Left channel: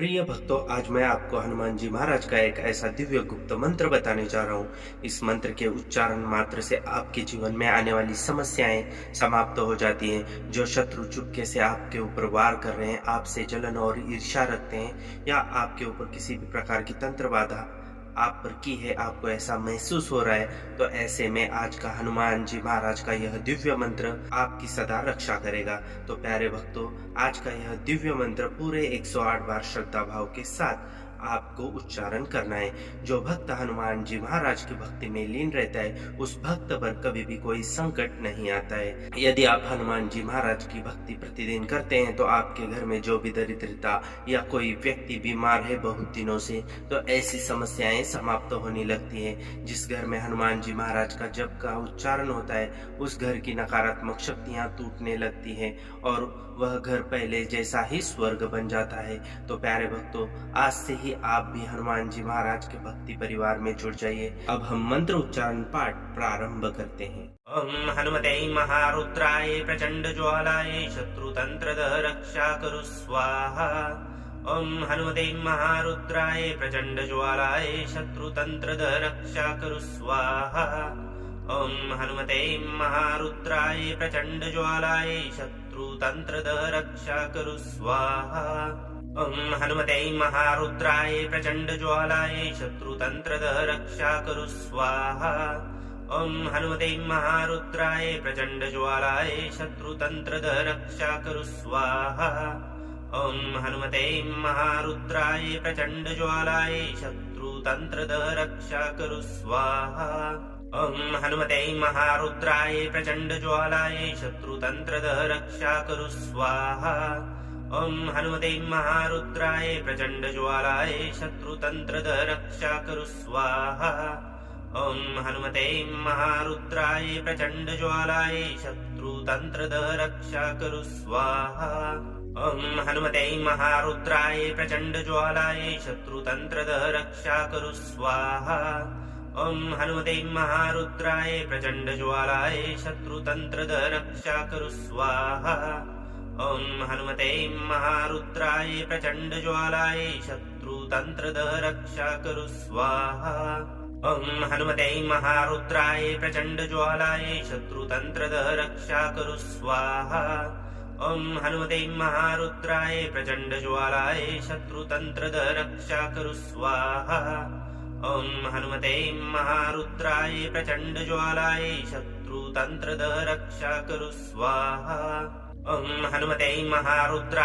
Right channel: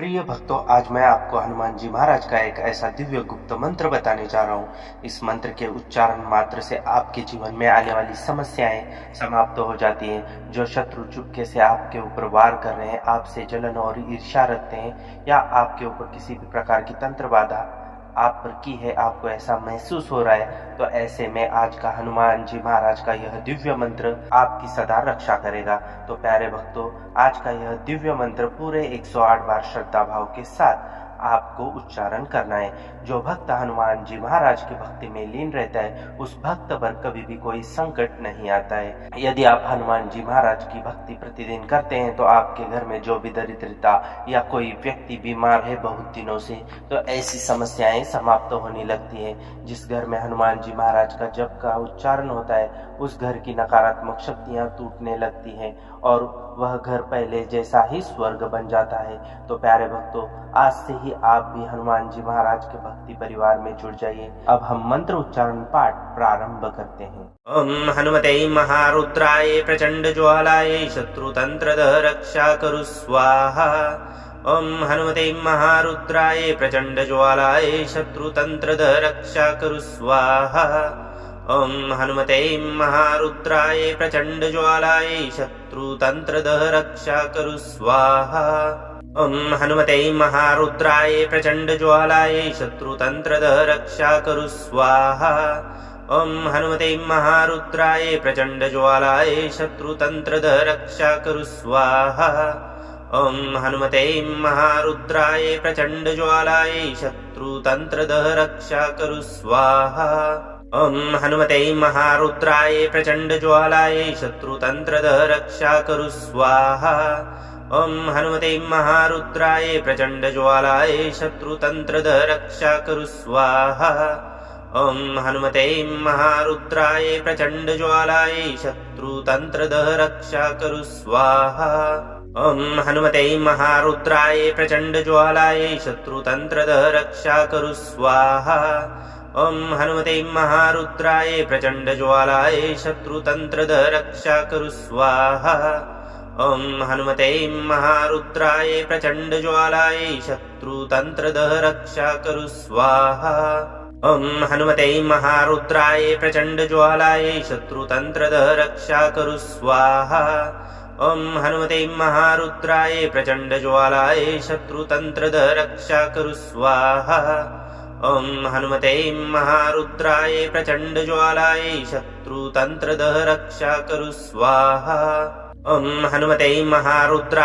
प्रिय भक्तों, आज मैं आपको हनुमान जी महाराज का एक ऐसा दिव्य गुप्त मंत्र बताने जा रहा हूँ। इस मंत्र के उच्चारण मात्र से आपके जीवन में आने वाली समस्याएं समाप्त हो जाती हैं। जो शत्रु चुपके से आपके ऊपर वार कर रहे हैं, आपसे जलन और ईर्ष्या रखते हैं या आपके ऊपर किसी भी प्रकार की तंत्र बाधा आप पर की है, आपको ऐसा महसूस हो रहा है, तो ऐसे में आज का हनुमान जी महाराज का यह दिव्य मंत्र आपकी सदा रक्षा करेगा। तो प्यारे भक्तों, आज का यह दिव्य मंत्र पूरे 108 बार श्रद्धा भाव के साथ आपको उच्चारण करना है। जो भक्त हनुमान जी महाराज की भक्ति में लीन रहता है, उस भक्त पर कभी भी कोई संकट नहीं आता है। यदि आप हनुमान जी महाराज की भक्ति प्रतिदिन करते हैं तो आपके घर में जो भी दरिद्रता या कोई व्यक्ति बीमार है बहुत दिनों से, तो ऐसी समस्याएं समाप्त होने लगती है। जिस घर में हनुमान जी महाराज का जप का उच्चारण होता है, उस घर की नकारात्मक शक्तियां टूटने लगती हैं और वह घर पहले जैसा ही स्वर्ग बन जाता है। तो प्यारे भक्तों, आज से ही आप भी हनुमान जी महाराज के भक्ति परिवार में जुड़ जाइए। अब हम मंत्र उच्चारण पाठ प्रारंभ करते हैं। ओम हनुमते महारुद्राय प्रचंड ज्वालाय शत्रुतंत्र रक्षा करु स्वाहा। ओम हनुमते महारुद्राय प्रचंड ज्वालाय शत्रुतंत्र रक्षा करु स्वाहा। ओम हनुमते महारुद्राय प्रचंड ज्वालाय शत्रुतंत्र रक्षा करु स्वाहा। ओम हनुमते महारुद्राय प्रचंड ज्वालाय शत्रुतंत्र रक्षा करु स्वाहा। ओम हनुमते महारुद्राय प्रचंड ज्वालाय शत्रुतंत्र रक्षा करु स्वाहा। ओम हनुमते महारुद्राय प्रचंड ज्वालाय शत्रुतंत्र रक्षा करु स्वाहा। ओम हनुमते महारुद्राय प्रचंड ज्वालाय शत्रुतंत्र रक्षा करु स्वाहा। ओम हनुमते महारुद्राय प्रचंड ज्वालाय शत्रुतंत्र रक्षा करु स्वाहा। ओम हनुमते महारुद्राय प्रचंड ज्वालाय शत्रुतंत्र रक्षा करु स्वाहा। ओम हनुमते महारुद्राय प्रचंड ज्वालाय शत्रुतंत्र रक्षा करु स्वाहा। ओम हनुमते महारुद्राय प्रचंड ज्वालाय शत्रुतंत्र रक्षा करु स्वाहा। ओम हनुमते महारुद्राय प्रचंड ज्वालाय शत्रुतंत्र रक्षा करु स्वाहा। ओम हनुमते महारुद्राय प्रचंड ज्वालाय शत्रुतंत्र रक्षा करु स्वाहा। ओम हनुमते महारुद्राय प्रचंड ज्वालाय शत्रुतंत्र रक्षा करु स्वाहा। ओम हनुमते महारुद्राय प्रचंड ज्वालाय शत्रुतंत्र रक्षा करु स्वाहा। ओम हनुमते महारुद्राय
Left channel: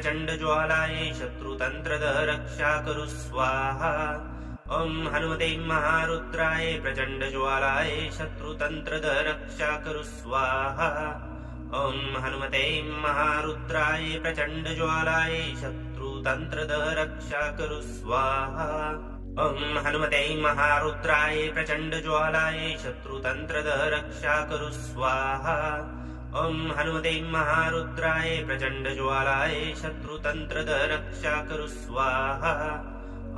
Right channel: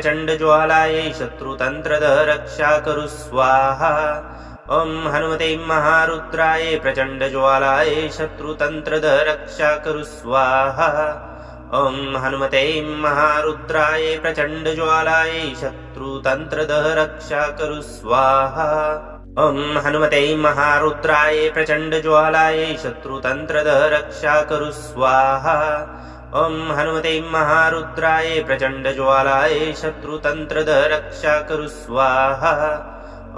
प्रचंड ज्वालाय शत्रुतंत्र रक्षा करु स्वाहा। ओम हनुमते महारुद्राय प्रचंड ज्वालाय शत्रुतंत्र रक्षा करु स्वाहा। ओम हनुमते महारुद्राय प्रचंड ज्वालाय शत्रुतंत्र रक्षा करु स्वाहा। ओम हनुमते महारुद्राय प्रचंड ज्वालाय शत्रुतंत्र रक्षा करु स्वाहा। ओम हनुमते महारुद्राय प्रचंड ज्वालाय शत्रुतंत्र रक्षा करु स्वाहा।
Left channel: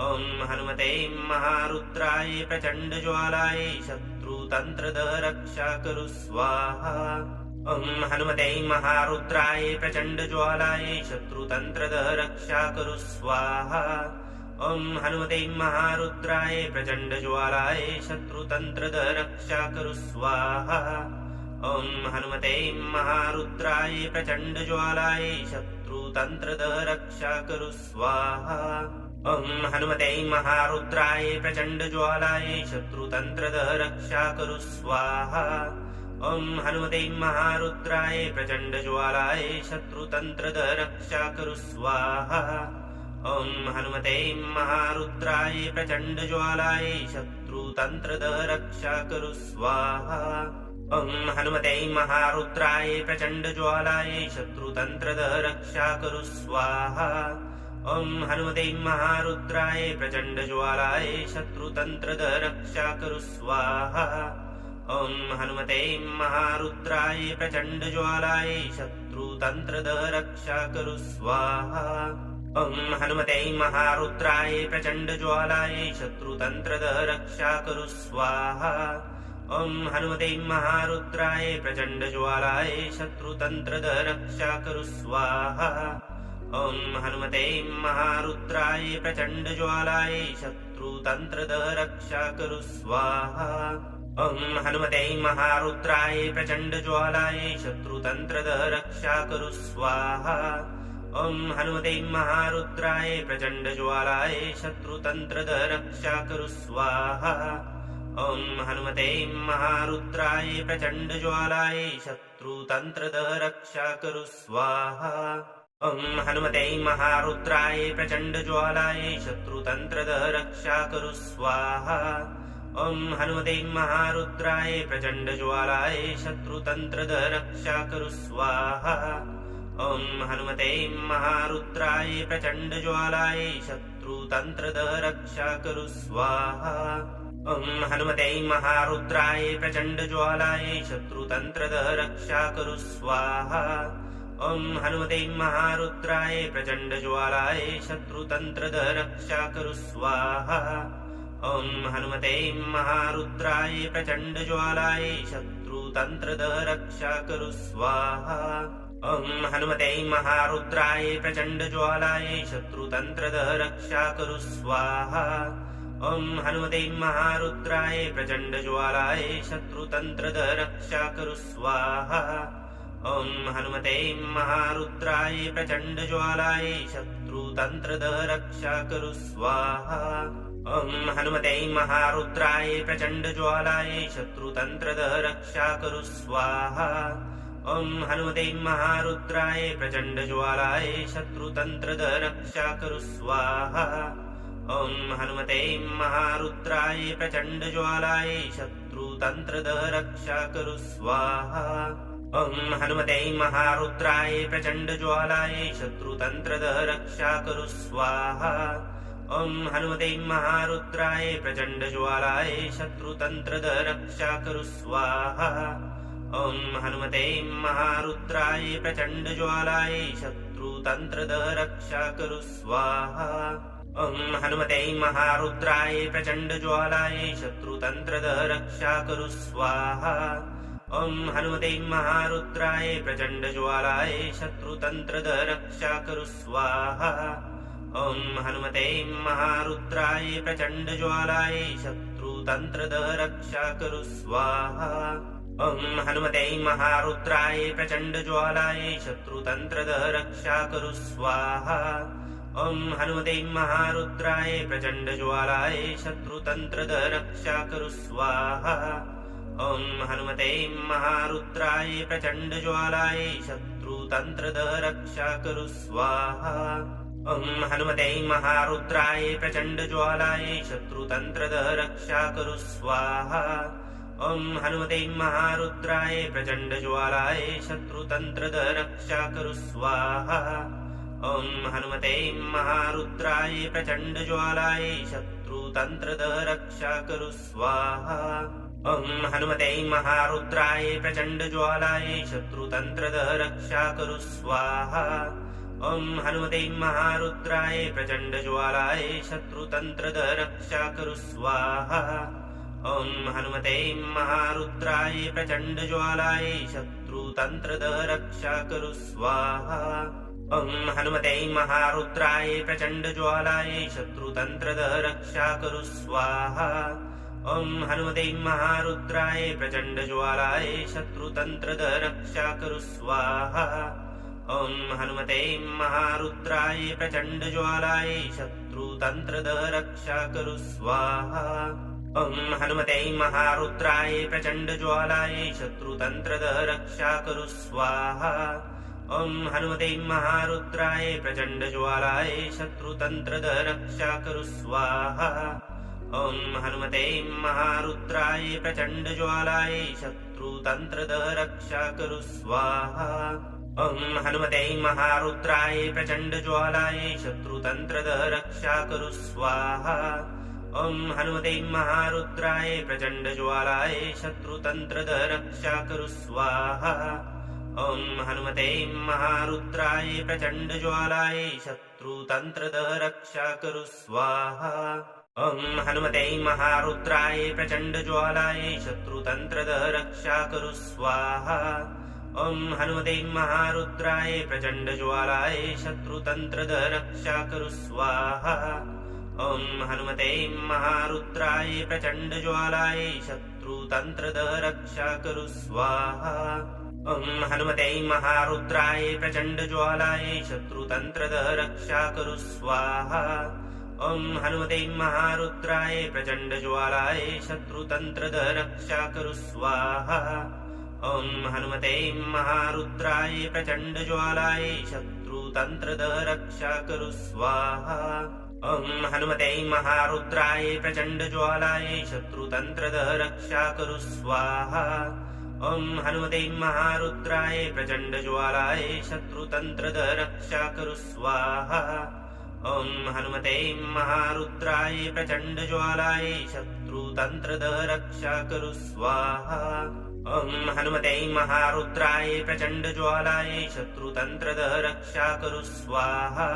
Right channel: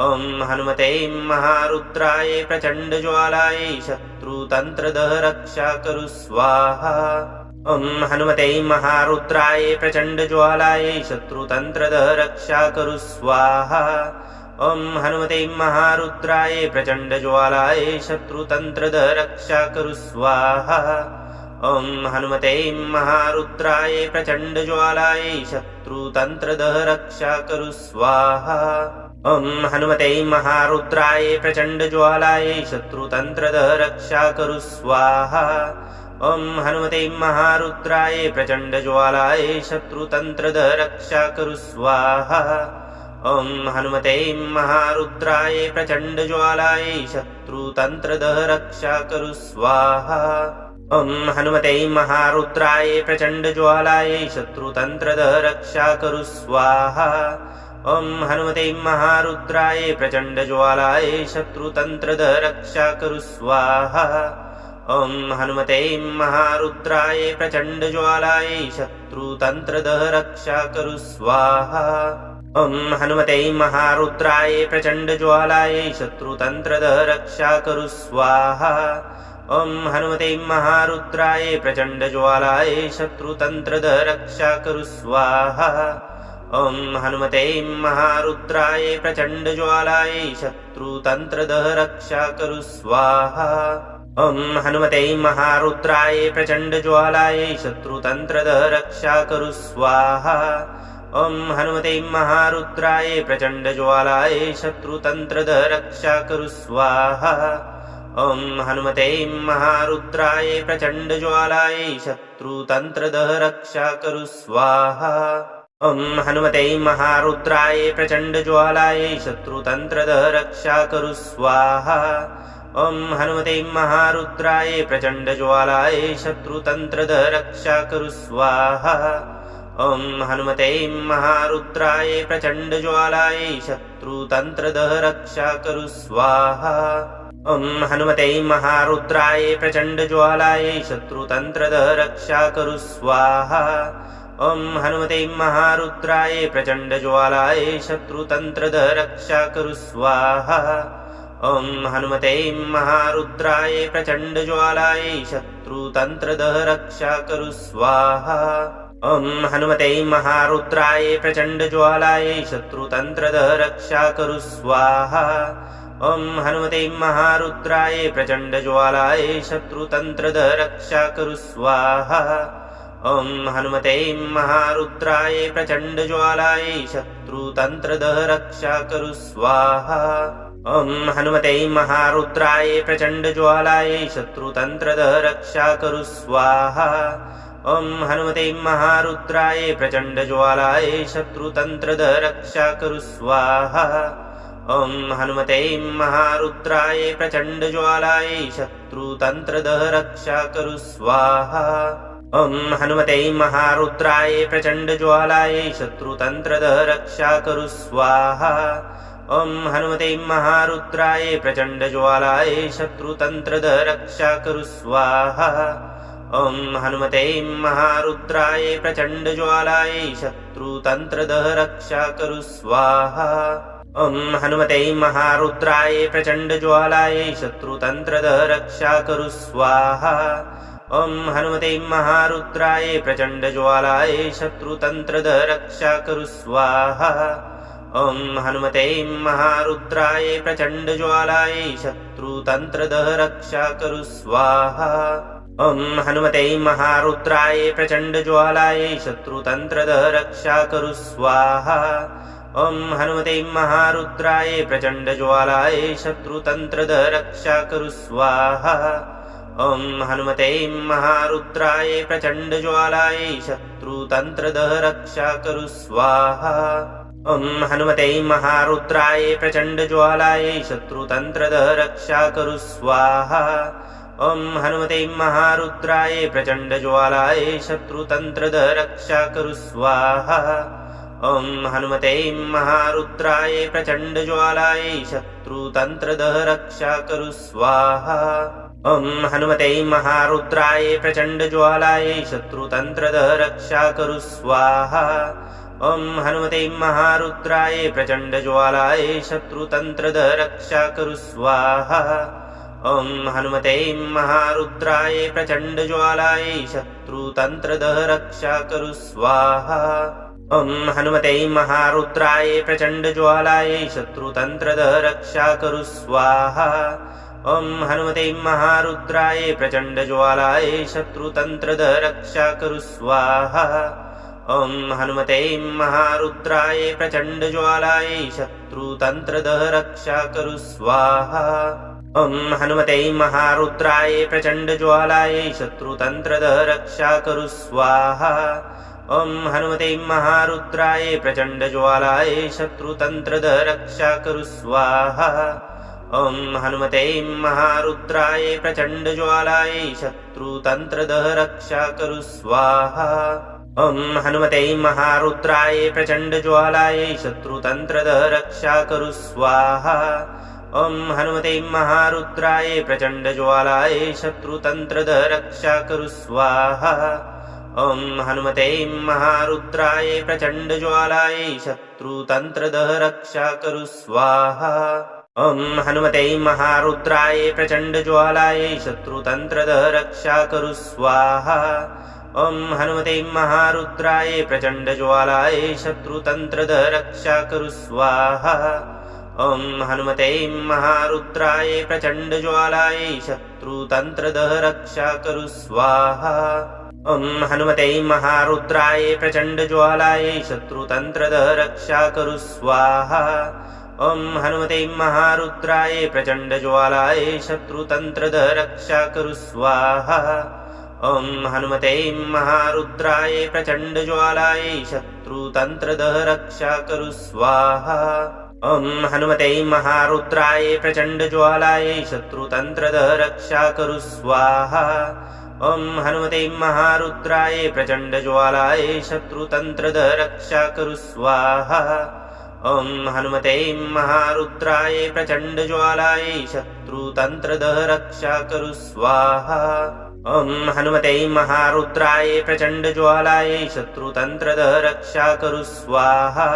ओम हनुमते महारुद्राय प्रचंड ज्वालाय शत्रुतंत्र रक्षा करु स्वाहा। ओम हनुमते महारुद्राय प्रचंड ज्वालाय शत्रुतंत्र रक्षा करु स्वाहा। ओम हनुमते महारुद्राय प्रचंड ज्वालाय शत्रुतंत्र रक्षा करु स्वाहा। ओम हनुमते महारुद्राय प्रचंड ज्वालाय शत्रुतंत्र रक्षा करु स्वाहा। ओम हनुमते महारुद्राय प्रचंड ज्वालाय शत्रुतंत्र रक्षा करु स्वाहा। ओम हनुमते महारुद्राय प्रचंड ज्वालाय शत्रुतंत्र रक्षा करु स्वाहा। ओम हनुमते महारुद्राय प्रचंड ज्वालाय शत्रुतंत्र रक्षा करु स्वाहा। ओम हनुमते महारुद्राय प्रचंड ज्वालाय शत्रुतंत्र रक्षा करु स्वाहा। ओम हनुमते महारुद्राय प्रचंड ज्वालाय शत्रुतंत्र रक्षा करु स्वाहा। ओम हनुमते महारुद्राय प्रचंड ज्वालाय शत्रुतंत्र रक्षा करु स्वाहा। ओम हनुमते महारुद्राय प्रचंड ज्वालाय शत्रुतंत्र रक्षा करु स्वाहा। ओम हनुमते महारुद्राय प्रचंड ज्वालाय शत्रुतंत्र रक्षा करु स्वाहा। ॐ हनुमते महारुद्राय प्रचण्डज्वालाय शत्रुतन्त्रदः रक्षा करु स्वाहा ॐ हनुमते महारुद्राय प्रचण्डज्वालाय शत्रुतन्त्रदः रक्षा करु स्वाहा ॐ हनुमते महारुद्राय प्रचण्डज्वालाय शत्रुतन्त्रदः रक्षा करु स्वाहा ॐ हनुमते महारुद्राय प्रचण्डज्वालाय शत्रुतन्त्रदः रक्षा करु स्वाहा ॐ हनुमते महारुद्राय प्रचण्डज्वालाय शत्रुतन्त्रदः रक्षा करु स्वाहा ॐ हनुमते महारुद्राय प्रचण्डज्वालाय शत्रुतन्त्रदः रक्षा करु स्वाहा ॐ हनुमते महारुद्राय प्रचण्डज्वालाय शत्रुतन्त्रदः रक्षा करु स्वाहा ॐ हनुमते महारुद्राय प्रचण्डज्वालाय शत्रुतन्त्रदः रक्षा करु स्वाहा ॐ हनुमते महारुद्राय प्रचण्डज्वालाय शत्रुतन्त्रदः रक्षा करु स्वाहा ॐ हनुमते महारुद्राय प्रचण्डज्वालाय शत्रुतन्त्रदः रक्षा करु स्वाहा ॐ हनुमते महारुद्राय प्रचण्डज्वालाय शत्रुतन्त्रदः रक्षा करु स्वाहा ॐ हनुमते महारुद्राय प्रचण्डज्वालाय शत्रुतन्त्रदः रक्षा करु स्वाहा ॐ हनुमते महारुद्राय प्रचण्डज्वालाय शत्रुतन्त्रदः रक्षा करु स्वाहा ॐ हनुमते महारुद्राय प्रचण्डज्वालाय शत्रुतन्त्रदः रक्षा करु स्वाहा ॐ हनुमते महारुद्राय प्रचण्डज्वालाय शत्रुतन्त्रदः रक्षा करु स्वाहा ॐ हनुमते महारुद्राय प्रचण्डज्वालाय शत्रुतन्त्रदः रक्षा करु स्वाहा ॐ हनुमते महारुद्राय प्रचण्डज्वालाय शत्रुतन्त्रदः रक्षा करु स्वाहा ॐ हनुमते महारुद्राय प्रचण्डज्वालाय शत्रुतन्त्रदः रक्षा करु स्वाहा ॐ हनुमते महारुद्राय प्रचण्डज्वालाय शत्रुतन्त्रदः रक्षा करु स्वाहा ॐ हनुमते महारुद्राय प्रचण्डज्वालाय शत्रुतन्त्रदः रक्षा करु स्वाहा ॐ हनुमते महारुद्राय प्रचण्डज्वालाय शत्रुतन्त्रदः रक्षा करु स्वाहा ॐ हनुमते महारुद्राय प्रचण्डज्वालाय शत्रुतन्त्रदः रक्षा करु स्वाहा ॐ हनुमते महारुद्राय प्रचण्डज्वालाय शत्रुतन्त्रदः रक्षा करु स्वाहा ॐ हनुमते महारुद्राय प्रचण्डज्वालाय शत्रुतन्त्रदः रक्षा करु स्वाहा ॐ हनुमते महारुद्राय प्रचण्डज्वालाय शत्रुतन्त्रदः रक्षा करु स्वाहा ॐ हनुमते महारुद्राय प्रचण्डज्वालाय शत्रुतन्त्रदः रक्षा करु स्वाहा ॐ हनुमते महारुद्राय प्रचण्डज्वालाय शत्रुतन्त्रदः रक्षा करु स्वाहा ॐ हनुमते महारुद्राय प्रचण्डज्वालाय शत्रुतन्त्रदः रक्षा करु स्वाहा ॐ हनुमते महारुद्राय प्रचण्डज्वालाय शत्रुतन्त्रदः रक्षा करु स्वाहा ॐ हनुमते महारुद्राय प्रचण्डज्वालाय शत्रुतन्त्रदः रक्षा करु स्वाहा ॐ हनुमते महारुद्राय प्रचण्डज्वालाय शत्रुतन्त्रदः रक्षा करु स्वाहा ॐ हनुमते महारुद्राय प्रचण्डज्वालाय शत्रुतन्त्रदः रक्षा करु स्वाहा ॐ हनुमते महारुद्राय प्रचण्डज्वालाय शत्रुतन्त्रदः रक्षा करु स्वाहा ॐ हनुमते महारुद्राय प्रचण्डज्वालाय शत्रुतन्त्रदः रक्षा करु स्वाहा ॐ हनुमते महारुद्राय प्रचण्डज्वालाय शत्रुतन्त्रदः रक्षा करु स्वाहा ॐ हनुमते महारुद्राय प्रचण्डज्वालाय शत्रुतन्त्रदः रक्षा करु स्वाहा ॐ हनुमते महारुद्राय प्रचण्डज्वालाय शत्रुतन्त्रदः रक्षा करु स्वाहा ॐ हनुमते महारुद्राय प्रचण्डज्वालाय शत्रुतन्त्रदः रक्षा करु स्वाहा ॐ हनुमते महारुद्राय प्रचण्डज्वालाय शत्रुतन्त्रदः रक्षा करु स्वाहा ॐ हनुमते महारुद्राय प्रचण्डज्वालाय शत्रुतन्त्रदः रक्षा करु स्वाहा ॐ हनुमते महारुद्राय प्रचण्डज्वालाय शत्रुतन्त्रदः रक्षा करु स्वाहा ॐ हनुमते महारुद्राय प्रचण्डज्वालाय शत्रुतन्त्रदः रक्षा कुरु स्वाहा। ॐ हनुमते महारुद्राय प्रचण्डज्वालाय शत्रुतन्त्रदः रक्षा कुरु स्वाहा। ॐ हनुमते महारुद्राय प्रचण्डज्वालाय शत्रुतन्त्रदः रक्षा कुरु स्वाहा। ॐ हनुमते महारुद्राय प्रचण्डज्वालाय शत्रुतन्त्रदः रक्षा कुरु स्वाहा। ॐ हनुमते महारुद्राय प्रचण्डज्वालाय शत्रुतन्त्रदः रक्षा कुरु स्वाहा। ॐ हनुमते महारुद्राय प्रचण्डज्वालाय शत्रुतन्त्रदः रक्षा कुरु स्वाहा। ॐ हनुमते महारुद्राय प्रचण्डज्वालाय शत्रुतन्त्रदः रक्षा कुरु स्वाहा। ॐ हनुमते महारुद्राय प्रचण्डज्वालाय शत्रुतन्त्रदः रक्षा कुरु स्वाहा। ॐ हनुमते महारुद्राय प्रचण्डज्वालाय शत्रुतन्त्रदः रक्षा कुरु स्वाहा।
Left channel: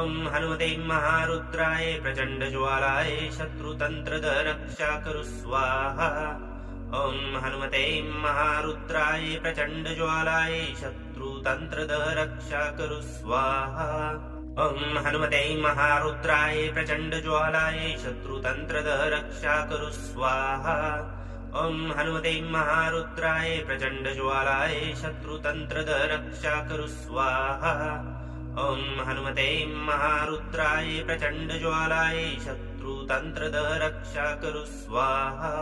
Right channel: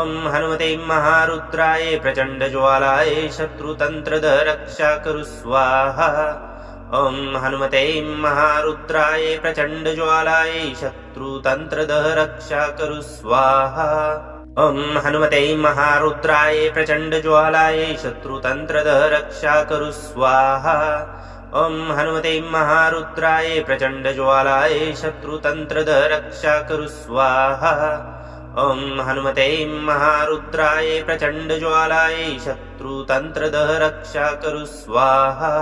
ॐ हनुमते महारुद्राय प्रचण्डज्वालाय शत्रुतन्त्रदः रक्षा कुरु स्वाहा। ॐ हनुमते महारुद्राय प्रचण्डज्वालाय शत्रुतन्त्रदः रक्षा कुरु स्वाहा। ॐ हनुमते महारुद्राय प्रचण्डज्वालाय शत्रुतन्त्रदः रक्षा कुरु स्वाहा। ॐ हनुमते महारुद्राय प्रचण्डज्वालाय शत्रुतन्त्रदः रक्षा कुरु स्वाहा। ॐ हनुमते महारुद्राय प्रचण्डज्वालाय शत्रुतन्त्रदः रक्षा कुरु स्वाहा।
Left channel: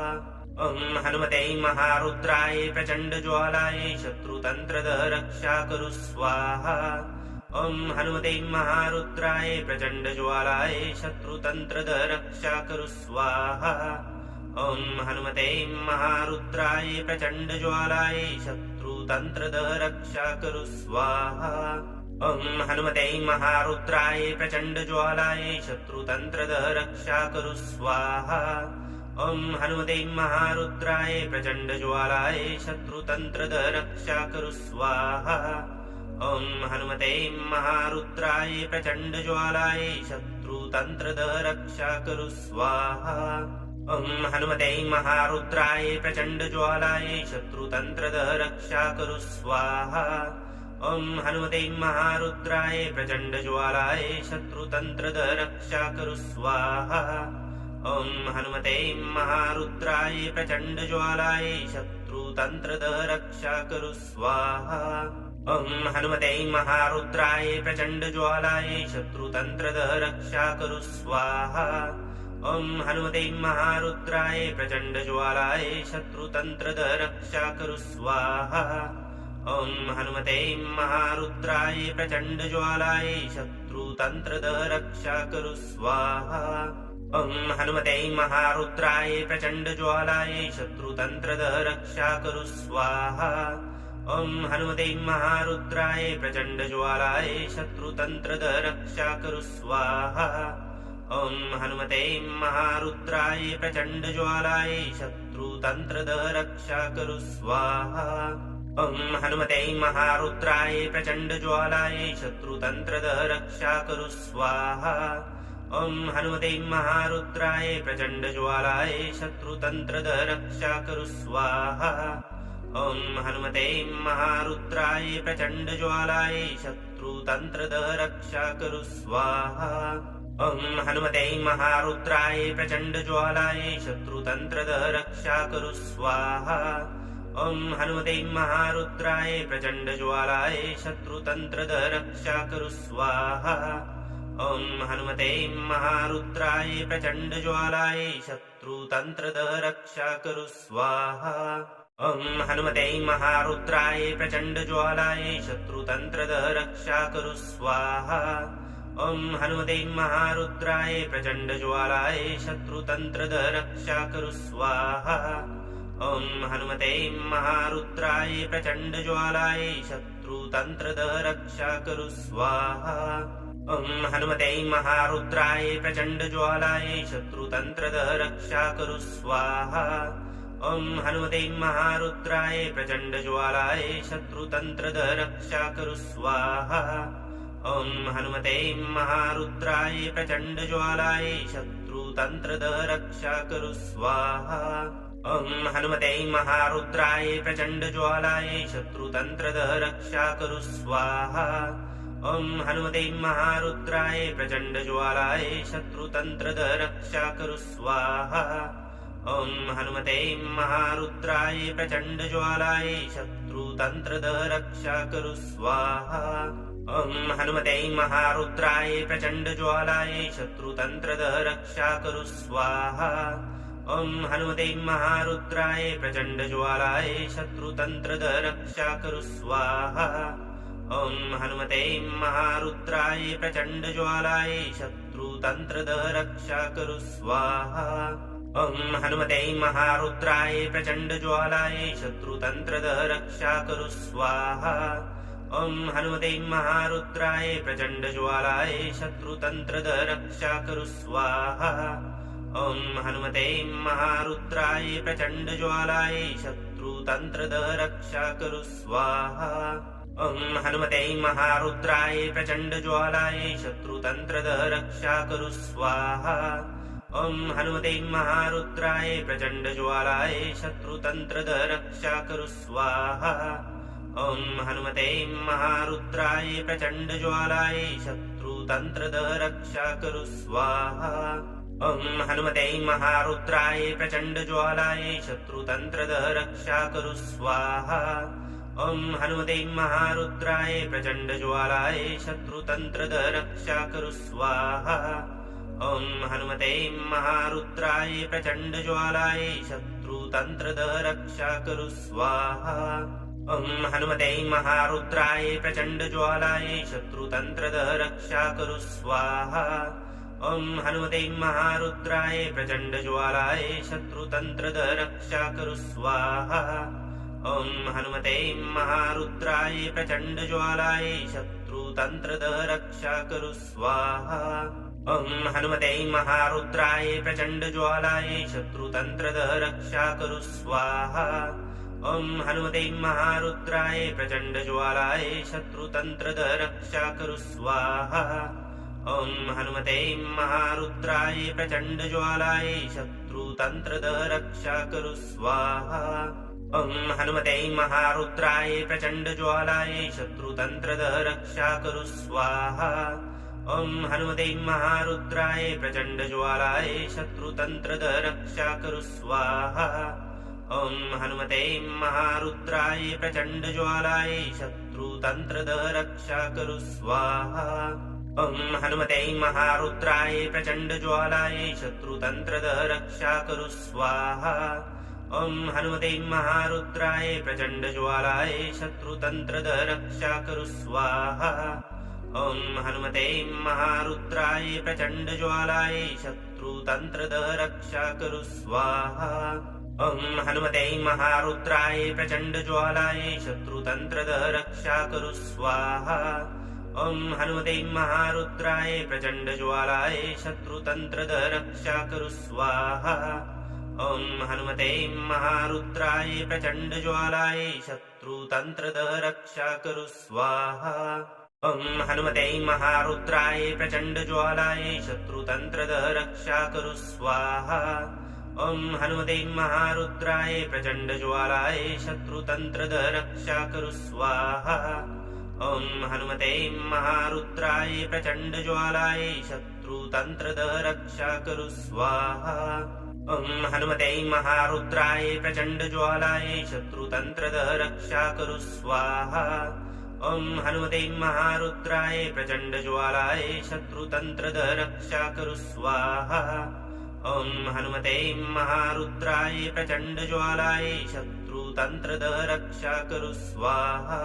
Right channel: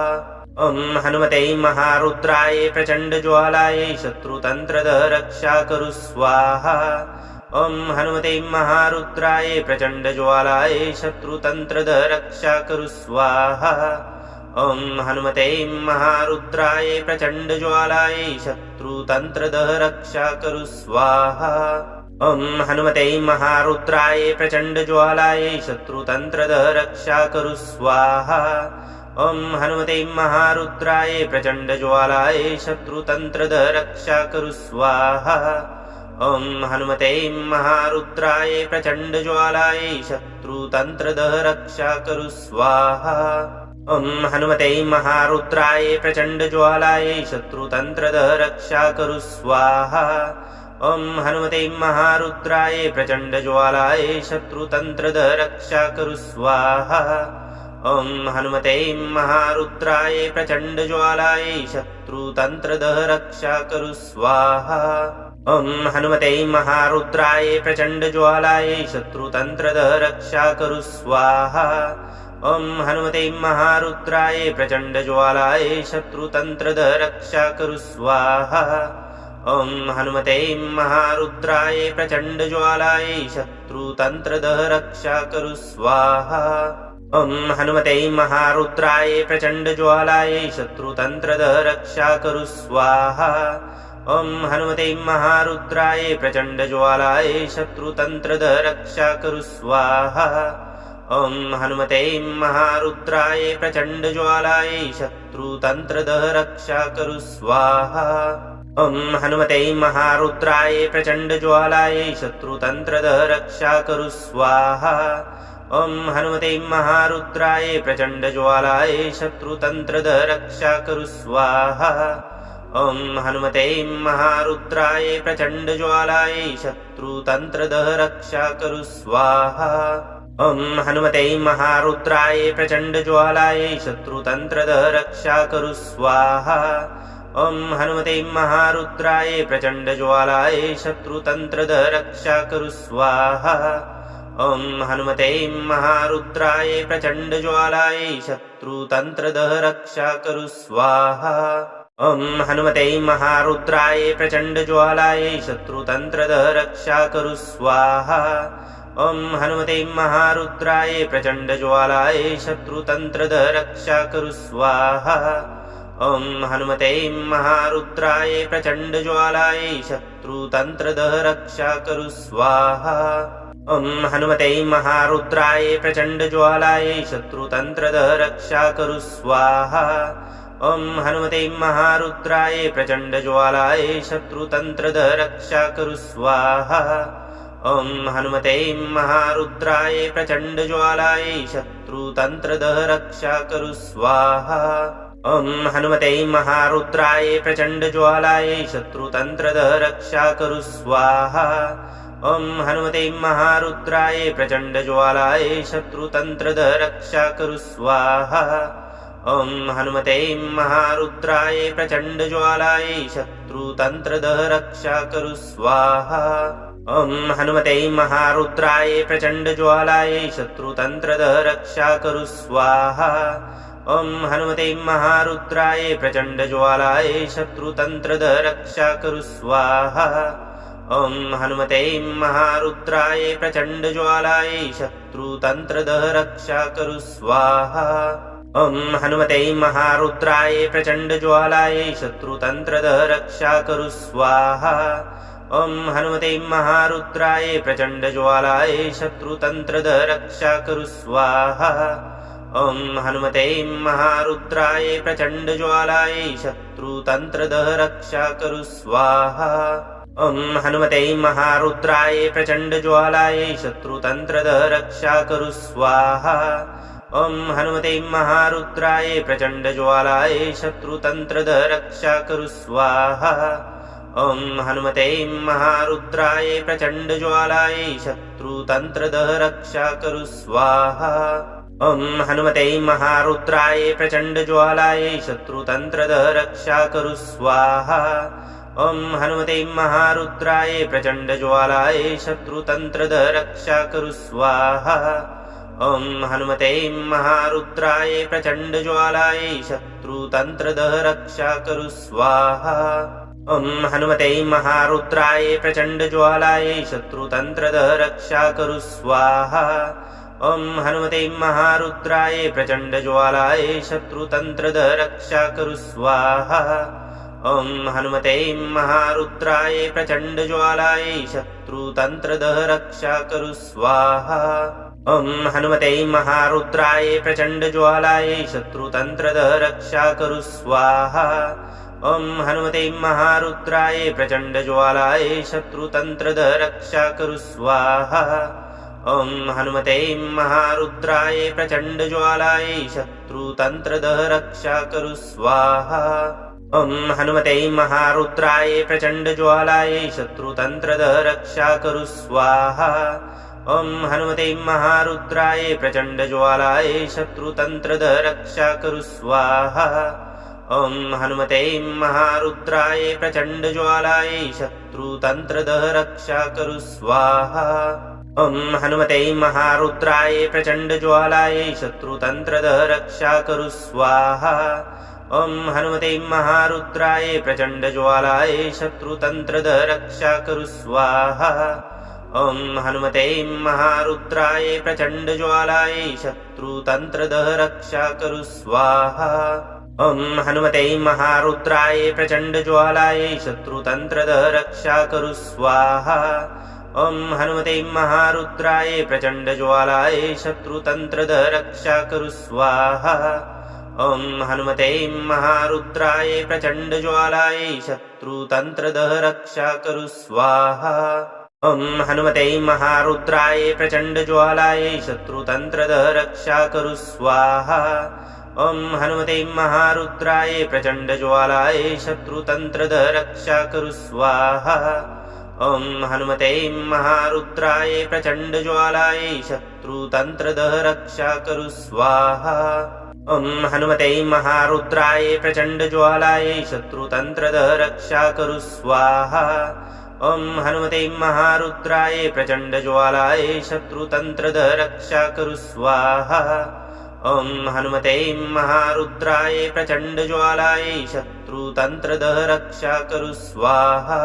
ॐ हनुमते महारुद्राय प्रचण्डज्वालाय शत्रुतन्त्रदः रक्षा कुरु स्वाहा। ॐ हनुमते महारुद्राय प्रचण्डज्वालाय शत्रुतन्त्रदः रक्षा कुरु स्वाहा। ॐ हनुमते महारुद्राय प्रचण्डज्वालाय शत्रुतन्त्रदः रक्षा कुरु स्वाहा। ॐ हनुमते महारुद्राय प्रचण्डज्वालाय शत्रुतन्त्रदः रक्षा कुरु स्वाहा। ॐ हनुमते महारुद्राय प्रचण्डज्वालाय शत्रुतन्त्रदः रक्षा कुरु स्वाहा। ॐ हनुमते महारुद्राय प्रचण्डज्वालाय शत्रुतन्त्रदः रक्षा कुरु स्वाहा। ॐ हनुमते महारुद्राय प्रचण्डज्वालाय शत्रुतन्त्रदः रक्षा कुरु स्वाहा। ॐ हनुमते महारुद्राय प्रचण्डज्वालाय शत्रुतन्त्रदः रक्षा कुरु स्वाहा। ॐ हनुमते महारुद्राय प्रचण्डज्वालाय शत्रुतन्त्रदः रक्षा कुरु स्वाहा। ॐ हनुमते महारुद्राय प्रचण्डज्वालाय शत्रुतन्त्रदः रक्षा कुरु स्वाहा। ॐ हनुमते महारुद्राय प्रचण्डज्वालाय शत्रुतन्त्रदः रक्षा कुरु स्वाहा। ॐ हनुमते महारुद्राय प्रचण्डज्वालाय शत्रुतन्त्रदः रक्षा कुरु स्वाहा। ॐ हनुमते महारुद्राय प्रचण्डज्वालाय शत्रुतन्त्रदः रक्षा कुरु स्वाहा। ॐ हनुमते महारुद्राय प्रचण्डज्वालाय शत्रुतन्त्रदः रक्षा कुरु स्वाहा। ॐ हनुमते महारुद्राय प्रचण्डज्वालाय शत्रुतन्त्रदः रक्षा कुरु स्वाहा। ॐ हनुमते महारुद्राय प्रचण्डज्वालाय शत्रुतन्त्रदः रक्षा कुरु स्वाहा। ॐ हनुमते महारुद्राय प्रचण्डज्वालाय शत्रुतन्त्रदः रक्षा कुरु स्वाहा। ॐ हनुमते महारुद्राय प्रचण्डज्वालाय शत्रुतन्त्रदः रक्षा कुरु स्वाहा। ॐ हनुमते महारुद्राय प्रचण्डज्वालाय शत्रुतन्त्रदः रक्षा कुरु स्वाहा। ॐ हनुमते महारुद्राय प्रचण्डज्वालाय शत्रुतन्त्रदः रक्षा कुरु स्वाहा। ॐ हनुमते महारुद्राय प्रचण्डज्वालाय शत्रुतन्त्रदः रक्षा कुरु स्वाहा। ॐ हनुमते महारुद्राय प्रचण्डज्वालाय शत्रुतन्त्रदः रक्षा कुरु स्वाहा। ॐ हनुमते महारुद्राय प्रचण्डज्वालाय शत्रुतन्त्रदः रक्षा कुरु स्वाहा। ॐ हनुमते महारुद्राय प्रचण्डज्वालाय शत्रुतन्त्रदः रक्षा कुरु स्वाहा। ॐ हनुमते महारुद्राय प्रचण्डज्वालाय शत्रुतन्त्रदः रक्षा कुरु स्वाहा। ॐ हनुमते महारुद्राय प्रचण्डज्वालाय शत्रुतन्त्रदः रक्षा कुरु स्वाहा। ॐ हनुमते महारुद्राय प्रचण्डज्वालाय शत्रुतन्त्रदः रक्षा कुरु स्वाहा। ॐ हनुमते महारुद्राय प्रचण्डज्वालाय शत्रुतन्त्रदः रक्षा कुरु स्वाहा। ॐ हनुमते महारुद्राय प्रचण्डज्वालाय शत्रुतन्त्रदः रक्षा कुरु स्वाहा। ॐ हनुमते महारुद्राय प्रचण्डज्वालाय शत्रुतन्त्रदः रक्षा कुरु स्वाहा। ॐ हनुमते महारुद्राय प्रचण्डज्वालाय शत्रुतन्त्रदः रक्षा कुरु स्वाहा। ॐ हनुमते महारुद्राय प्रचण्डज्वालाय शत्रुतन्त्रदः रक्षा कुरु स्वाहा। ॐ हनुमते महारुद्राय प्रचण्डज्वालाय शत्रुतन्त्रदः रक्षा कुरु स्वाहा। ॐ हनुमते महारुद्राय प्रचण्डज्वालाय शत्रुतन्त्रदः रक्षा कुरु स्वाहा। ॐ हनुमते महारुद्राय प्रचण्डज्वालाय शत्रुतन्त्रदः रक्षा कुरु स्वाहा। ॐ हनुमते महारुद्राय प्रचण्डज्वालाय शत्रुतन्त्रदः रक्षा कुरु स्वाहा। ॐ हनुमते महारुद्राय प्रचण्डज्वालाय शत्रुतन्त्रदः रक्षा कुरु स्वाहा। ॐ हनुमते महारुद्राय प्रचण्डज्वालाय शत्रुतन्त्रदः रक्षा कुरु स्वाहा। ॐ हनुमते महारुद्राय प्रचण्डज्वालाय शत्रुतन्त्रदः रक्षा कुरु स्वाहा। ॐ हनुमते महारुद्राय प्रचण्डज्वालाय शत्रुतन्त्रदः रक्षा कुरु स्वाहा। ॐ हनुमते महारुद्राय प्रचण्डज्वालाय शत्रुतन्त्रदः रक्षा कुरु स्वाहा। ॐ हनुमते महारुद्राय प्रचण्डज्वालाय शत्रुतन्त्रदः रक्षा कुरु स्वाहा। ॐ हनुमते महारुद्राय प्रचण्डज्वालाय शत्रुतन्त्रदः रक्षा कुरु स्वाहा। ॐ हनुमते महारुद्राय प्रचण्डज्वालाय शत्रुतन्त्रदः रक्षा कुरु स्वाहा। ॐ हनुमते महारुद्राय प्रचण्डज्वालाय शत्रुतन्त्रदः रक्षा कुरु स्वाहा। ॐ हनुमते महारुद्राय प्रचण्डज्वालाय शत्रुतन्त्रदः रक्षा कुरु स्वाहा। ॐ हनुमते महारुद्राय प्रचण्डज्वालाय शत्रुतन्त्रदः रक्षा कुरु स्वाहा। ॐ हनुमते महारुद्राय प्रचण्डज्वालाय शत्रुतन्त्रदः रक्षा कुरु स्वाहा। ॐ हनुमते महारुद्राय प्रचण्डज्वालाय शत्रुतन्त्रदः रक्षा कुरु स्वाहा। ॐ हनुमते महारुद्राय प्रचण्डज्वालाय शत्रुतन्त्रदः रक्षा कुरु स्वाहा। ॐ हनुमते महारुद्राय प्रचण्डज्वालाय शत्रुतन्त्रदः रक्षा कुरु स्वाहा। ॐ हनुमते महारुद्राय प्रचण्डज्वालाय शत्रुतन्त्रदः रक्षा कुरु स्वाहा। ॐ हनुमते महारुद्राय प्रचण्डज्वालाय शत्रुतन्त्रदः रक्षा कुरु स्वाहा। ॐ हनुमते महारुद्राय प्रचण्डज्वालाय शत्रुतन्त्रदः रक्षा कुरु स्वाहा। ॐ हनुमते महारुद्राय प्रचण्डज्वालाय शत्रुतन्त्रदः रक्षा कुरु स्वाहा। ॐ हनुमते महारुद्राय प्रचण्डज्वालाय शत्रुतन्त्रदः रक्षा कुरु स्वाहा। ॐ हनुमते महारुद्राय प्रचण्डज्वालाय शत्रुतन्त्रदः रक्षा कुरु स्वाहा। ॐ हनुमते महारुद्राय प्रचण्डज्वालाय शत्रुतन्त्रदः रक्षा कुरु स्वाहा। ॐ हनुमते महारुद्राय प्रचण्डज्वालाय शत्रुतन्त्रदः रक्षा कुरु स्वाहा। ॐ हनुमते महारुद्राय प्रचण्डज्वालाय शत्रुतन्त्रदः रक्षा कुरु स्वाहा। ॐ हनुमते महारुद्राय प्रचण्डज्वालाय शत्रुतन्त्रदः रक्षा कुरु स्वाहा। ॐ हनुमते महारुद्राय प्रचण्डज्वालाय शत्रुतन्त्रदः रक्षा कुरु स्वाहा। ॐ हनुमते महारुद्राय प्रचण्डज्वालाय शत्रुतन्त्रदः रक्षा कुरु स्वाहा।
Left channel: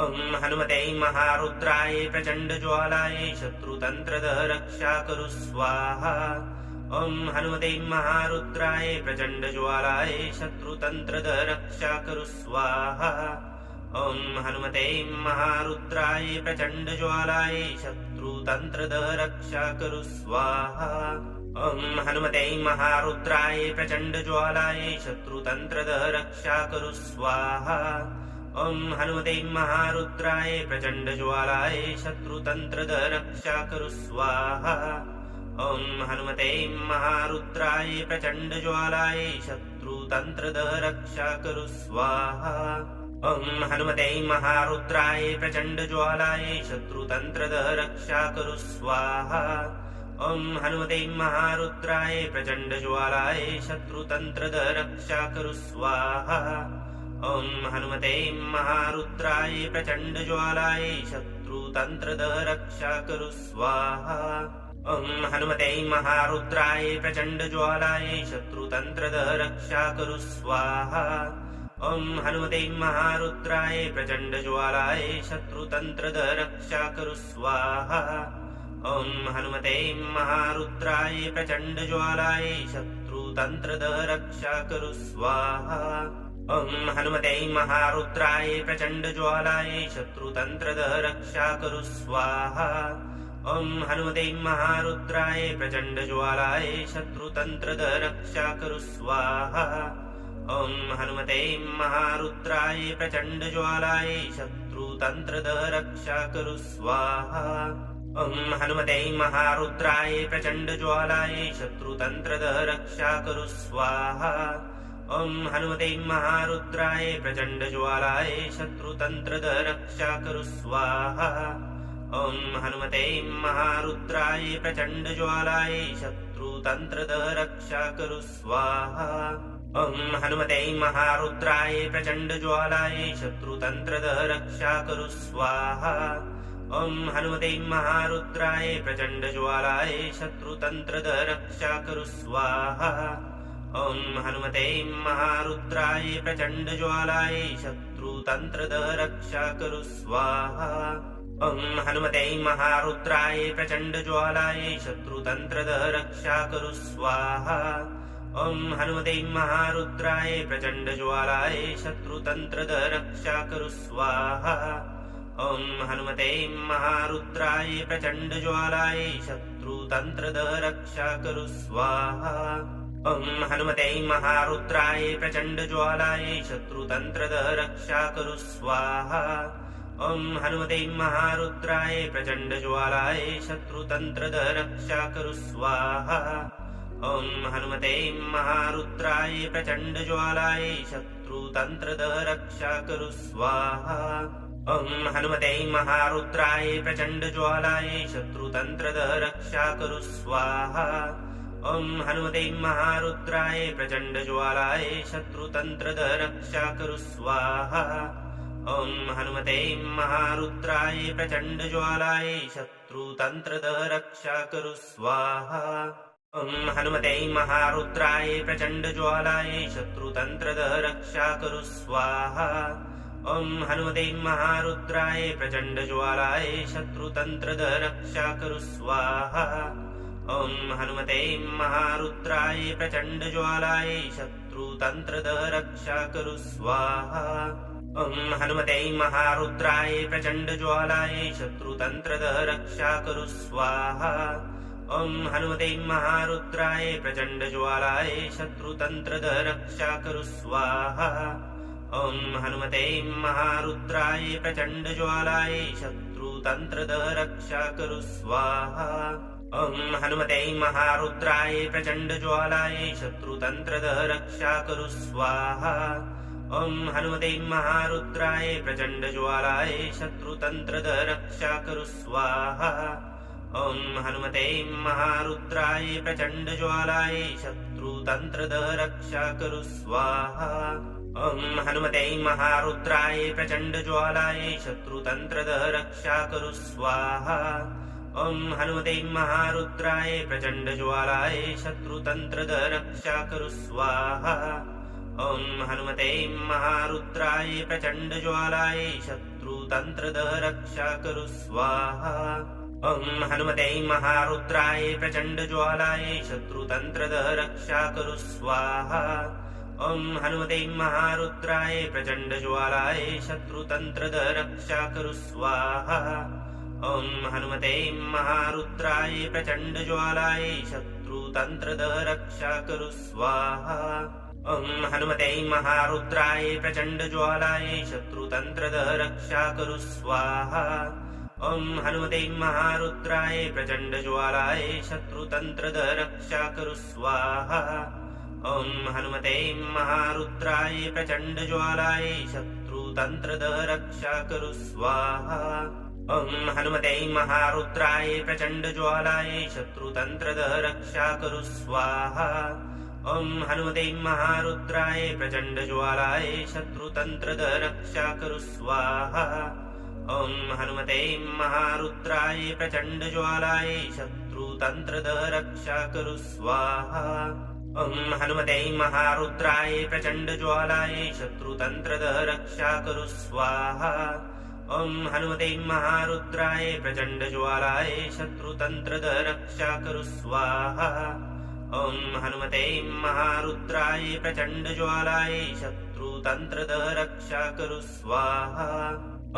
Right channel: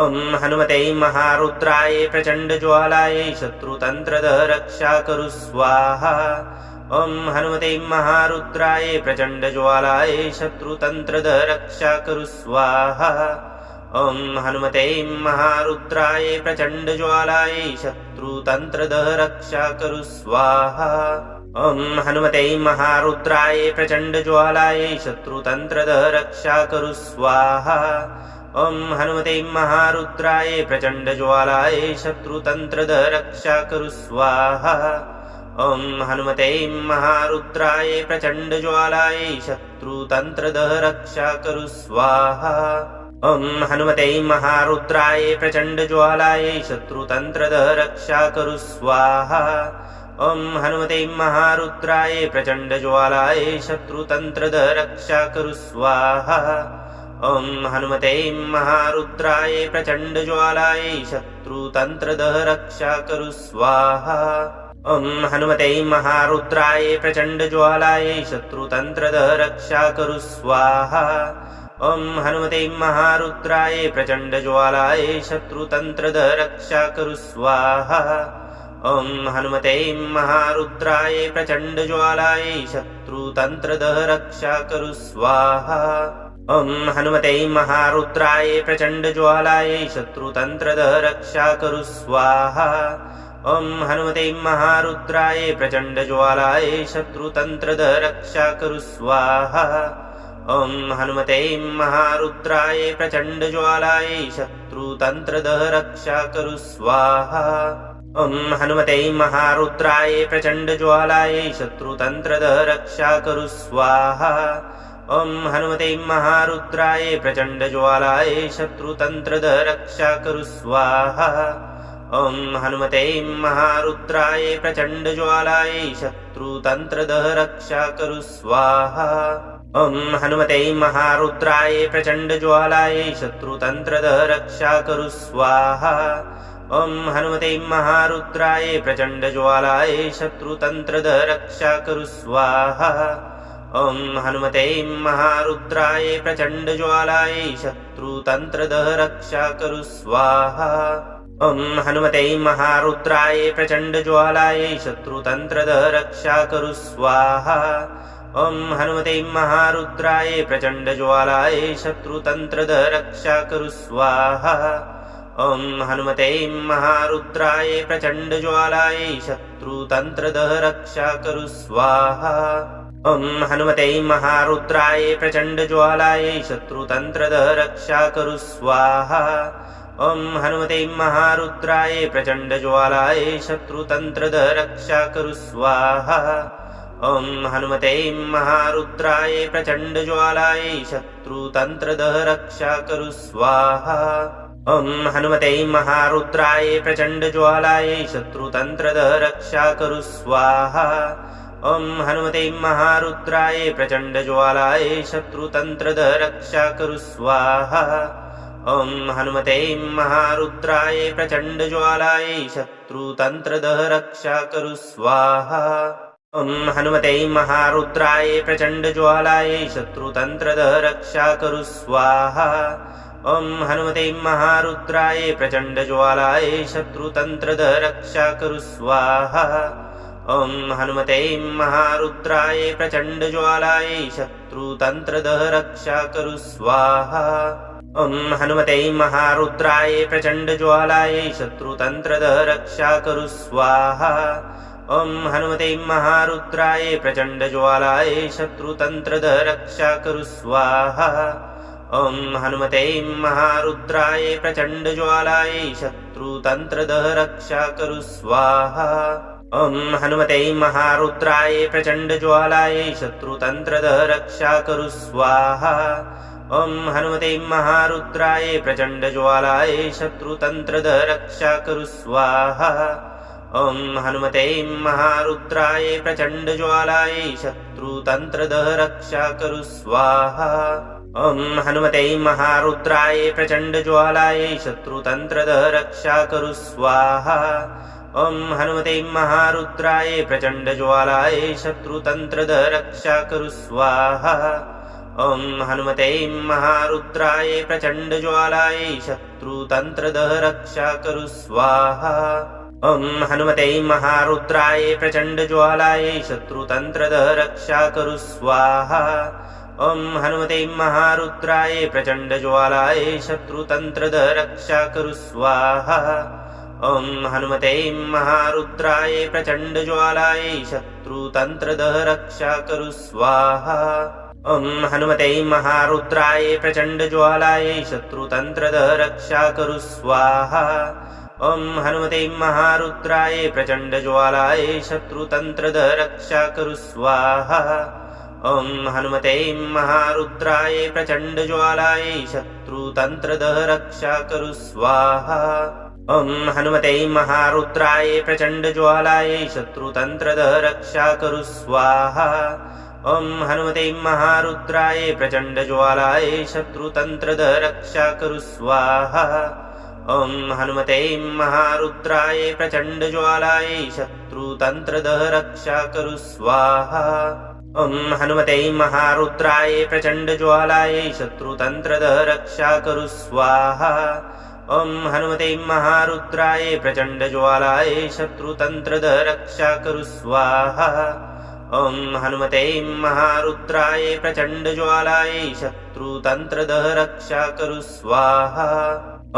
ॐ हनुमते महारुद्राय प्रचण्डज्वालाय शत्रुतन्त्रदः रक्षा कुरु स्वाहा। ॐ हनुमते महारुद्राय प्रचण्डज्वालाय शत्रुतन्त्रदः रक्षा कुरु स्वाहा। ॐ हनुमते महारुद्राय प्रचण्डज्वालाय शत्रुतन्त्रदः रक्षा कुरु स्वाहा। ॐ हनुमते महारुद्राय प्रचण्डज्वालाय शत्रुतन्त्रदः रक्षा कुरु स्वाहा। ॐ हनुमते महारुद्राय प्रचण्डज्वालाय शत्रुतन्त्रदः रक्षा कुरु स्वाहा। ॐ हनुमते महारुद्राय प्रचण्डज्वालाय शत्रुतन्त्रदः रक्षा करु स्वाहा। ॐ हनुमते महारुद्राय प्रचण्डज्वालाय शत्रुतन्त्रदः रक्षा करु स्वाहा। ॐ हनुमते महारुद्राय प्रचण्डज्वालाय शत्रुतन्त्रदः रक्षा करु स्वाहा। ॐ हनुमते महारुद्राय प्रचण्डज्वालाय शत्रुतन्त्रदः रक्षा करु स्वाहा। ॐ हनुमते महारुद्राय प्रचण्डज्वालाय शत्रुतन्त्रदः रक्षा करु स्वाहा। ॐ हनुमते महारुद्राय प्रचण्डज्वालाय शत्रुतन्त्रदः रक्षा करु स्वाहा। ॐ हनुमते महारुद्राय प्रचण्डज्वालाय शत्रुतन्त्रदः रक्षा करु स्वाहा। ॐ हनुमते महारुद्राय प्रचण्डज्वालाय शत्रुतन्त्रदः रक्षा करु स्वाहा। ॐ हनुमते महारुद्राय प्रचण्डज्वालाय शत्रुतन्त्रदः रक्षा करु स्वाहा। ॐ हनुमते महारुद्राय प्रचण्डज्वालाय शत्रुतन्त्रदः रक्षा करु स्वाहा। ॐ हनुमते महारुद्राय प्रचण्डज्वालाय शत्रुतन्त्रदः रक्षा करु स्वाहा। ॐ हनुमते महारुद्राय प्रचण्डज्वालाय शत्रुतन्त्रदः रक्षा करु स्वाहा। ॐ हनुमते महारुद्राय प्रचण्डज्वालाय शत्रुतन्त्रदः रक्षा करु स्वाहा। ॐ हनुमते महारुद्राय प्रचण्डज्वालाय शत्रुतन्त्रदः रक्षा करु स्वाहा। ॐ हनुमते महारुद्राय प्रचण्डज्वालाय शत्रुतन्त्रदः रक्षा करु स्वाहा। ॐ हनुमते महारुद्राय प्रचण्डज्वालाय शत्रुतन्त्रदः रक्षा करु स्वाहा। ॐ हनुमते महारुद्राय प्रचण्डज्वालाय शत्रुतन्त्रदः रक्षा करु स्वाहा। ॐ हनुमते महारुद्राय प्रचण्डज्वालाय शत्रुतन्त्रदः रक्षा करु स्वाहा। ॐ हनुमते महारुद्राय प्रचण्डज्वालाय शत्रुतन्त्रदः रक्षा करु स्वाहा। ॐ हनुमते महारुद्राय प्रचण्डज्वालाय शत्रुतन्त्रदः रक्षा करु स्वाहा। ॐ हनुमते महारुद्राय प्रचण्डज्वालाय शत्रुतन्त्रदः रक्षा करु स्वाहा। ॐ हनुमते महारुद्राय प्रचण्डज्वालाय शत्रुतन्त्रदः रक्षा करु स्वाहा। ॐ हनुमते महारुद्राय प्रचण्डज्वालाय शत्रुतन्त्रदः रक्षा करु स्वाहा। ॐ हनुमते महारुद्राय प्रचण्डज्वालाय शत्रुतन्त्रदः रक्षा करु स्वाहा। ॐ हनुमते महारुद्राय प्रचण्डज्वालाय शत्रुतन्त्रदः रक्षा करु स्वाहा। ॐ हनुमते महारुद्राय प्रचण्डज्वालाय शत्रुतन्त्रदः रक्षा करु स्वाहा। ॐ हनुमते महारुद्राय प्रचण्डज्वालाय शत्रुतन्त्रदः रक्षा करु स्वाहा। ॐ हनुमते महारुद्राय प्रचण्डज्वालाय शत्रुतन्त्रदः रक्षा करु स्वाहा। ॐ हनुमते महारुद्राय प्रचण्डज्वालाय शत्रुतन्त्रदः रक्षा करु स्वाहा। ॐ हनुमते महारुद्राय प्रचण्डज्वालाय शत्रुतन्त्रदः रक्षा करु स्वाहा। ॐ हनुमते महारुद्राय प्रचण्डज्वालाय शत्रुतन्त्रदः रक्षा करु स्वाहा। ॐ हनुमते महारुद्राय प्रचण्डज्वालाय शत्रुतन्त्रदः रक्षा करु स्वाहा। ॐ हनुमते महारुद्राय प्रचण्डज्वालाय शत्रुतन्त्रदः रक्षा करु स्वाहा। ॐ हनुमते महारुद्राय प्रचण्डज्वालाय शत्रुतन्त्रदः रक्षा करु स्वाहा। ॐ हनुमते महारुद्राय प्रचण्डज्वालाय शत्रुतन्त्रदः रक्षा करु स्वाहा। ॐ हनुमते महारुद्राय प्रचण्डज्वालाय शत्रुतन्त्रदः रक्षा करु स्वाहा। ॐ हनुमते महारुद्राय प्रचण्डज्वालाय शत्रुतन्त्रदः रक्षा करु स्वाहा। ॐ हनुमते महारुद्राय प्रचण्डज्वालाय शत्रुतन्त्रदः रक्षा करु स्वाहा। ॐ हनुमते महारुद्राय प्रचण्डज्वालाय शत्रुतन्त्रदः रक्षा करु स्वाहा। ॐ हनुमते महारुद्राय प्रचण्डज्वालाय शत्रुतन्त्रदः रक्षा करु स्वाहा। ॐ हनुमते महारुद्राय प्रचण्डज्वालाय शत्रुतन्त्रदः रक्षा करु स्वाहा। ॐ हनुमते महारुद्राय प्रचण्डज्वालाय शत्रुतन्त्रदः रक्षा कुरु स्वाहा ॐ हनुमते महारुद्राय प्रचण्डज्वालाय शत्रुतन्त्रदः रक्षा कुरु स्वाहा ॐ हनुमते महारुद्राय प्रचण्डज्वालाय शत्रुतन्त्रदः रक्षा कुरु स्वाहा ॐ हनुमते महारुद्राय प्रचण्डज्वालाय शत्रुतन्त्रदः रक्षा कुरु स्वाहा ॐ हनुमते महारुद्राय प्रचण्डज्वालाय शत्रुतन्त्रदः रक्षा कुरु स्वाहा ॐ हनुमते महारुद्राय प्रचण्डज्वालाय शत्रुतन्त्रदः रक्षा कुरु स्वाहा ॐ हनुमते महारुद्राय प्रचण्डज्वालाय शत्रुतन्त्रदः रक्षा कुरु स्वाहा ॐ हनुमते महारुद्राय प्रचण्डज्वालाय शत्रुतन्त्रदः रक्षा कुरु स्वाहा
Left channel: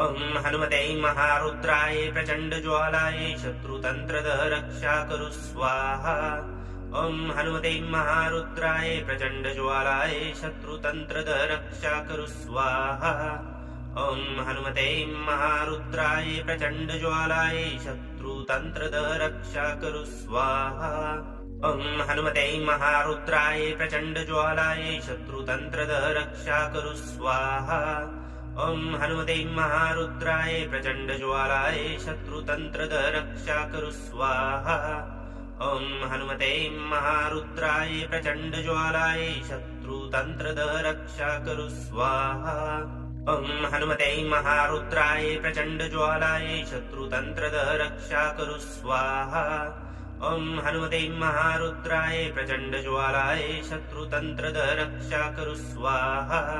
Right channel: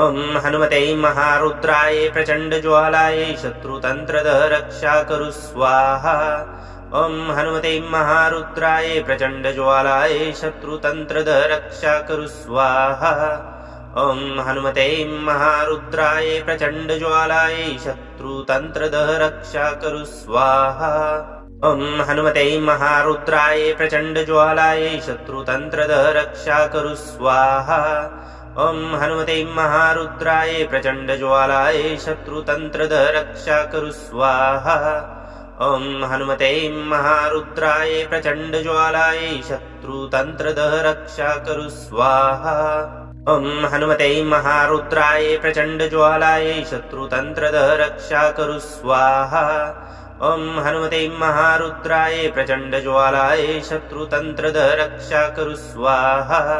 ॐ हनुमते महारुद्राय प्रचण्डज्वालाय शत्रुतन्त्रदः रक्षा कुरु स्वाहा ॐ हनुमते महारुद्राय प्रचण्डज्वालाय शत्रुतन्त्रदः रक्षा कुरु स्वाहा ॐ हनुमते महारुद्राय प्रचण्डज्वालाय शत्रुतन्त्रदः रक्षा कुरु स्वाहा ॐ हनुमते महारुद्राय प्रचण्डज्वालाय शत्रुतन्त्रदः रक्षा कुरु स्वाहा ॐ हनुमते महारुद्राय प्रचण्डज्वालाय शत्रुतन्त्रदः रक्षा कुरु स्वाहा ॐ हनुमते महारुद्राय प्रचण्डज्वालाय शत्रुतन्त्रदः रक्षा कुरु स्वाहा ॐ हनुमते महारुद्राय प्रचण्डज्वालाय शत्रुतन्त्रदः रक्षा कुरु स्वाहा ॐ हनुमते महारुद्राय प्रचण्डज्वालाय शत्रुतन्त्रदः रक्षा कुरु स्वाहा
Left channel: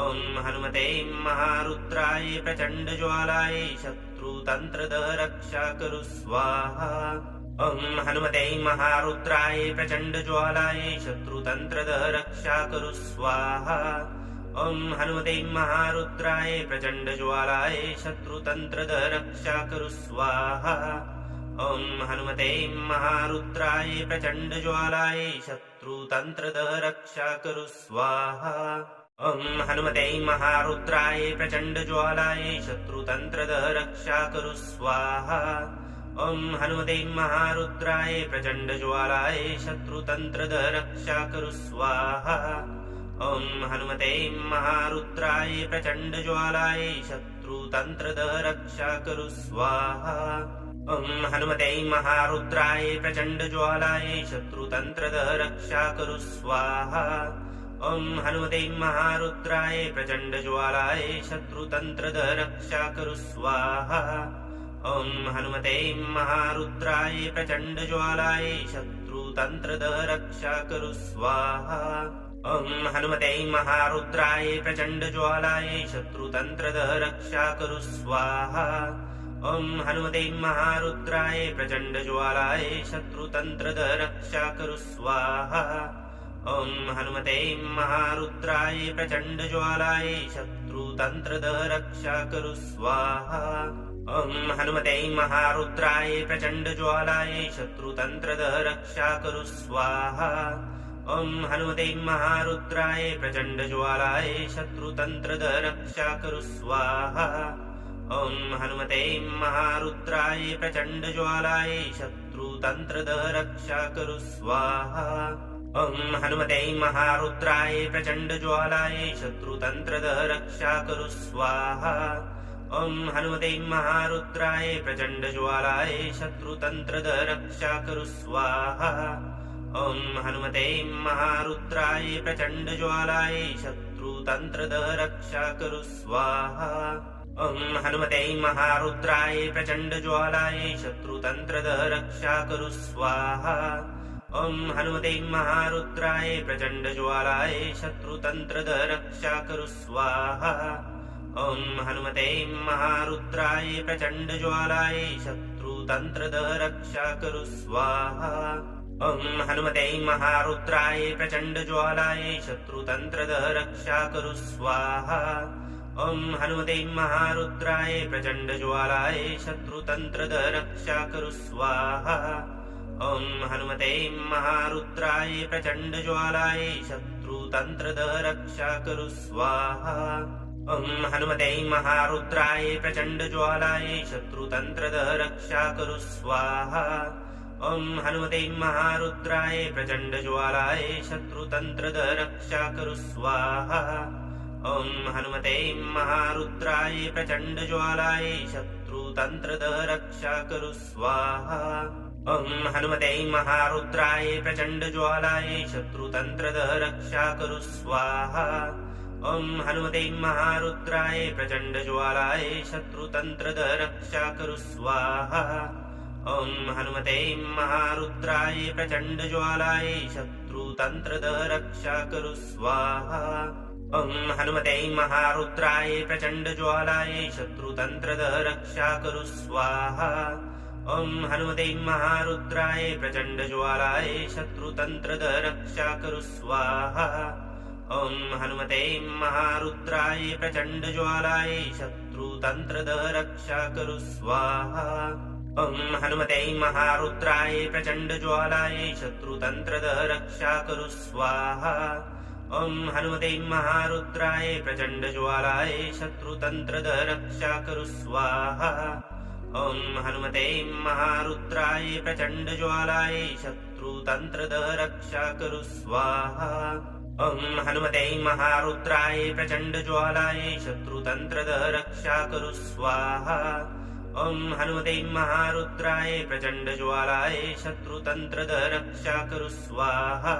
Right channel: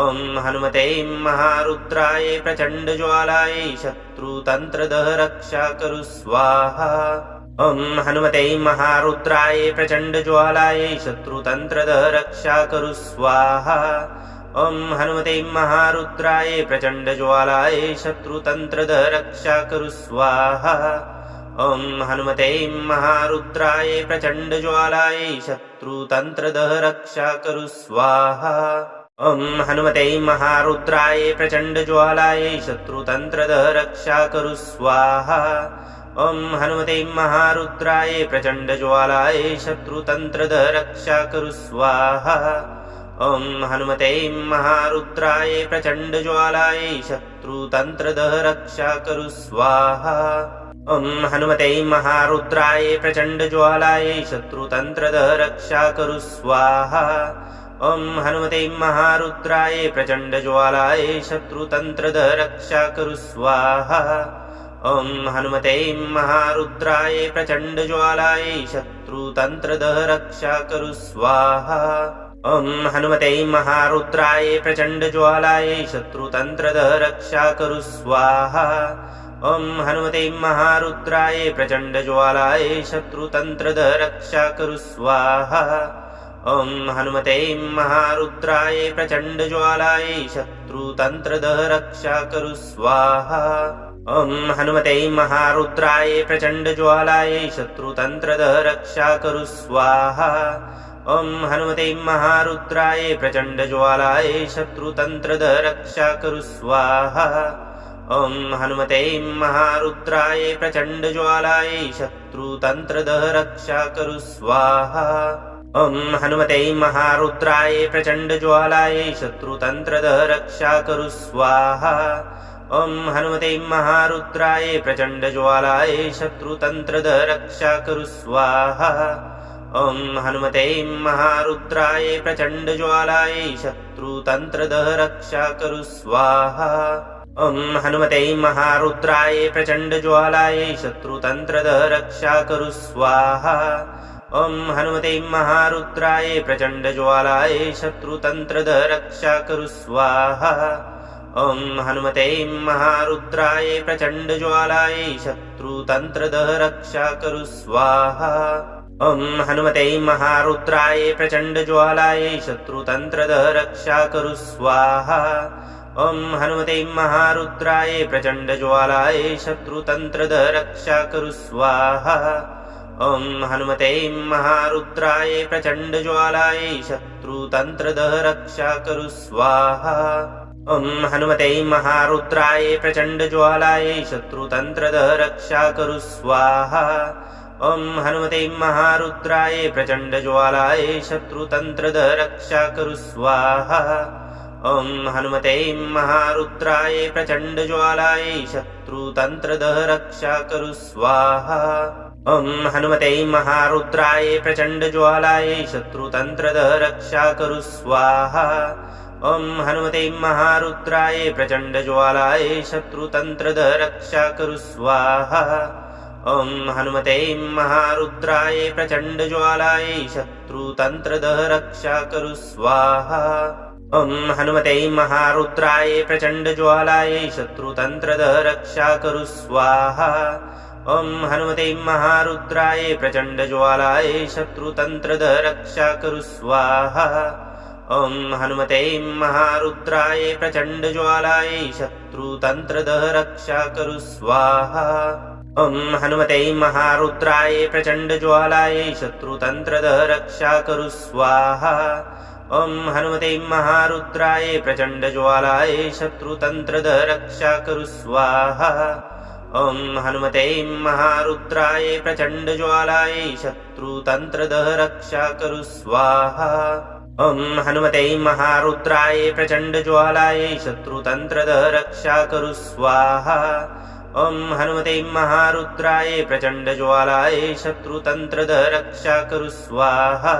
ॐ हनुमते महारुद्राय प्रचण्डज्वालाय शत्रुतन्त्रदः रक्षा कुरु स्वाहा ॐ हनुमते महारुद्राय प्रचण्डज्वालाय शत्रुतन्त्रदः रक्षा कुरु स्वाहा ॐ हनुमते महारुद्राय प्रचण्डज्वालाय शत्रुतन्त्रदः रक्षा कुरु स्वाहा ॐ हनुमते महारुद्राय प्रचण्डज्वालाय शत्रुतन्त्रदः रक्षा कुरु स्वाहा ॐ हनुमते महारुद्राय प्रचण्डज्वालाय शत्रुतन्त्रदः रक्षा कुरु स्वाहा ॐ हनुमते महारुद्राय प्रचण्डज्वालाय शत्रुतन्त्रदः रक्षा कुरु स्वाहा ॐ हनुमते महारुद्राय प्रचण्डज्वालाय शत्रुतन्त्रदः रक्षा कुरु स्वाहा ॐ हनुमते महारुद्राय प्रचण्डज्वालाय शत्रुतन्त्रदः रक्षा कुरु स्वाहा ॐ हनुमते महारुद्राय प्रचण्डज्वालाय शत्रुतन्त्रदः रक्षा कुरु स्वाहा ॐ हनुमते महारुद्राय प्रचण्डज्वालाय शत्रुतन्त्रदः रक्षा कुरु स्वाहा ॐ हनुमते महारुद्राय प्रचण्डज्वालाय शत्रुतन्त्रदः रक्षा कुरु स्वाहा ॐ हनुमते महारुद्राय प्रचण्डज्वालाय शत्रुतन्त्रदः रक्षा कुरु स्वाहा ॐ हनुमते महारुद्राय प्रचण्डज्वालाय शत्रुतन्त्रदः रक्षा कुरु स्वाहा ॐ हनुमते महारुद्राय प्रचण्डज्वालाय शत्रुतन्त्रदः रक्षा कुरु स्वाहा ॐ हनुमते महारुद्राय प्रचण्डज्वालाय शत्रुतन्त्रदः रक्षा कुरु स्वाहा ॐ हनुमते महारुद्राय प्रचण्डज्वालाय शत्रुतन्त्रदः रक्षा कुरु स्वाहा ॐ हनुमते महारुद्राय प्रचण्डज्वालाय शत्रुतन्त्रदः रक्षा कुरु स्वाहा ॐ हनुमते महारुद्राय प्रचण्डज्वालाय शत्रुतन्त्रदः रक्षा कुरु स्वाहा ॐ हनुमते महारुद्राय प्रचण्डज्वालाय शत्रुतन्त्रदः रक्षा कुरु स्वाहा ॐ हनुमते महारुद्राय प्रचण्डज्वालाय शत्रुतन्त्रदः रक्षा कुरु स्वाहा ॐ हनुमते महारुद्राय प्रचण्डज्वालाय शत्रुतन्त्रदः रक्षा कुरु स्वाहा ॐ हनुमते महारुद्राय प्रचण्डज्वालाय शत्रुतन्त्रदः रक्षा कुरु स्वाहा ॐ हनुमते महारुद्राय प्रचण्डज्वालाय शत्रुतन्त्रदः रक्षा कुरु स्वाहा ॐ हनुमते महारुद्राय प्रचण्डज्वालाय शत्रुतन्त्रदः रक्षा कुरु स्वाहा ॐ हनुमते महारुद्राय प्रचण्डज्वालाय शत्रुतन्त्रदः रक्षा कुरु स्वाहा ॐ हनुमते महारुद्राय प्रचण्डज्वालाय शत्रुतन्त्रदः रक्षा कुरु स्वाहा। ॐ हनुमते महारुद्राय प्रचण्डज्वालाय शत्रुतन्त्रदः रक्षा कुरु स्वाहा। ॐ हनुमते महारुद्राय प्रचण्डज्वालाय शत्रुतन्त्रदः रक्षा कुरु स्वाहा। ॐ हनुमते महारुद्राय प्रचण्डज्वालाय शत्रुतन्त्रदः रक्षा कुरु स्वाहा। ॐ हनुमते महारुद्राय प्रचण्डज्वालाय शत्रुतन्त्रदः रक्षा कुरु स्वाहा। ॐ हनुमते महारुद्राय प्रचण्डज्वालाय शत्रुतन्त्रदः रक्षा कुरु स्वाहा। ॐ हनुमते महारुद्राय प्रचण्डज्वालाय शत्रुतन्त्रदः रक्षा कुरु स्वाहा। ॐ हनुमते महारुद्राय प्रचण्डज्वालाय शत्रुतन्त्रदः रक्षा कुरु स्वाहा। ॐ हनुमते महारुद्राय प्रचण्डज्वालाय शत्रुतन्त्रदः रक्षा कुरु स्वाहा। ॐ हनुमते महारुद्राय प्रचण्डज्वालाय शत्रुतन्त्रदः रक्षा कुरु स्वाहा। ॐ हनुमते महारुद्राय प्रचण्डज्वालाय शत्रुतन्त्रदः रक्षा कुरु स्वाहा। ॐ हनुमते महारुद्राय प्रचण्डज्वालाय शत्रुतन्त्रदः रक्षा कुरु स्वाहा। ॐ हनुमते महारुद्राय प्रचण्डज्वालाय शत्रुतन्त्रदः रक्षा कुरु स्वाहा। ॐ हनुमते महारुद्राय प्रचण्डज्वालाय शत्रुतन्त्रदः रक्षा कुरु स्वाहा।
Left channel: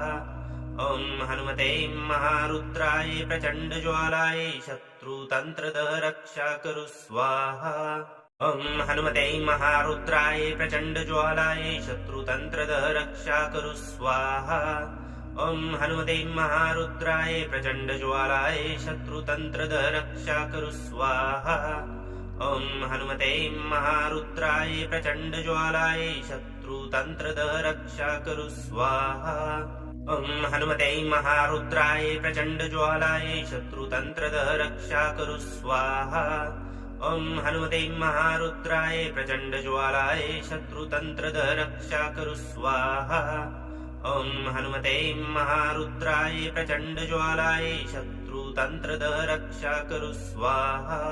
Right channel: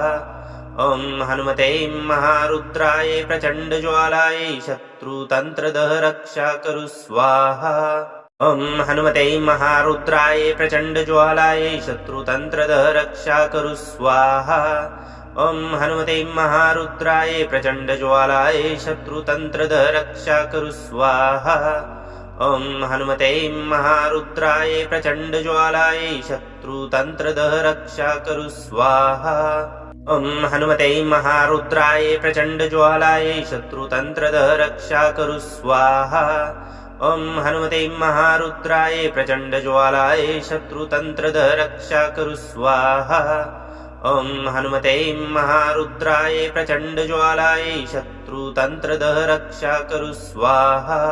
ॐ हनुमते महारुद्राय प्रचण्डज्वालाय शत्रुतन्त्रदः रक्षा कुरु स्वाहा। ॐ हनुमते महारुद्राय प्रचण्डज्वालाय शत्रुतन्त्रदः रक्षा कुरु स्वाहा। ॐ हनुमते महारुद्राय प्रचण्डज्वालाय शत्रुतन्त्रदः रक्षा कुरु स्वाहा। ॐ हनुमते महारुद्राय प्रचण्डज्वालाय शत्रुतन्त्रदः रक्षा कुरु स्वाहा। ॐ हनुमते महारुद्राय प्रचण्डज्वालाय शत्रुतन्त्रदः रक्षा कुरु स्वाहा। ॐ हनुमते महारुद्राय प्रचण्डज्वालाय शत्रुतन्त्रदः रक्षा कुरु स्वाहा। ॐ हनुमते महारुद्राय प्रचण्डज्वालाय शत्रुतन्त्रदः रक्षा कुरु स्वाहा।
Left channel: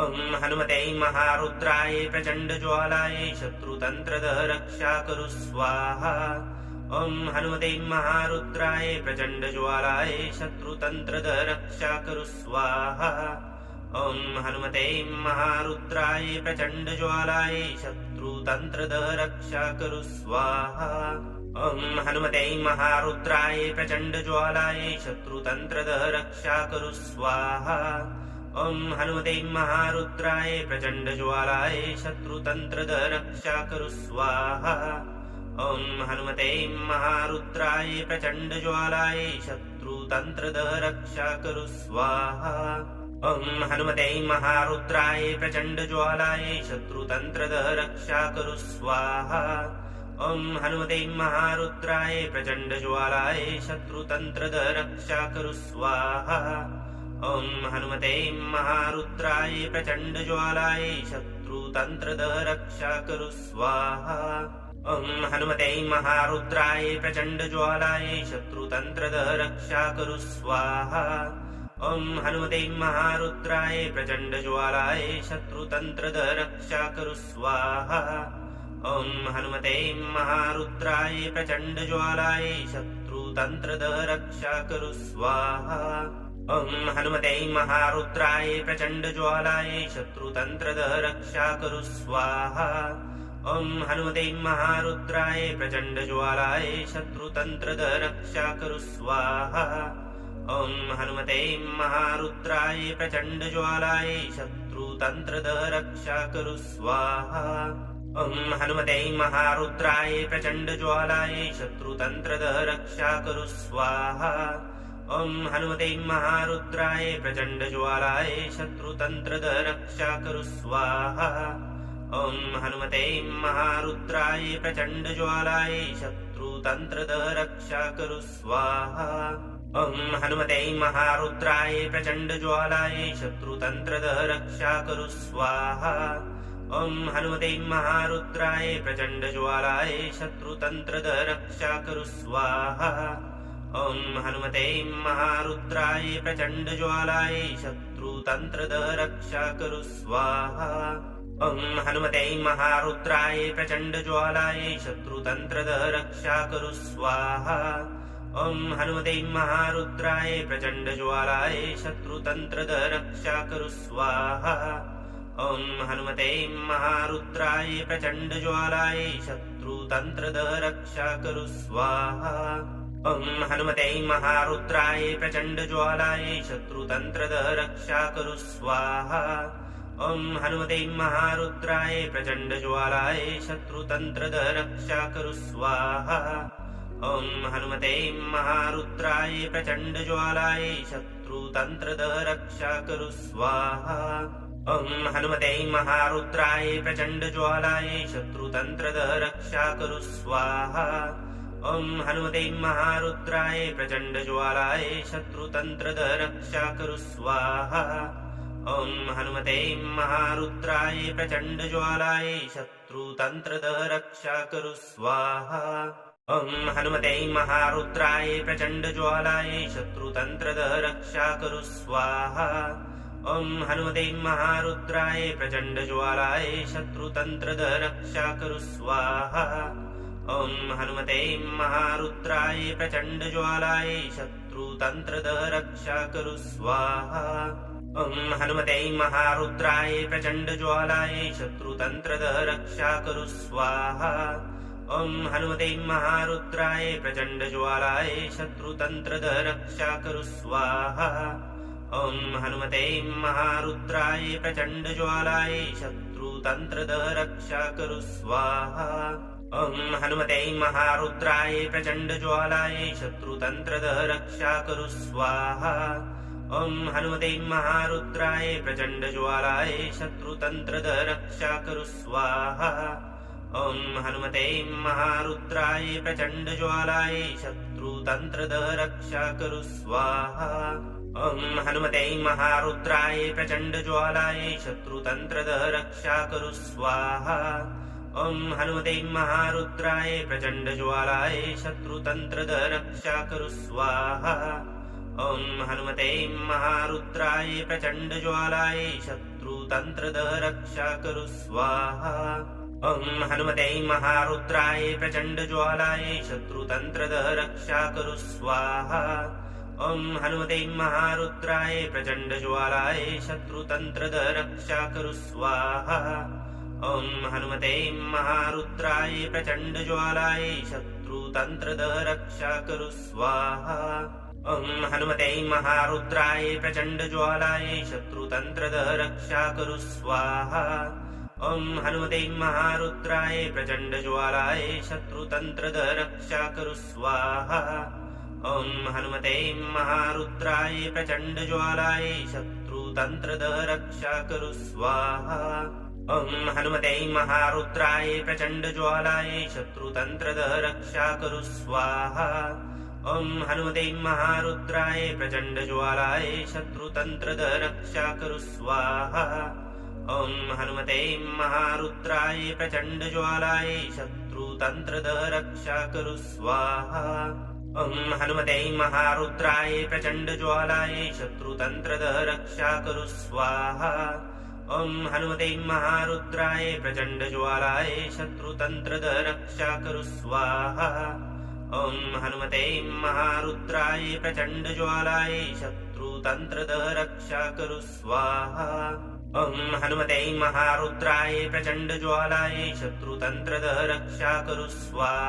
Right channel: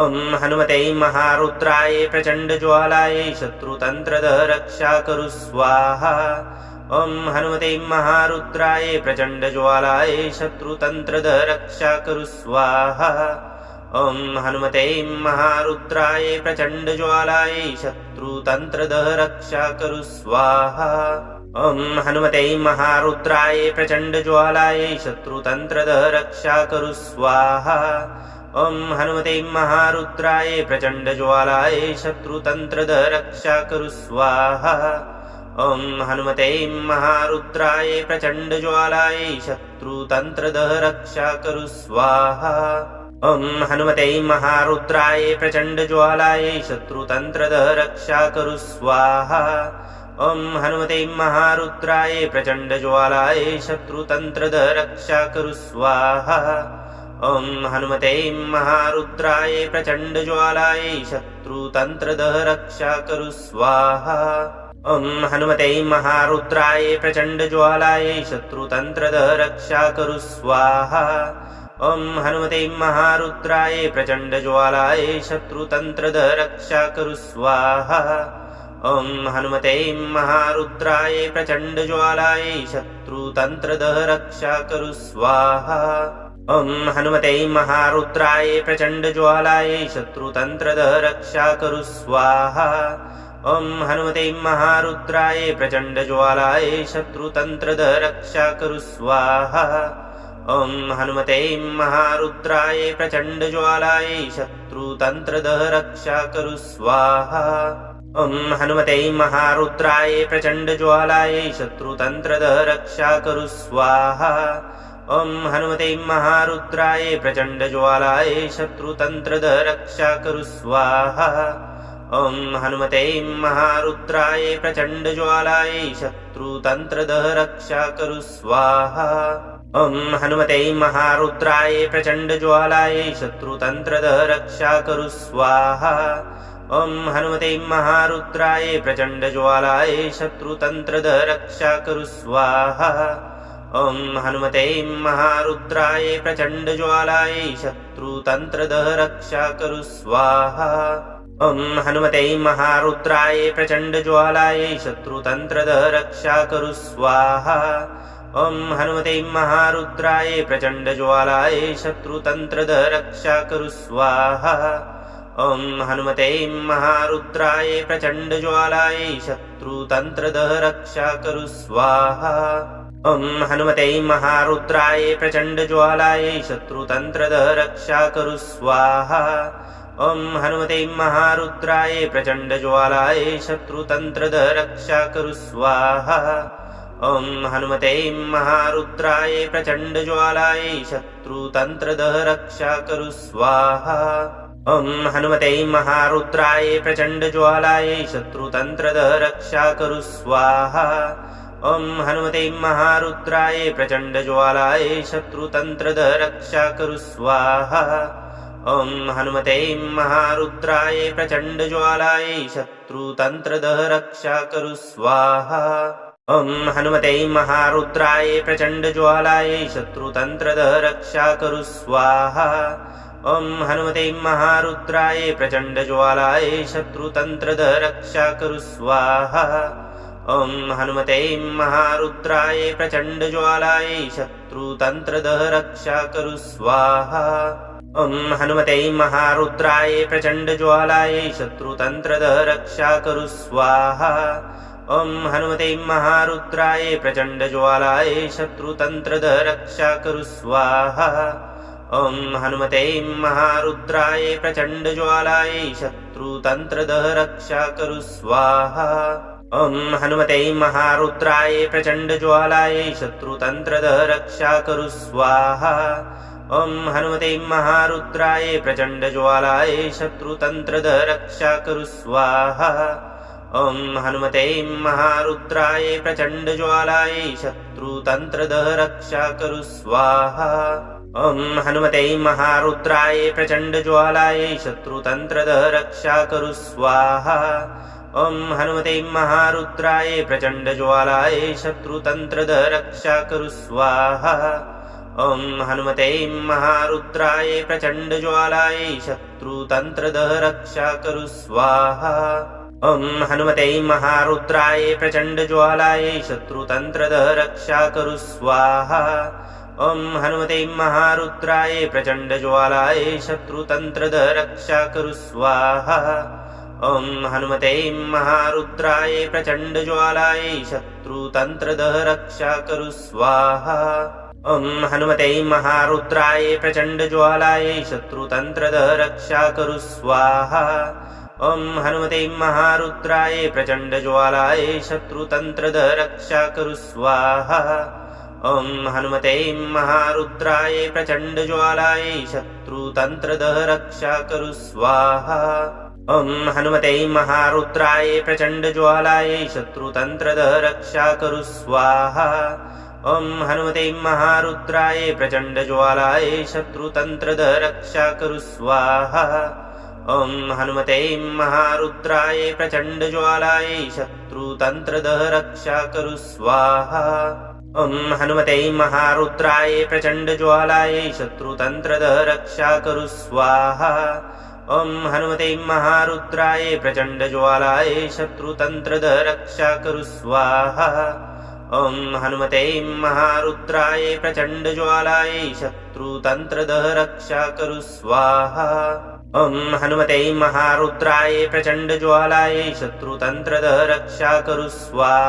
ॐ हनुमते महारुद्राय प्रचण्डज्वालाय शत्रुतन्त्रदः रक्षा कुरु स्वाहा। ॐ हनुमते महारुद्राय प्रचण्डज्वालाय शत्रुतन्त्रदः रक्षा कुरु स्वाहा। ॐ हनुमते महारुद्राय प्रचण्डज्वालाय शत्रुतन्त्रदः रक्षा कुरु स्वाहा। ॐ हनुमते महारुद्राय प्रचण्डज्वालाय शत्रुतन्त्रदः रक्षा कुरु स्वाहा। ॐ हनुमते महारुद्राय प्रचण्डज्वालाय शत्रुतन्त्रदः रक्षा कुरु स्वाहा। ॐ हनुमते महारुद्राय प्रचण्डज्वालाय शत्रुतन्त्रदः रक्षा कुरु स्वाहा। ॐ हनुमते महारुद्राय प्रचण्डज्वालाय शत्रुतन्त्रदः रक्षा कुरु स्वाहा। ॐ हनुमते महारुद्राय प्रचण्डज्वालाय शत्रुतन्त्रदः रक्षा कुरु स्वाहा। ॐ हनुमते महारुद्राय प्रचण्डज्वालाय शत्रुतन्त्रदः रक्षा कुरु स्वाहा। ॐ हनुमते महारुद्राय प्रचण्डज्वालाय शत्रुतन्त्रदः रक्षा कुरु स्वाहा। ॐ हनुमते महारुद्राय प्रचण्डज्वालाय शत्रुतन्त्रदः रक्षा कुरु स्वाहा। ॐ हनुमते महारुद्राय प्रचण्डज्वालाय शत्रुतन्त्रदः रक्षा कुरु स्वाहा। ॐ हनुमते महारुद्राय प्रचण्डज्वालाय शत्रुतन्त्रदः रक्षा कुरु स्वाहा। ॐ हनुमते महारुद्राय प्रचण्डज्वालाय शत्रुतन्त्रदः रक्षा कुरु स्वाहा। ॐ हनुमते महारुद्राय प्रचण्डज्वालाय शत्रुतन्त्रदः रक्षा कुरु स्वाहा। ॐ हनुमते महारुद्राय प्रचण्डज्वालाय शत्रुतन्त्रदः रक्षा कुरु स्वाहा। ॐ हनुमते महारुद्राय प्रचण्डज्वालाय शत्रुतन्त्रदः रक्षा कुरु स्वाहा। ॐ हनुमते महारुद्राय प्रचण्डज्वालाय शत्रुतन्त्रदः रक्षा कुरु स्वाहा। ॐ हनुमते महारुद्राय प्रचण्डज्वालाय शत्रुतन्त्रदः रक्षा कुरु स्वाहा। ॐ हनुमते महारुद्राय प्रचण्डज्वालाय शत्रुतन्त्रदः रक्षा कुरु स्वाहा। ॐ हनुमते महारुद्राय प्रचण्डज्वालाय शत्रुतन्त्रदः शत्रुतन्त्रदः रक्षा कुरु स्वाहा। ॐ हनुमते महारुद्राय प्रचण्डज्वालाय शत्रुतन्त्रदः रक्षा कुरु स्वाहा। ॐ हनुमते महारुद्राय प्रचण्डज्वालाय शत्रुतन्त्रदः रक्षा कुरु स्वाहा। ॐ हनुमते महारुद्राय प्रचण्डज्वालाय शत्रुतन्त्रदः रक्षा कुरु स्वाहा। ॐ हनुमते महारुद्राय प्रचण्डज्वालाय शत्रुतन्त्रदः रक्षा कुरु स्वाहा। ॐ हनुमते महारुद्राय प्रचण्डज्वालाय शत्रुतन्त्रदः रक्षा कुरु स्वाहा। ॐ हनुमते महारुद्राय प्रचण्डज्वालाय शत्रुतन्त्रदः रक्षा कुरु स्वाहा। ॐ हनुमते महारुद्राय प्रचण्डज्वालाय शत्रुतन्त्रदः रक्षा कुरु स्वाहा। ॐ हनुमते महारुद्राय प्रचण्डज्वालाय शत्रुतन्त्रदः रक्षा कुरु स्वाहा। ॐ हनुमते महारुद्राय प्रचण्डज्वालाय शत्रुतन्त्रदः रक्षा कुरु स्वाहा। ॐ हनुमते महारुद्राय प्रचण्डज्वालाय शत्रुतन्त्रदः रक्षा कुरु स्वाहा। ॐ हनुमते महारुद्राय प्रचण्डज्वालाय शत्रुतन्त्रदः रक्षा कुरु स्वाहा। ॐ हनुमते महारुद्राय प्रचण्डज्वालाय शत्रुतन्त्रदः रक्षा कुरु स्वाहा। ॐ हनुमते महारुद्राय प्रचण्डज्वालाय शत्रुतन्त्रदः रक्षा कुरु स्वाहा। ॐ हनुमते महारुद्राय प्रचण्डज्वालाय शत्रुतन्त्रदः रक्षा कुरु स्वाहा। ॐ हनुमते महारुद्राय प्रचण्डज्वालाय शत्रुतन्त्रदः रक्षा कुरु स्वाहा। ॐ हनुमते महारुद्राय प्रचण्डज्वालाय शत्रुतन्त्रदः रक्षा कुरु स्वाहा। ॐ हनुमते महारुद्राय प्रचण्डज्वालाय शत्रुतन्त्रदः रक्षा कुरु स्वाहा। ॐ हनुमते महारुद्राय प्रचण्डज्वालाय शत्रुतन्त्रदः रक्षा कुरु स्वाहा। ॐ हनुमते महारुद्राय प्रचण्डज्वालाय शत्रुतन्त्रदः रक्षा कुरु स्वाहा। ॐ हनुमते महारुद्राय प्रचण्डज्वालाय शत्रुतन्त्रदः रक्षा कुरु स्वाहा। ॐ हनुमते महारुद्राय प्रचण्डज्वालाय शत्रुतन्त्रदः रक्षा कुरु स्वाहा। ॐ हनुमते महारुद्राय प्रचण्डज्वालाय शत्रुतन्त्रदः रक्षा कुरु स्वाहा। ॐ हनुमते महारुद्राय प्रचण्डज्वालाय शत्रुतन्त्रदः रक्षा कुरु स्वाहा। ॐ हनुमते महारुद्राय प्रचण्डज्वालाय शत्रुतन्त्रदः रक्षा कुरु स्वाहा। ॐ हनुमते महारुद्राय प्रचण्डज्वालाय शत्रुतन्त्रदः रक्षा कुरु स्वाहा। ॐ हनुमते महारुद्राय प्रचण्डज्वालाय शत्रुतन्त्रदः रक्षा कुरु स्वाहा। ॐ हनुमते महारुद्राय प्रचण्डज्वालाय शत्रुतन्त्रदः रक्षा कुरु स्वाहा। ॐ हनुमते महारुद्राय प्रचण्डज्वालाय शत्रुतन्त्रदः रक्षा कुरु स्वाहा। ॐ हनुमते महारुद्राय प्रचण्डज्वालाय शत्रुतन्त्रदः रक्षा कुरु स्वाहा। ॐ हनुमते महारुद्राय प्रचण्डज्वालाय शत्रुतन्त्रदः रक्षा कुरु स्वाहा। ॐ हनुमते महारुद्राय प्रचण्डज्वालाय शत्रुतन्त्रदः रक्षा कुरु स्वाहा। ॐ हनुमते महारुद्राय प्रचण्डज्वालाय शत्रुतन्त्रदः रक्षा कुरु स्वाहा। ॐ हनुमते महारुद्राय प्रचण्डज्वालाय शत्रुतन्त्रदः रक्षा कुरु स्वाहा। ॐ हनुमते महारुद्राय प्रचण्डज्वालाय शत्रुतन्त्रदः रक्षा कुरु स्वाहा।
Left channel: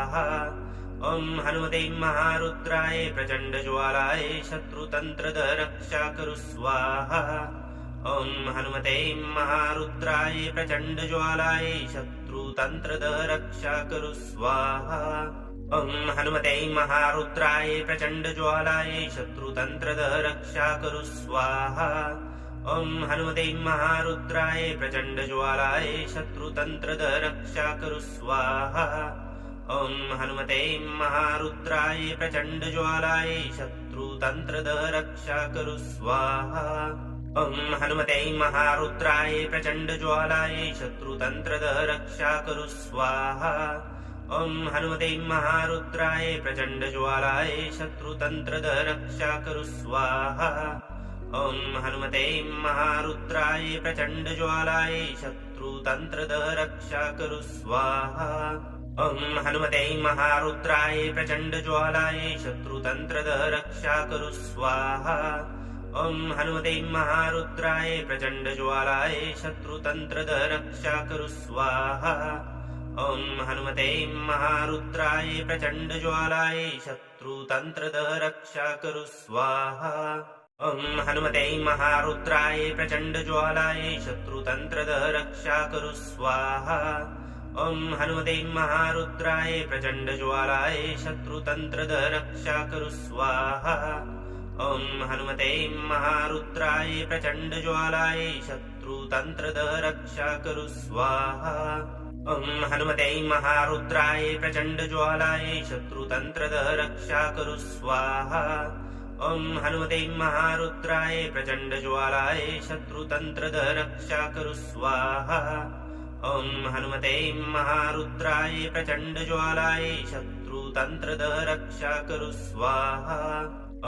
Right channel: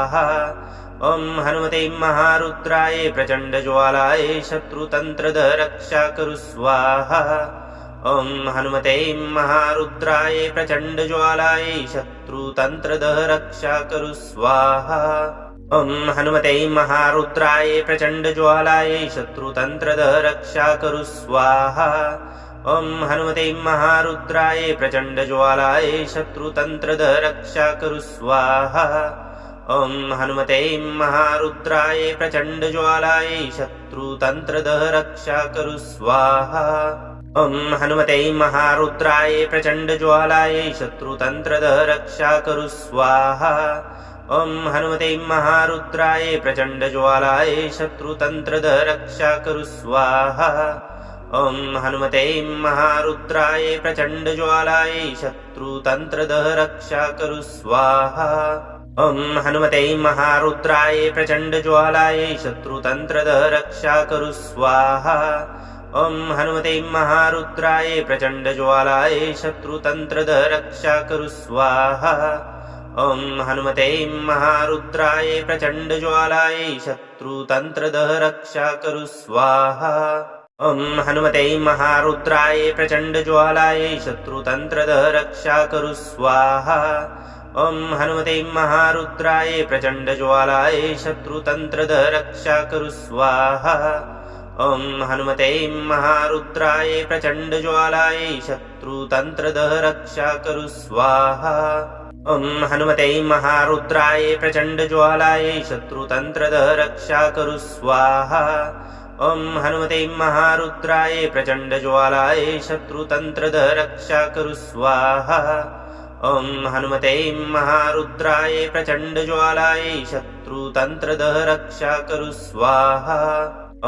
ॐ हनुमते महारुद्राय प्रचण्डज्वालाय शत्रुतन्त्रदः रक्षा कुरु स्वाहा। ॐ हनुमते महारुद्राय प्रचण्डज्वालाय शत्रुतन्त्रदः रक्षा कुरु स्वाहा। ॐ हनुमते महारुद्राय प्रचण्डज्वालाय शत्रुतन्त्रदः रक्षा कुरु स्वाहा। ॐ हनुमते महारुद्राय प्रचण्डज्वालाय शत्रुतन्त्रदः रक्षा कुरु स्वाहा। ॐ हनुमते महारुद्राय प्रचण्डज्वालाय शत्रुतन्त्रदः रक्षा कुरु स्वाहा। ॐ हनुमते महारुद्राय प्रचण्डज्वालाय शत्रुतन्त्रदः रक्षा कुरु स्वाहा। ॐ हनुमते महारुद्राय प्रचण्डज्वालाय शत्रुतन्त्रदः रक्षा कुरु स्वाहा। ॐ हनुमते महारुद्राय प्रचण्डज्वालाय शत्रुतन्त्रदः रक्षा करु स्वाहा। ॐ हनुमते महारुद्राय प्रचण्डज्वालाय शत्रुतन्त्रदः रक्षा करु स्वाहा। ॐ हनुमते महारुद्राय प्रचण्डज्वालाय शत्रुतन्त्रदः रक्षा करु स्वाहा। ॐ हनुमते महारुद्राय प्रचण्डज्वालाय शत्रुतन्त्रदः रक्षा करु स्वाहा। ॐ हनुमते महारुद्राय प्रचण्डज्वालाय शत्रुतन्त्रदः रक्षा करु स्वाहा। ॐ हनुमते महारुद्राय प्रचण्डज्वालाय शत्रुतन्त्रदः रक्षा करु स्वाहा। ॐ हनुमते महारुद्राय प्रचण्डज्वालाय शत्रुतन्त्रदः रक्षा करु स्वाहा। ॐ हनुमते महारुद्राय प्रचण्डज्वालाय शत्रुतन्त्रदः रक्षा करु स्वाहा। ॐ हनुमते महारुद्राय प्रचण्डज्वालाय शत्रुतन्त्रदः रक्षा करु स्वाहा। ॐ हनुमते महारुद्राय प्रचण्डज्वालाय शत्रुतन्त्रदः रक्षा करु स्वाहा।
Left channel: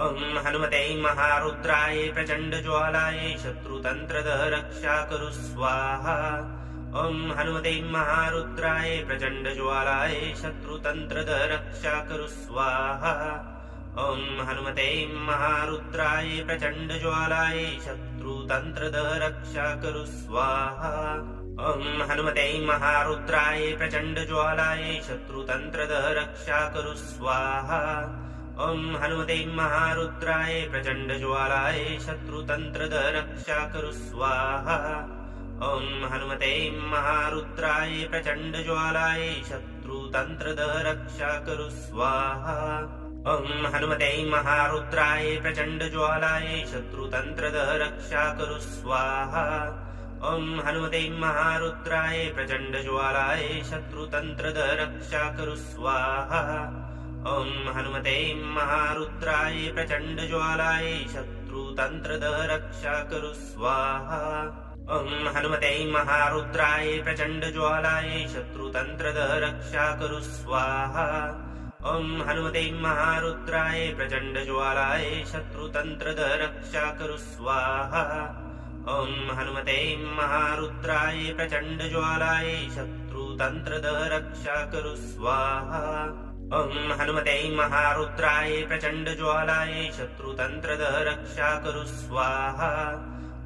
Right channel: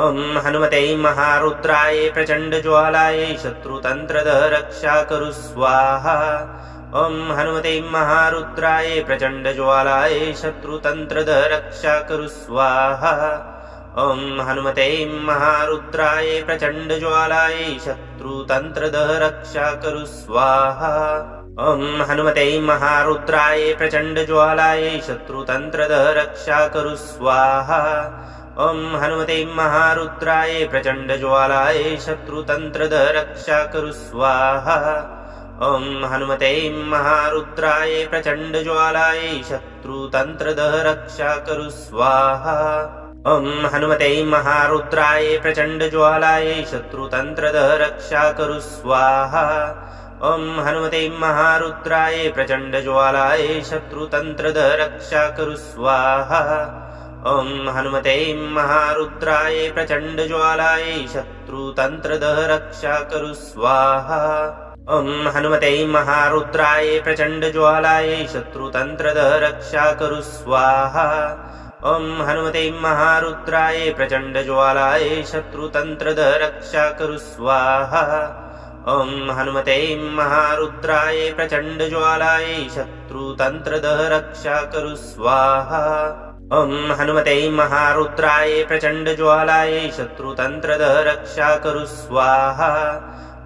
ॐ हनुमते महारुद्राय प्रचण्डज्वालाय शत्रुतन्त्रदः रक्षा करु स्वाहा। ॐ हनुमते महारुद्राय प्रचण्डज्वालाय शत्रुतन्त्रदः रक्षा करु स्वाहा। ॐ हनुमते महारुद्राय प्रचण्डज्वालाय शत्रुतन्त्रदः रक्षा करु स्वाहा। ॐ हनुमते महारुद्राय प्रचण्डज्वालाय शत्रुतन्त्रदः रक्षा करु स्वाहा। ॐ हनुमते महारुद्राय प्रचण्डज्वालाय शत्रुतन्त्रदः रक्षा करु स्वाहा। ॐ हनुमते महारुद्राय प्रचण्डज्वालाय शत्रुतन्त्रदः रक्षा करु स्वाहा। ॐ हनुमते महारुद्राय प्रचण्डज्वालाय शत्रुतन्त्रदः रक्षा करु स्वाहा। ॐ हनुमते महारुद्राय प्रचण्डज्वालाय शत्रुतन्त्रदः रक्षा करु स्वाहा। ॐ हनुमते महारुद्राय प्रचण्डज्वालाय शत्रुतन्त्रदः रक्षा करु स्वाहा। ॐ हनुमते महारुद्राय प्रचण्डज्वालाय शत्रुतन्त्रदः रक्षा करु स्वाहा। ॐ हनुमते महारुद्राय प्रचण्डज्वालाय शत्रुतन्त्रदः रक्षा करु स्वाहा। ॐ हनुमते महारुद्राय प्रचण्डज्वालाय शत्रुतन्त्रदः रक्षा करु स्वाहा। ॐ हनुमते महारुद्राय प्रचण्डज्वालाय शत्रुतन्त्रदः रक्षा करु स्वाहा।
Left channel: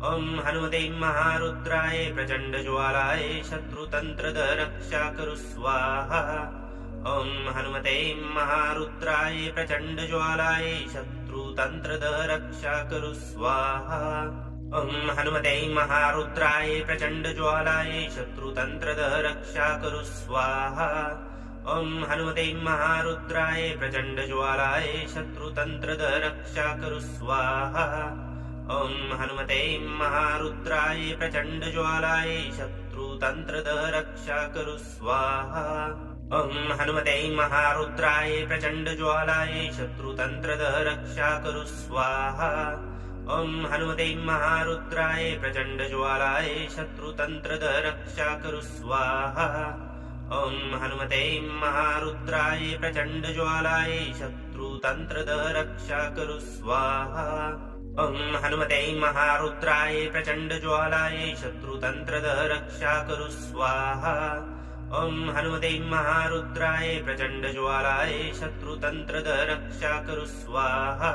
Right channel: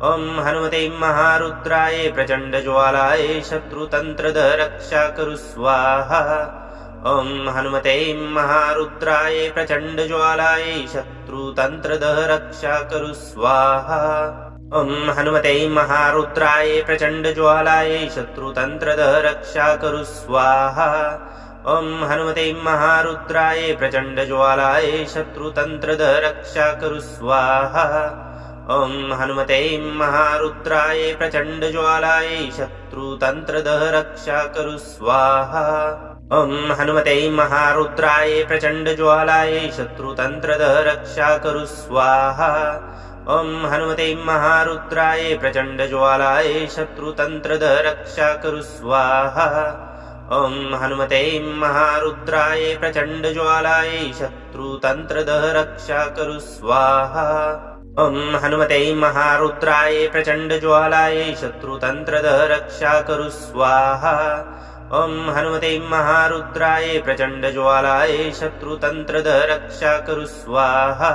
ॐ हनुमते महारुद्राय प्रचण्डज्वालाय शत्रुतन्त्रदः रक्षा करु स्वाहा। ॐ हनुमते महारुद्राय प्रचण्डज्वालाय शत्रुतन्त्रदः रक्षा करु स्वाहा। ॐ हनुमते महारुद्राय प्रचण्डज्वालाय शत्रुतन्त्रदः रक्षा करु स्वाहा। ॐ हनुमते महारुद्राय प्रचण्डज्वालाय शत्रुतन्त्रदः रक्षा करु स्वाहा। ॐ हनुमते महारुद्राय प्रचण्डज्वालाय शत्रुतन्त्रदः रक्षा करु स्वाहा। ॐ हनुमते महारुद्राय प्रचण्डज्वालाय शत्रुतन्त्रदः रक्षा करु स्वाहा। ॐ हनुमते महारुद्राय प्रचण्डज्वालाय शत्रुतन्त्रदः रक्षा करु स्वाहा। ॐ हनुमते महारुद्राय प्रचण्डज्वालाय शत्रुतन्त्रदः रक्षा करु स्वाहा। ॐ हनुमते महारुद्राय प्रचण्डज्वालाय शत्रुतन्त्रदः रक्षा करु स्वाहा। ॐ हनुमते महारुद्राय प्रचण्डज्वालाय शत्रुतन्त्रदः रक्षा करु स्वाहा।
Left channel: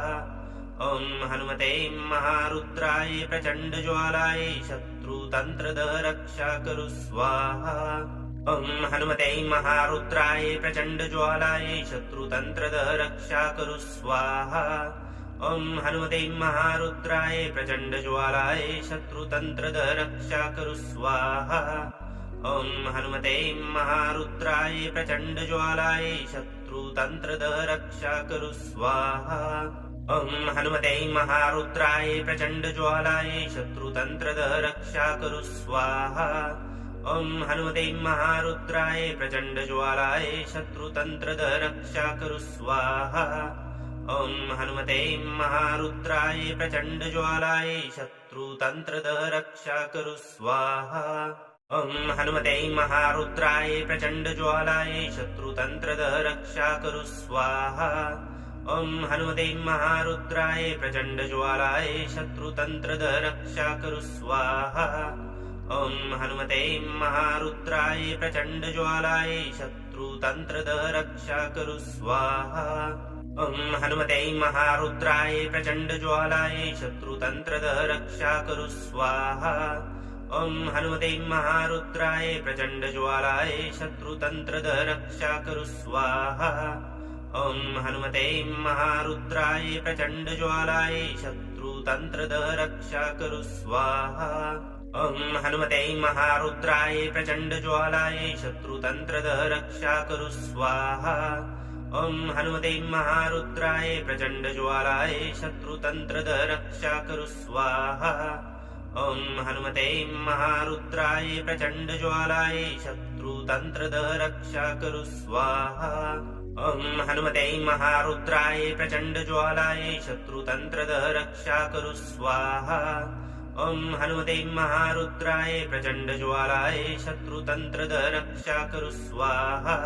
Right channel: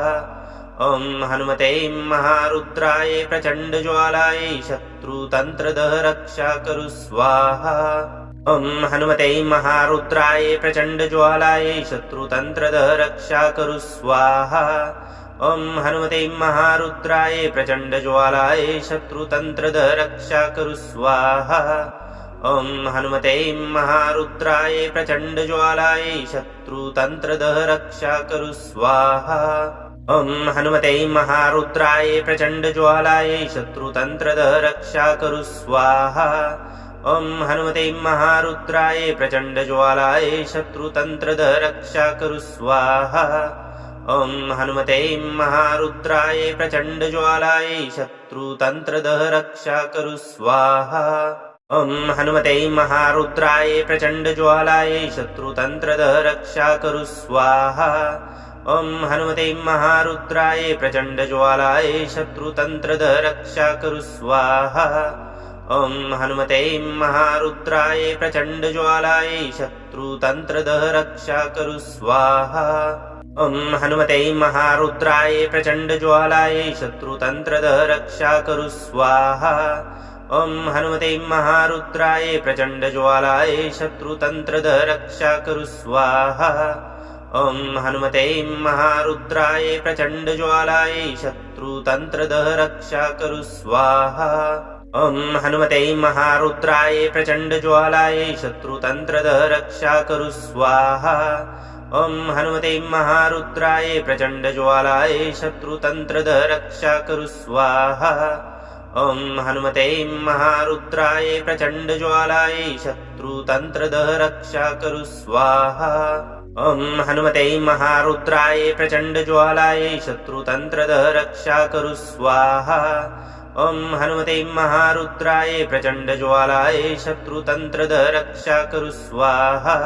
ॐ हनुमते महारुद्राय प्रचण्डज्वालाय शत्रुतन्त्रदः रक्षा करु स्वाहा। ॐ हनुमते महारुद्राय प्रचण्डज्वालाय शत्रुतन्त्रदः रक्षा करु स्वाहा। ॐ हनुमते महारुद्राय प्रचण्डज्वालाय शत्रुतन्त्रदः रक्षा करु स्वाहा। ॐ हनुमते महारुद्राय प्रचण्डज्वालाय शत्रुतन्त्रदः रक्षा करु स्वाहा। ॐ हनुमते महारुद्राय प्रचण्डज्वालाय शत्रुतन्त्रदः रक्षा करु स्वाहा। ॐ हनुमते महारुद्राय प्रचण्डज्वालाय शत्रुतन्त्रदः रक्षा करु स्वाहा। ॐ हनुमते महारुद्राय प्रचण्डज्वालाय शत्रुतन्त्रदः रक्षा करु स्वाहा। ॐ हनुमते महारुद्राय प्रचण्डज्वालाय शत्रुतन्त्रदः रक्षा करु स्वाहा। ॐ हनुमते महारुद्राय प्रचण्डज्वालाय शत्रुतन्त्रदः रक्षा कुरु स्वाहा ॐ हनुमते महारुद्राय प्रचण्डज्वालाय शत्रुतन्त्रदः रक्षा कुरु स्वाहा ॐ हनुमते महारुद्राय प्रचण्डज्वालाय शत्रुतन्त्रदः रक्षा कुरु स्वाहा ॐ हनुमते महारुद्राय प्रचण्डज्वालाय शत्रुतन्त्रदः रक्षा कुरु स्वाहा ॐ हनुमते महारुद्राय प्रचण्डज्वालाय शत्रुतन्त्रदः रक्षा कुरु स्वाहा ॐ हनुमते महारुद्राय प्रचण्डज्वालाय शत्रुतन्त्रदः रक्षा कुरु स्वाहा ॐ हनुमते महारुद्राय प्रचण्डज्वालाय शत्रुतन्त्रदः रक्षा कुरु स्वाहा ॐ हनुमते महारुद्राय प्रचण्डज्वालाय शत्रुतन्त्रदः रक्षा कुरु स्वाहा ॐ हनुमते महारुद्राय प्रचण्डज्वालाय शत्रुतन्त्रदः रक्षा कुरु स्वाहा ॐ हनुमते महारुद्राय प्रचण्डज्वालाय शत्रुतन्त्रदः रक्षा कुरु स्वाहा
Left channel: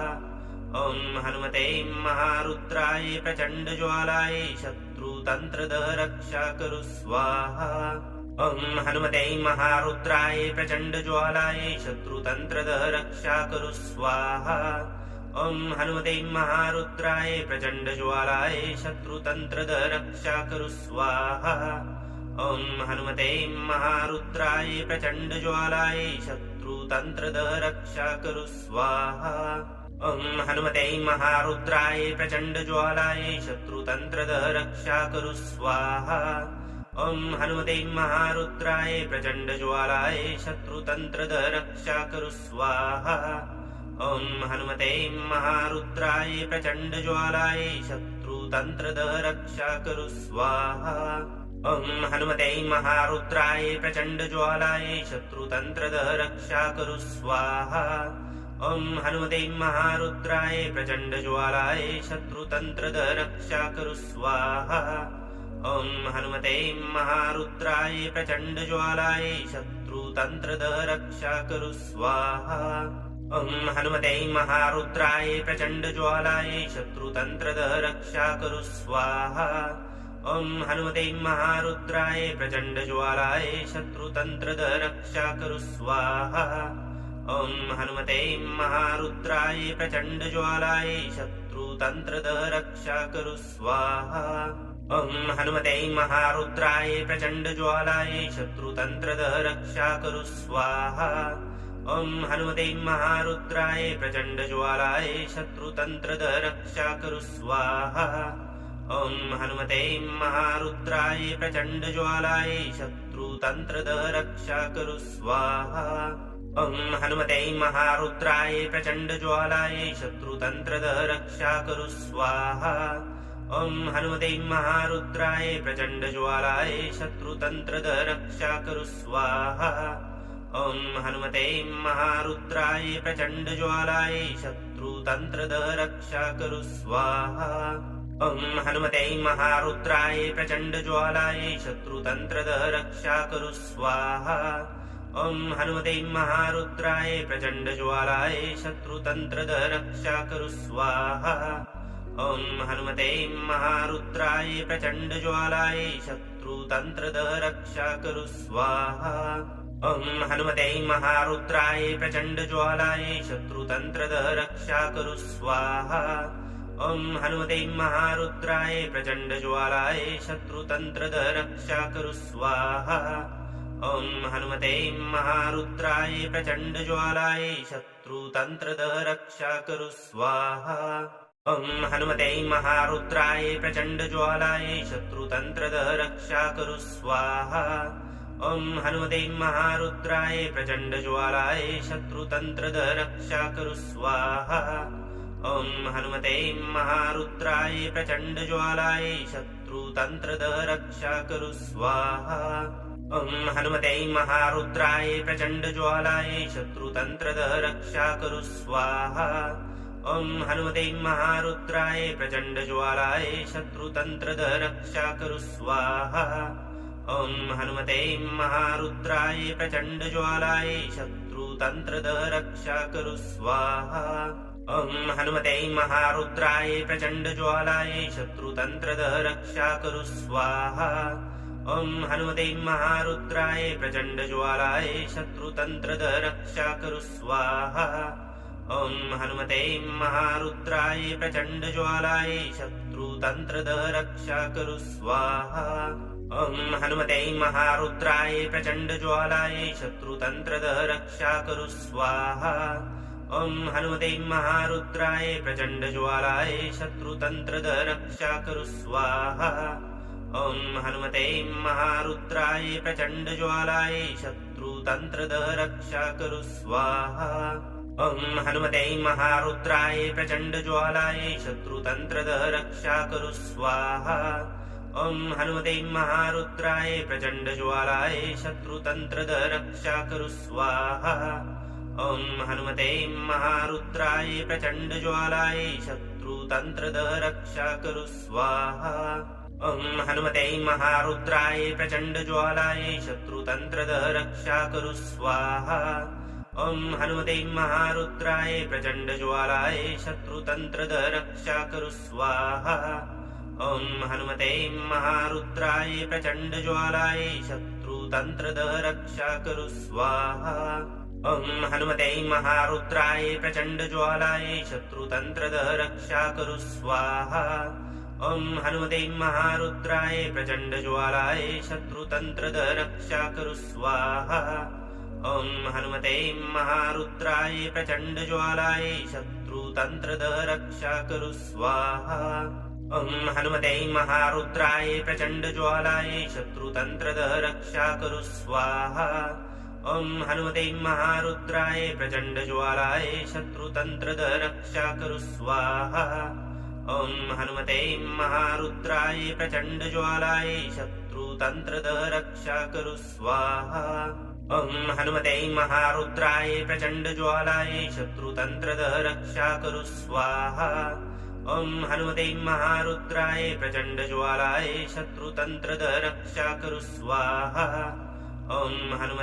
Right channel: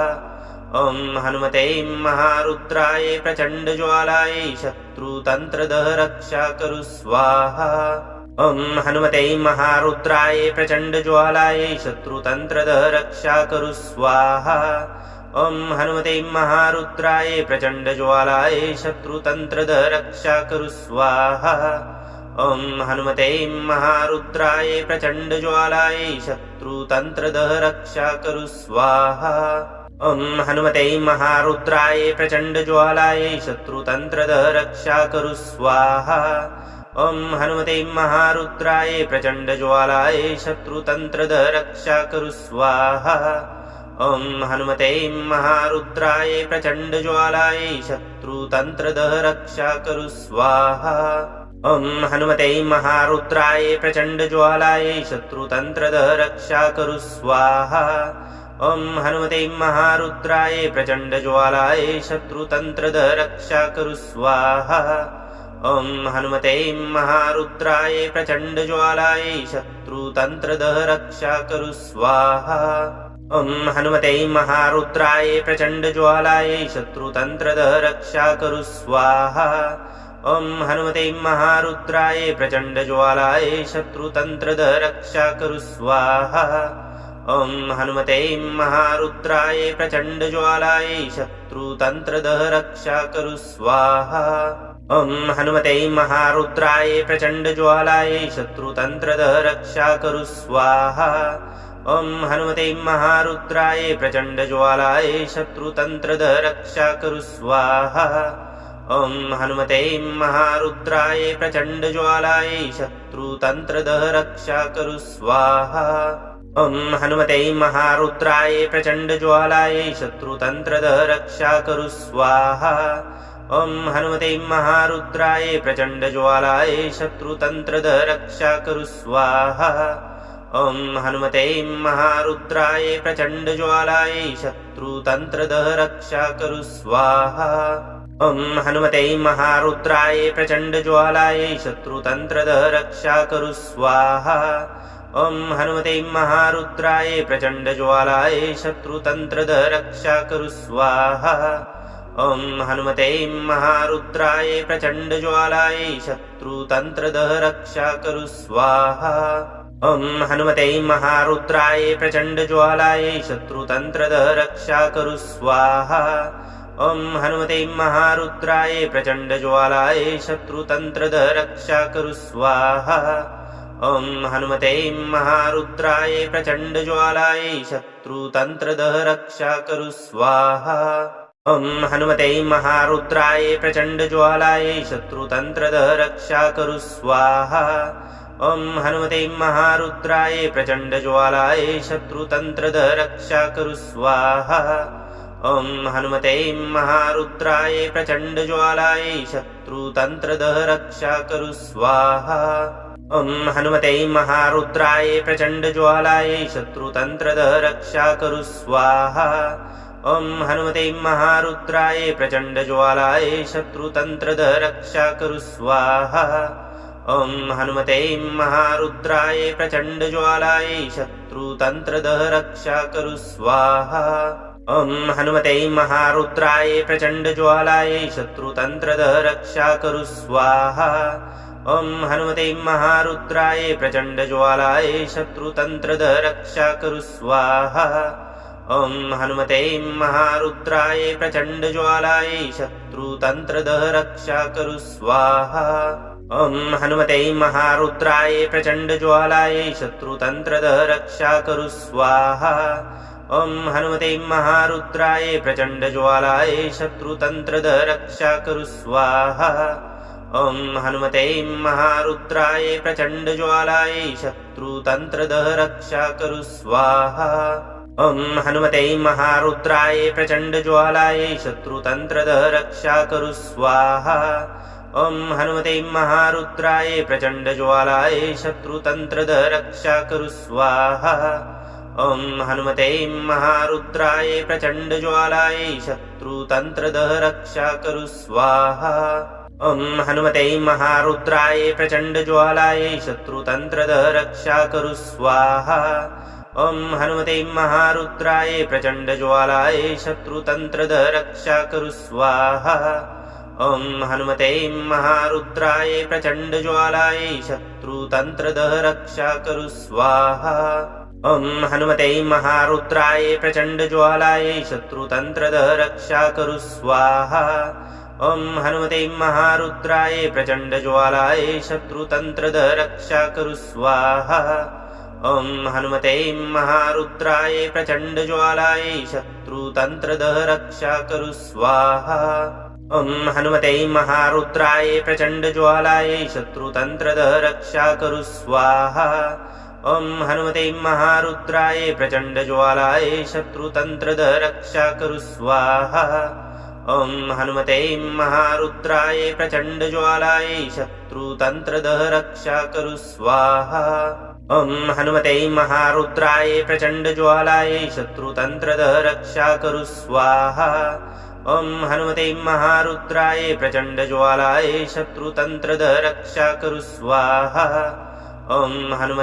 ॐ हनुमते महारुद्राय प्रचण्डज्वालाय शत्रुतन्त्रदः रक्षा कुरु स्वाहा ॐ हनुमते महारुद्राय प्रचण्डज्वालाय शत्रुतन्त्रदः रक्षा कुरु स्वाहा ॐ हनुमते महारुद्राय प्रचण्डज्वालाय शत्रुतन्त्रदः रक्षा कुरु स्वाहा ॐ हनुमते महारुद्राय प्रचण्डज्वालाय शत्रुतन्त्रदः रक्षा कुरु स्वाहा ॐ हनुमते महारुद्राय प्रचण्डज्वालाय शत्रुतन्त्रदः रक्षा कुरु स्वाहा ॐ हनुमते महारुद्राय प्रचण्डज्वालाय शत्रुतन्त्रदः रक्षा कुरु स्वाहा ॐ हनुमते महारुद्राय प्रचण्डज्वालाय शत्रुतन्त्रदः रक्षा कुरु स्वाहा ॐ हनुमते महारुद्राय प्रचण्डज्वालाय शत्रुतन्त्रदः रक्षा कुरु स्वाहा ॐ हनुमते महारुद्राय प्रचण्डज्वालाय शत्रुतन्त्रदः रक्षा कुरु स्वाहा ॐ हनुमते महारुद्राय प्रचण्डज्वालाय शत्रुतन्त्रदः रक्षा कुरु स्वाहा ॐ हनुमते महारुद्राय प्रचण्डज्वालाय शत्रुतन्त्रदः रक्षा कुरु स्वाहा ॐ हनुमते महारुद्राय प्रचण्डज्वालाय शत्रुतन्त्रदः रक्षा कुरु स्वाहा ॐ हनुमते महारुद्राय प्रचण्डज्वालाय शत्रुतन्त्रदः रक्षा कुरु स्वाहा ॐ हनुमते महारुद्राय प्रचण्डज्वालाय शत्रुतन्त्रदः रक्षा कुरु स्वाहा ॐ हनुमते महारुद्राय प्रचण्डज्वालाय शत्रुतन्त्रदः रक्षा कुरु स्वाहा ॐ हनुमते महारुद्राय प्रचण्डज्वालाय शत्रुतन्त्रदः रक्षा कुरु स्वाहा ॐ हनुमते महारुद्राय प्रचण्डज्वालाय शत्रुतन्त्रदः रक्षा कुरु स्वाहा ॐ हनुमते महारुद्राय प्रचण्डज्वालाय शत्रुतन्त्रदः रक्षा कुरु स्वाहा ॐ हनुमते महारुद्राय प्रचण्डज्वालाय शत्रुतन्त्रदः रक्षा कुरु स्वाहा ॐ हनुमते महारुद्राय प्रचण्डज्वालाय शत्रुतन्त्रदः रक्षा कुरु स्वाहा ॐ हनुमते महारुद्राय प्रचण्डज्वालाय शत्रुतन्त्रदः रक्षा कुरु स्वाहा ॐ हनुमते महारुद्राय प्रचण्डज्वालाय शत्रुतन्त्रदः रक्षा कुरु स्वाहा ॐ हनुमते महारुद्राय प्रचण्डज्वालाय शत्रुतन्त्रदः रक्षा कुरु स्वाहा ॐ हनुमते महारुद्राय प्रचण्डज्वालाय शत्रुतन्त्रदः रक्षा कुरु स्वाहा ॐ हनुमते महारुद्राय प्रचण्डज्वालाय शत्रुतन्त्रदः रक्षा कुरु स्वाहा ॐ हनुमते महारुद्राय प्रचण्डज्वालाय शत्रुतन्त्रदः रक्षा कुरु स्वाहा ॐ हनुमते महारुद्राय प्रचण्डज्वालाय शत्रुतन्त्रदः रक्षा कुरु स्वाहा ॐ हनुमते महारुद्राय प्रचण्डज्वालाय शत्रुतन्त्रदः रक्षा कुरु स्वाहा ॐ हनुमते महारुद्राय प्रचण्डज्वालाय शत्रुतन्त्रदः रक्षा कुरु स्वाहा ॐ हनुमते महारुद्राय प्रचण्डज्वालाय शत्रुतन्त्रदः रक्षा कुरु स्वाहा ॐ हनुमते महारुद्राय प्रचण्डज्वालाय शत्रुतन्त्रदः रक्षा कुरु स्वाहा ॐ हनुमते महारुद्राय प्रचण्डज्वालाय शत्रुतन्त्रदः रक्षा कुरु स्वाहा। ॐ हनुमते महारुद्राय प्रचण्डज्वालाय शत्रुतन्त्रदः रक्षा कुरु स्वाहा। ॐ हनुमते महारुद्राय प्रचण्डज्वालाय शत्रुतन्त्रदः रक्षा कुरु स्वाहा। ॐ हनुमते महारुद्राय प्रचण्डज्वालाय शत्रुतन्त्रदः रक्षा कुरु स्वाहा। ॐ हनुमते महारुद्राय प्रचण्डज्वालाय शत्रुतन्त्रदः रक्षा कुरु स्वाहा। ॐ हनुमते महारुद्राय प्रचण्डज्वालाय शत्रुतन्त्रदः रक्षा कुरु स्वाहा। ॐ हनुमते महारुद्राय प्रचण्डज्वालाय शत्रुतन्त्रदः रक्षा कुरु स्वाहा। ॐ हनुमते महारुद्राय प्रचण्डज्वालाय शत्रुतन्त्रदः रक्षा कुरु स्वाहा। ॐ हनुमते महारुद्राय प्रचण्डज्वालाय शत्रुतन्त्रदः रक्षा कुरु स्वाहा। ॐ हनुमते महारुद्राय प्रचण्डज्वालाय शत्रुतन्त्रदः रक्षा कुरु स्वाहा। ॐ हनुमते महारुद्राय प्रचण्डज्वालाय शत्रुतन्त्रदः रक्षा कुरु स्वाहा। ॐ हनुमते महारुद्राय प्रचण्डज्वालाय शत्रुतन्त्रदः रक्षा कुरु स्वाहा। ॐ हनुमते महारुद्राय प्रचण्डज्वालाय शत्रुतन्त्रदः रक्षा कुरु स्वाहा। ॐ हनुमते महारुद्राय प्रचण्डज्वालाय शत्रुतन्त्रदः रक्षा कुरु स्वाहा। ॐ हनुमते महारुद्राय प्रचण्डज्वालाय शत्रुतन्त्रदः रक्षा कुरु स्वाहा। ॐ हनुमते महारुद्राय प्रचण्डज्वालाय शत्रुतन्त्रदः रक्षा कुरु स्वाहा। ॐ हनुमते महारुद्राय प्रचण्डज्वालाय शत्रुतन्त्रदः रक्षा कुरु स्वाहा। ॐ हनुमते महारुद्राय प्रचण्डज्वालाय शत्रुतन्त्रदः रक्षा कुरु स्वाहा। ॐ हनुमते महारुद्राय प्रचण्डज्वालाय शत्रुतन्त्रदः रक्षा कुरु स्वाहा। ॐ हनुमते महारुद्राय प्रचण्डज्वालाय शत्रुतन्त्रदः रक्षा कुरु स्वाहा। ॐ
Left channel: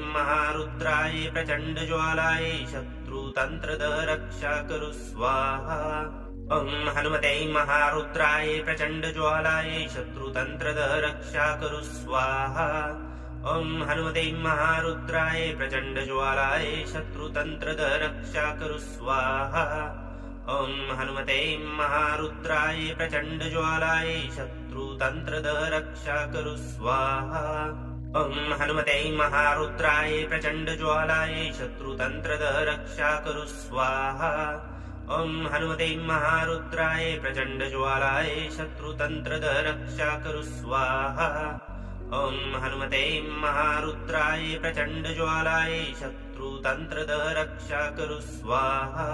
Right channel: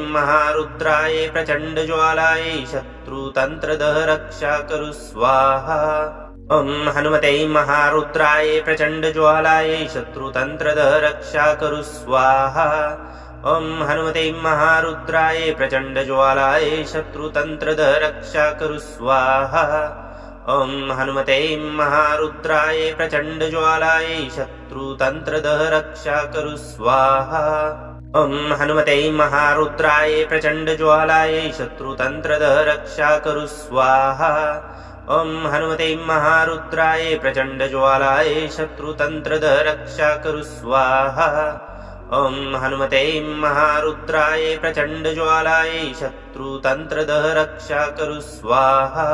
हनुमते महारुद्राय प्रचण्डज्वालाय शत्रुतन्त्रदः रक्षा कुरु स्वाहा। ॐ हनुमते महारुद्राय प्रचण्डज्वालाय शत्रुतन्त्रदः रक्षा कुरु स्वाहा। ॐ हनुमते महारुद्राय प्रचण्डज्वालाय शत्रुतन्त्रदः रक्षा कुरु स्वाहा। ॐ हनुमते महारुद्राय प्रचण्डज्वालाय शत्रुतन्त्रदः रक्षा कुरु स्वाहा। ॐ हनुमते महारुद्राय प्रचण्डज्वालाय शत्रुतन्त्रदः रक्षा कुरु स्वाहा। ॐ हनुमते महारुद्राय प्रचण्डज्वालाय शत्रुतन्त्रदः रक्षा कुरु स्वाहा। ॐ हनुमते महारुद्राय प्रचण्डज्वालाय शत्रुतन्त्रदः रक्षा कुरु स्वाहा।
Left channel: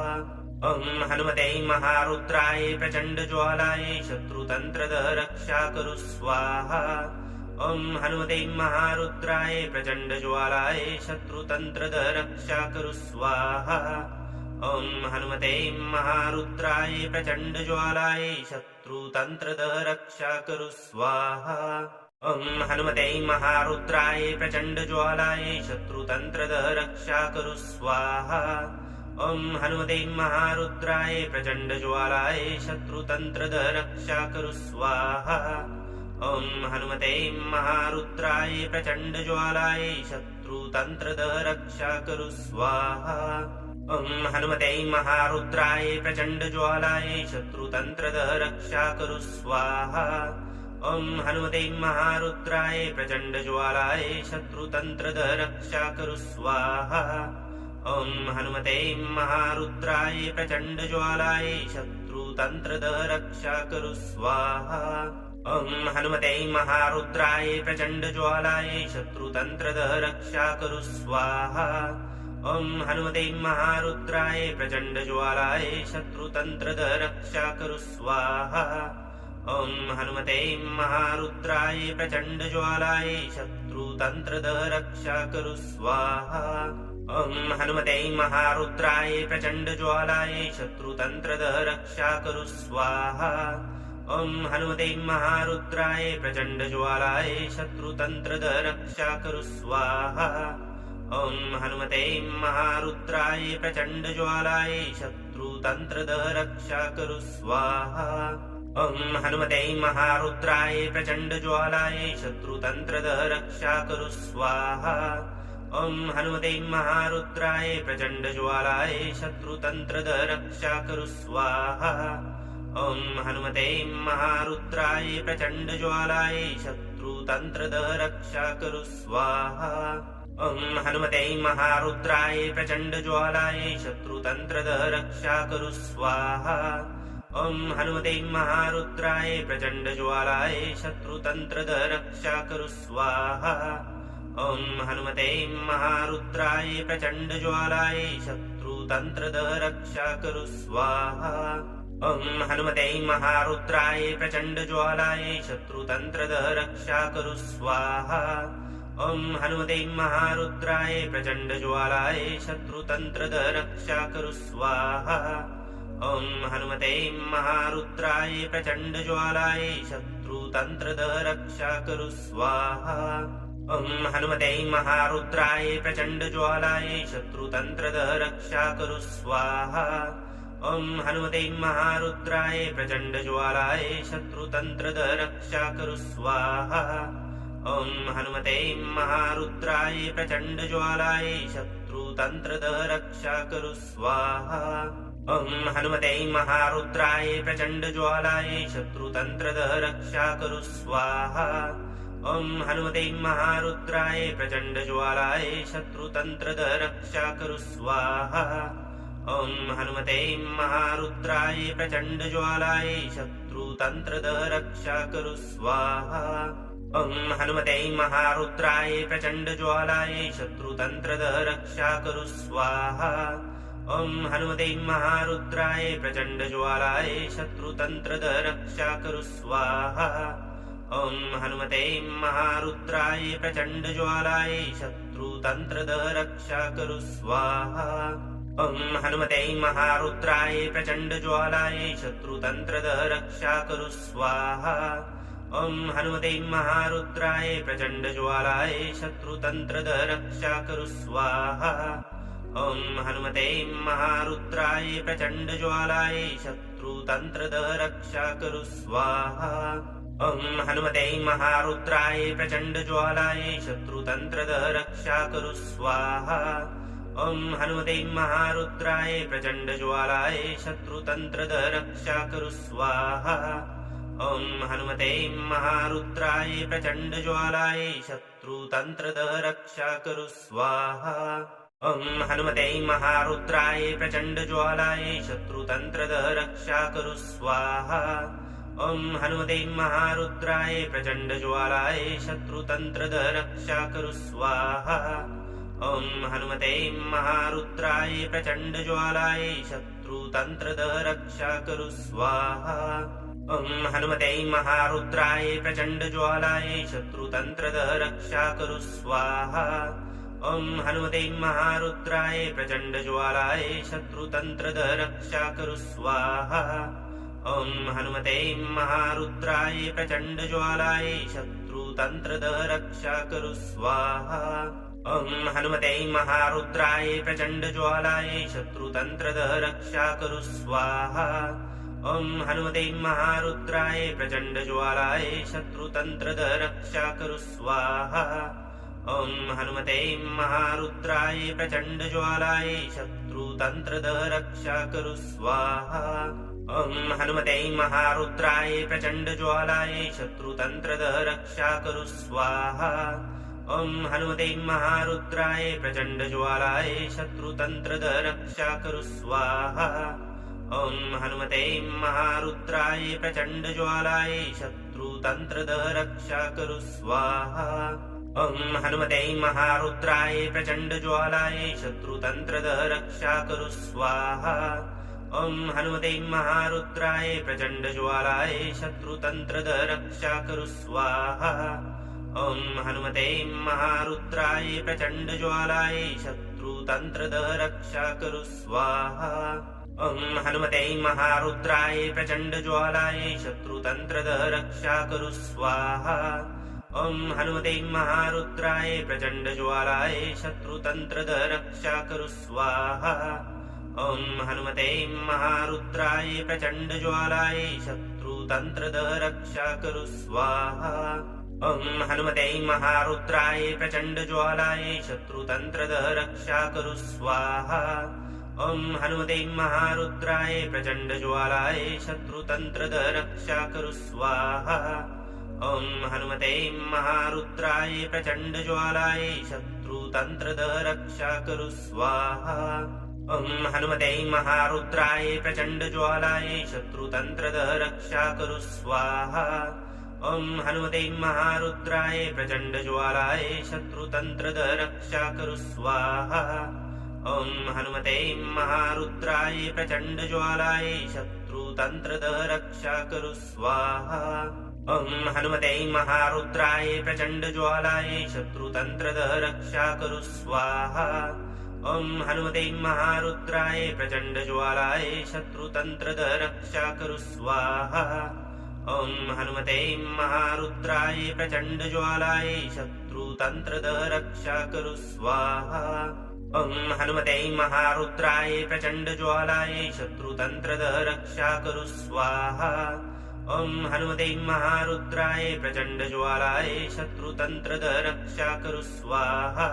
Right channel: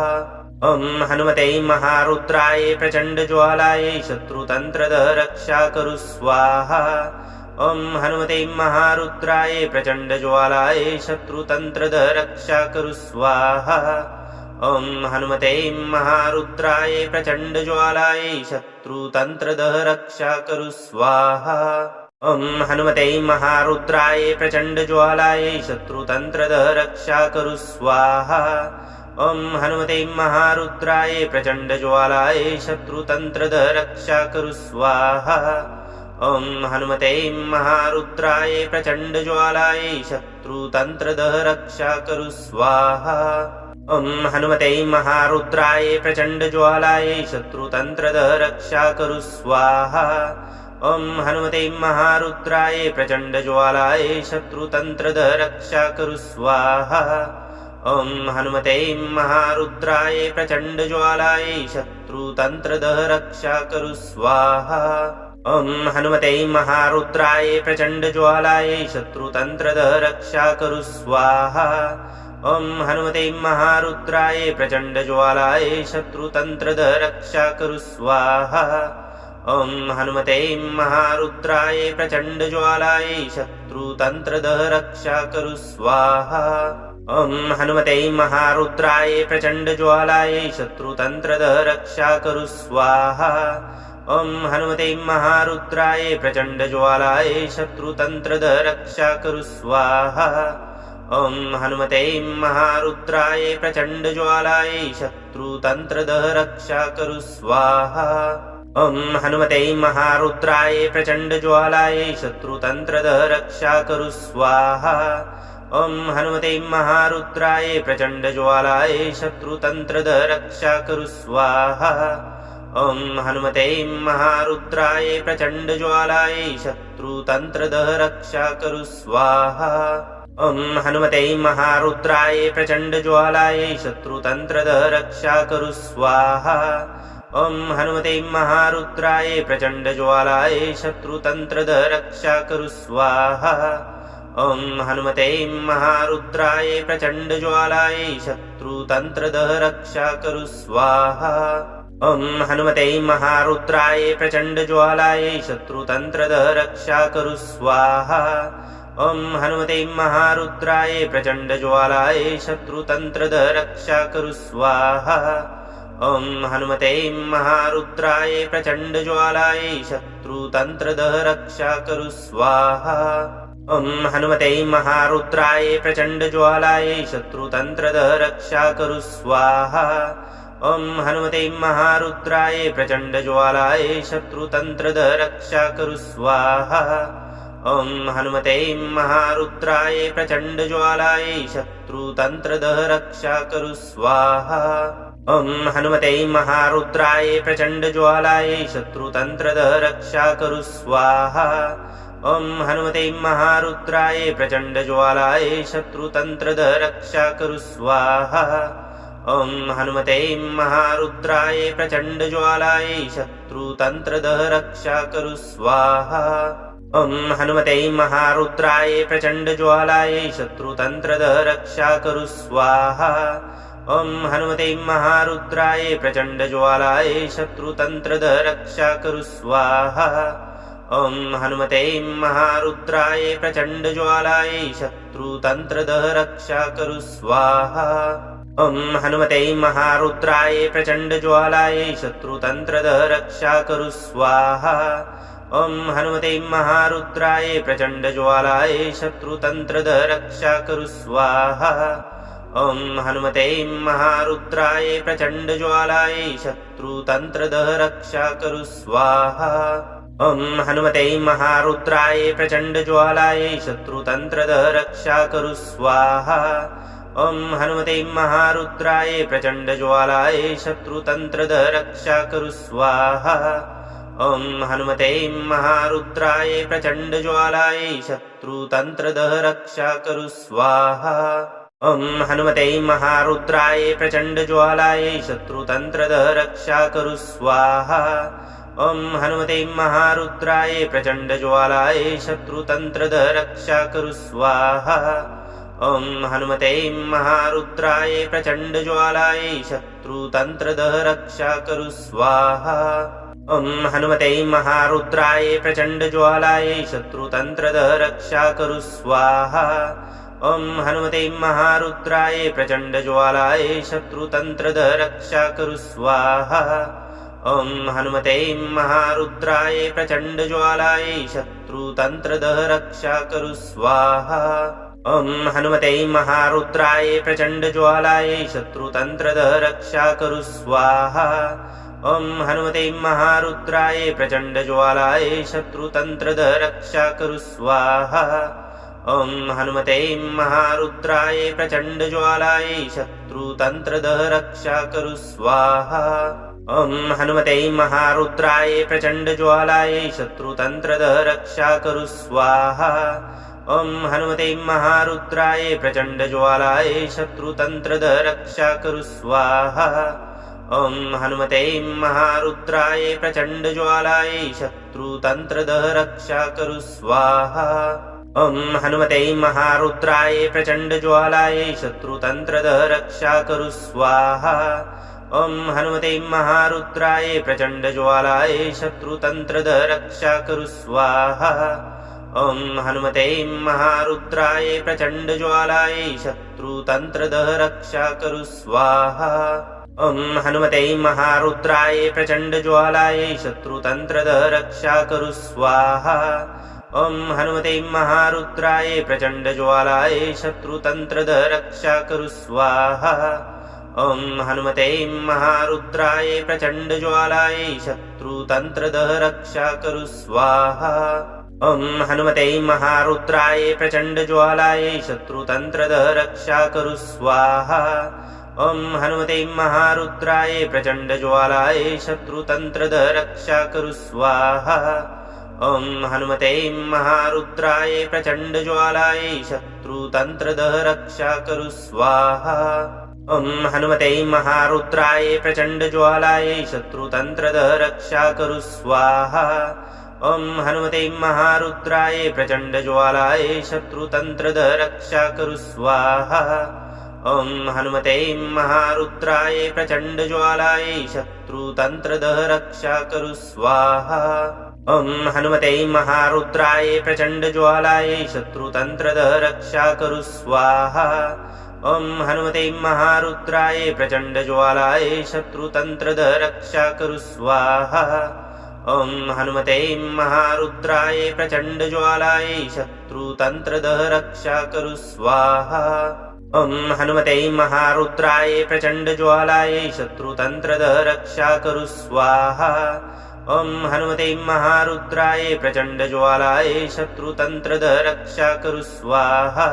ॐ हनुमते महारुद्राय प्रचण्डज्वालाय शत्रुतन्त्रदः रक्षा कुरु स्वाहा। ॐ हनुमते महारुद्राय प्रचण्डज्वालाय शत्रुतन्त्रदः रक्षा कुरु स्वाहा। ॐ हनुमते महारुद्राय प्रचण्डज्वालाय शत्रुतन्त्रदः रक्षा कुरु स्वाहा। ॐ हनुमते महारुद्राय प्रचण्डज्वालाय शत्रुतन्त्रदः रक्षा कुरु स्वाहा। ॐ हनुमते महारुद्राय प्रचण्डज्वालाय शत्रुतन्त्रदः रक्षा कुरु स्वाहा। ॐ हनुमते महारुद्राय प्रचण्डज्वालाय शत्रुतन्त्रदः रक्षा कुरु स्वाहा। ॐ हनुमते महारुद्राय प्रचण्डज्वालाय शत्रुतन्त्रदः रक्षा कुरु स्वाहा। ॐ हनुमते महारुद्राय प्रचण्डज्वालाय शत्रुतन्त्रदः रक्षा कुरु स्वाहा। ॐ हनुमते महारुद्राय प्रचण्डज्वालाय शत्रुतन्त्रदः रक्षा कुरु स्वाहा। ॐ हनुमते महारुद्राय प्रचण्डज्वालाय शत्रुतन्त्रदः रक्षा कुरु स्वाहा। ॐ हनुमते महारुद्राय प्रचण्डज्वालाय शत्रुतन्त्रदः रक्षा कुरु स्वाहा। ॐ हनुमते महारुद्राय प्रचण्डज्वालाय शत्रुतन्त्रदः रक्षा कुरु स्वाहा। ॐ हनुमते महारुद्राय प्रचण्डज्वालाय शत्रुतन्त्रदः रक्षा कुरु स्वाहा। ॐ हनुमते महारुद्राय प्रचण्डज्वालाय शत्रुतन्त्रदः रक्षा कुरु स्वाहा। ॐ हनुमते महारुद्राय प्रचण्डज्वालाय शत्रुतन्त्रदः रक्षा करु स्वाहा। ॐ हनुमते महारुद्राय प्रचण्डज्वालाय शत्रुतन्त्रदः रक्षा करु स्वाहा। ॐ हनुमते महारुद्राय प्रचण्डज्वालाय शत्रुतन्त्रदः रक्षा करु स्वाहा। ॐ हनुमते महारुद्राय प्रचण्डज्वालाय शत्रुतन्त्रदः रक्षा करु स्वाहा। ॐ हनुमते महारुद्राय प्रचण्डज्वालाय शत्रुतन्त्रदः रक्षा करु स्वाहा। ॐ हनुमते महारुद्राय प्रचण्डज्वालाय शत्रुतन्त्रदः रक्षा करु स्वाहा। ॐ हनुमते महारुद्राय प्रचण्डज्वालाय शत्रुतन्त्रदः रक्षा करु स्वाहा। ॐ हनुमते महारुद्राय प्रचण्डज्वालाय शत्रुतन्त्रदः रक्षा करु स्वाहा। ॐ हनुमते महारुद्राय प्रचण्डज्वालाय शत्रुतन्त्रदः रक्षा करु स्वाहा। ॐ हनुमते महारुद्राय प्रचण्डज्वालाय शत्रुतन्त्रदः रक्षा करु स्वाहा। ॐ हनुमते महारुद्राय प्रचण्डज्वालाय शत्रुतन्त्रदः रक्षा करु स्वाहा। ॐ हनुमते महारुद्राय प्रचण्डज्वालाय शत्रुतन्त्रदः रक्षा करु स्वाहा। ॐ हनुमते महारुद्राय प्रचण्डज्वालाय शत्रुतन्त्रदः रक्षा करु स्वाहा। ॐ हनुमते महारुद्राय प्रचण्डज्वालाय शत्रुतन्त्रदः रक्षा करु स्वाहा। ॐ हनुमते महारुद्राय प्रचण्डज्वालाय शत्रुतन्त्रदः रक्षा करु स्वाहा। ॐ हनुमते महारुद्राय प्रचण्डज्वालाय शत्रुतन्त्रदः रक्षा करु स्वाहा। ॐ हनुमते महारुद्राय प्रचण्डज्वालाय शत्रुतन्त्रदः रक्षा करु स्वाहा। ॐ हनुमते महारुद्राय प्रचण्डज्वालाय शत्रुतन्त्रदः रक्षा करु स्वाहा। ॐ हनुमते महारुद्राय प्रचण्डज्वालाय शत्रुतन्त्रदः रक्षा करु स्वाहा। ॐ हनुमते महारुद्राय प्रचण्डज्वालाय शत्रुतन्त्रदः रक्षा करु स्वाहा। ॐ हनुमते महारुद्राय प्रचण्डज्वालाय शत्रुतन्त्रदः रक्षा करु स्वाहा। ॐ हनुमते महारुद्राय प्रचण्डज्वालाय शत्रुतन्त्रदः रक्षा करु स्वाहा। ॐ हनुमते महारुद्राय प्रचण्डज्वालाय शत्रुतन्त्रदः रक्षा करु स्वाहा। ॐ हनुमते महारुद्राय प्रचण्डज्वालाय शत्रुतन्त्रदः रक्षा करु स्वाहा। ॐ हनुमते महारुद्राय प्रचण्डज्वालाय शत्रुतन्त्रदः रक्षा करु स्वाहा। ॐ हनुमते महारुद्राय प्रचण्डज्वालाय शत्रुतन्त्रदः रक्षा करु स्वाहा। ॐ हनुमते महारुद्राय प्रचण्डज्वालाय शत्रुतन्त्रदः रक्षा करु स्वाहा। ॐ हनुमते महारुद्राय प्रचण्डज्वालाय शत्रुतन्त्रदः रक्षा करु स्वाहा। ॐ हनुमते महारुद्राय प्रचण्डज्वालाय शत्रुतन्त्रदः रक्षा करु स्वाहा। ॐ हनुमते महारुद्राय प्रचण्डज्वालाय शत्रुतन्त्रदः रक्षा करु स्वाहा। ॐ हनुमते महारुद्राय प्रचण्डज्वालाय शत्रुतन्त्रदः रक्षा करु स्वाहा। ॐ हनुमते महारुद्राय प्रचण्डज्वालाय शत्रुतन्त्रदः रक्षा करु स्वाहा। ॐ हनुमते महारुद्राय प्रचण्डज्वालाय शत्रुतन्त्रदः रक्षा करु स्वाहा। ॐ हनुमते महारुद्राय प्रचण्डज्वालाय शत्रुतन्त्रदः रक्षा करु स्वाहा। ॐ हनुमते महारुद्राय प्रचण्डज्वालाय शत्रुतन्त्रदः रक्षा करु स्वाहा। ॐ हनुमते महारुद्राय प्रचण्डज्वालाय शत्रुतन्त्रदः रक्षा करु स्वाहा। ॐ हनुमते महारुद्राय प्रचण्डज्वालाय शत्रुतन्त्रदः रक्षा करु स्वाहा। ॐ हनुमते महारुद्राय प्रचण्डज्वालाय शत्रुतन्त्रदः रक्षा करु स्वाहा। ॐ हनुमते महारुद्राय प्रचण्डज्वालाय शत्रुतन्त्रदः रक्षा करु स्वाहा। ॐ हनुमते महारुद्राय प्रचण्डज्वालाय शत्रुतन्त्रदः रक्षा करु स्वाहा। ॐ हनुमते महारुद्राय प्रचण्डज्वालाय शत्रुतन्त्रदः रक्षा करु स्वाहा। ॐ हनुमते महारुद्राय प्रचण्डज्वालाय शत्रुतन्त्रदः रक्षा कुरु स्वाहा। ॐ हनुमते महारुद्राय प्रचण्डज्वालाय शत्रुतन्त्रदः रक्षा कुरु स्वाहा। ॐ हनुमते महारुद्राय प्रचण्डज्वालाय शत्रुतन्त्रदः रक्षा कुरु स्वाहा। ॐ हनुमते महारुद्राय प्रचण्डज्वालाय शत्रुतन्त्रदः रक्षा कुरु स्वाहा। ॐ हनुमते महारुद्राय प्रचण्डज्वालाय शत्रुतन्त्रदः रक्षा कुरु स्वाहा। ॐ हनुमते महारुद्राय प्रचण्डज्वालाय शत्रुतन्त्रदः रक्षा कुरु स्वाहा। ॐ हनुमते महारुद्राय प्रचण्डज्वालाय शत्रुतन्त्रदः रक्षा कुरु स्वाहा। ॐ हनुमते महारुद्राय प्रचण्डज्वालाय शत्रुतन्त्रदः रक्षा कुरु स्वाहा। ॐ हनुमते महारुद्राय प्रचण्डज्वालाय शत्रुतन्त्रदः रक्षा कुरु स्वाहा। ॐ हनुमते महारुद्राय प्रचण्डज्वालाय शत्रुतन्त्रदः रक्षा कुरु स्वाहा। ॐ हनुमते महारुद्राय प्रचण्डज्वालाय शत्रुतन्त्रदः रक्षा कुरु स्वाहा। ॐ हनुमते महारुद्राय प्रचण्डज्वालाय शत्रुतन्त्रदः रक्षा कुरु स्वाहा। ॐ हनुमते महारुद्राय प्रचण्डज्वालाय शत्रुतन्त्रदः रक्षा कुरु स्वाहा।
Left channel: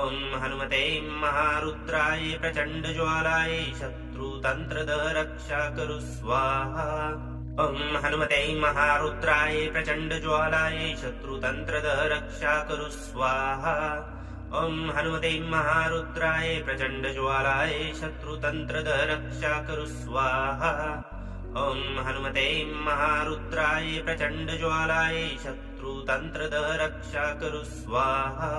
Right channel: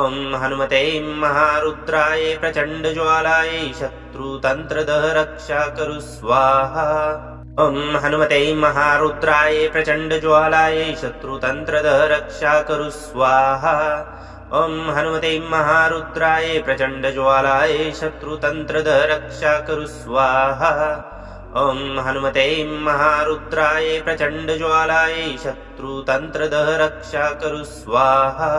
ॐ हनुमते महारुद्राय प्रचण्डज्वालाय शत्रुतन्त्रदः रक्षा कुरु स्वाहा। ॐ हनुमते महारुद्राय प्रचण्डज्वालाय शत्रुतन्त्रदः रक्षा कुरु स्वाहा। ॐ हनुमते महारुद्राय प्रचण्डज्वालाय शत्रुतन्त्रदः रक्षा कुरु स्वाहा। ॐ हनुमते महारुद्राय प्रचण्डज्वालाय शत्रुतन्त्रदः रक्षा कुरु स्वाहा।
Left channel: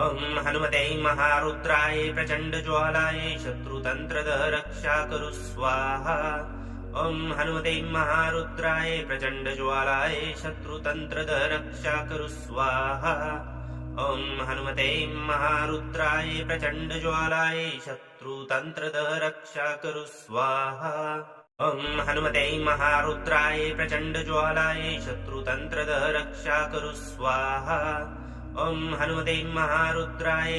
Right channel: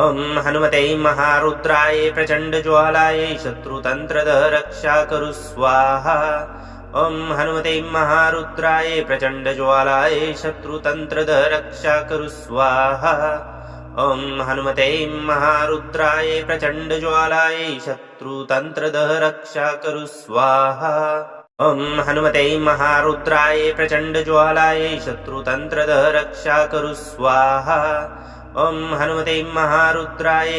ॐ हनुमते महारुद्राय प्रचण्डज्वालाय शत्रुतन्त्रदः रक्षा कुरु स्वाहा। ॐ हनुमते महारुद्राय प्रचण्डज्वालाय शत्रुतन्त्रदः रक्षा कुरु स्वाहा। ॐ हनुमते महारुद्राय प्रचण्डज्वालाय शत्रुतन्त्रदः रक्षा कुरु स्वाहा। ॐ हनुमते महारुद्राय प्रचण्डज्वालाय शत्रुतन्त्रदः रक्षा कुरु स्वाहा। ॐ हनुमते महारुद्राय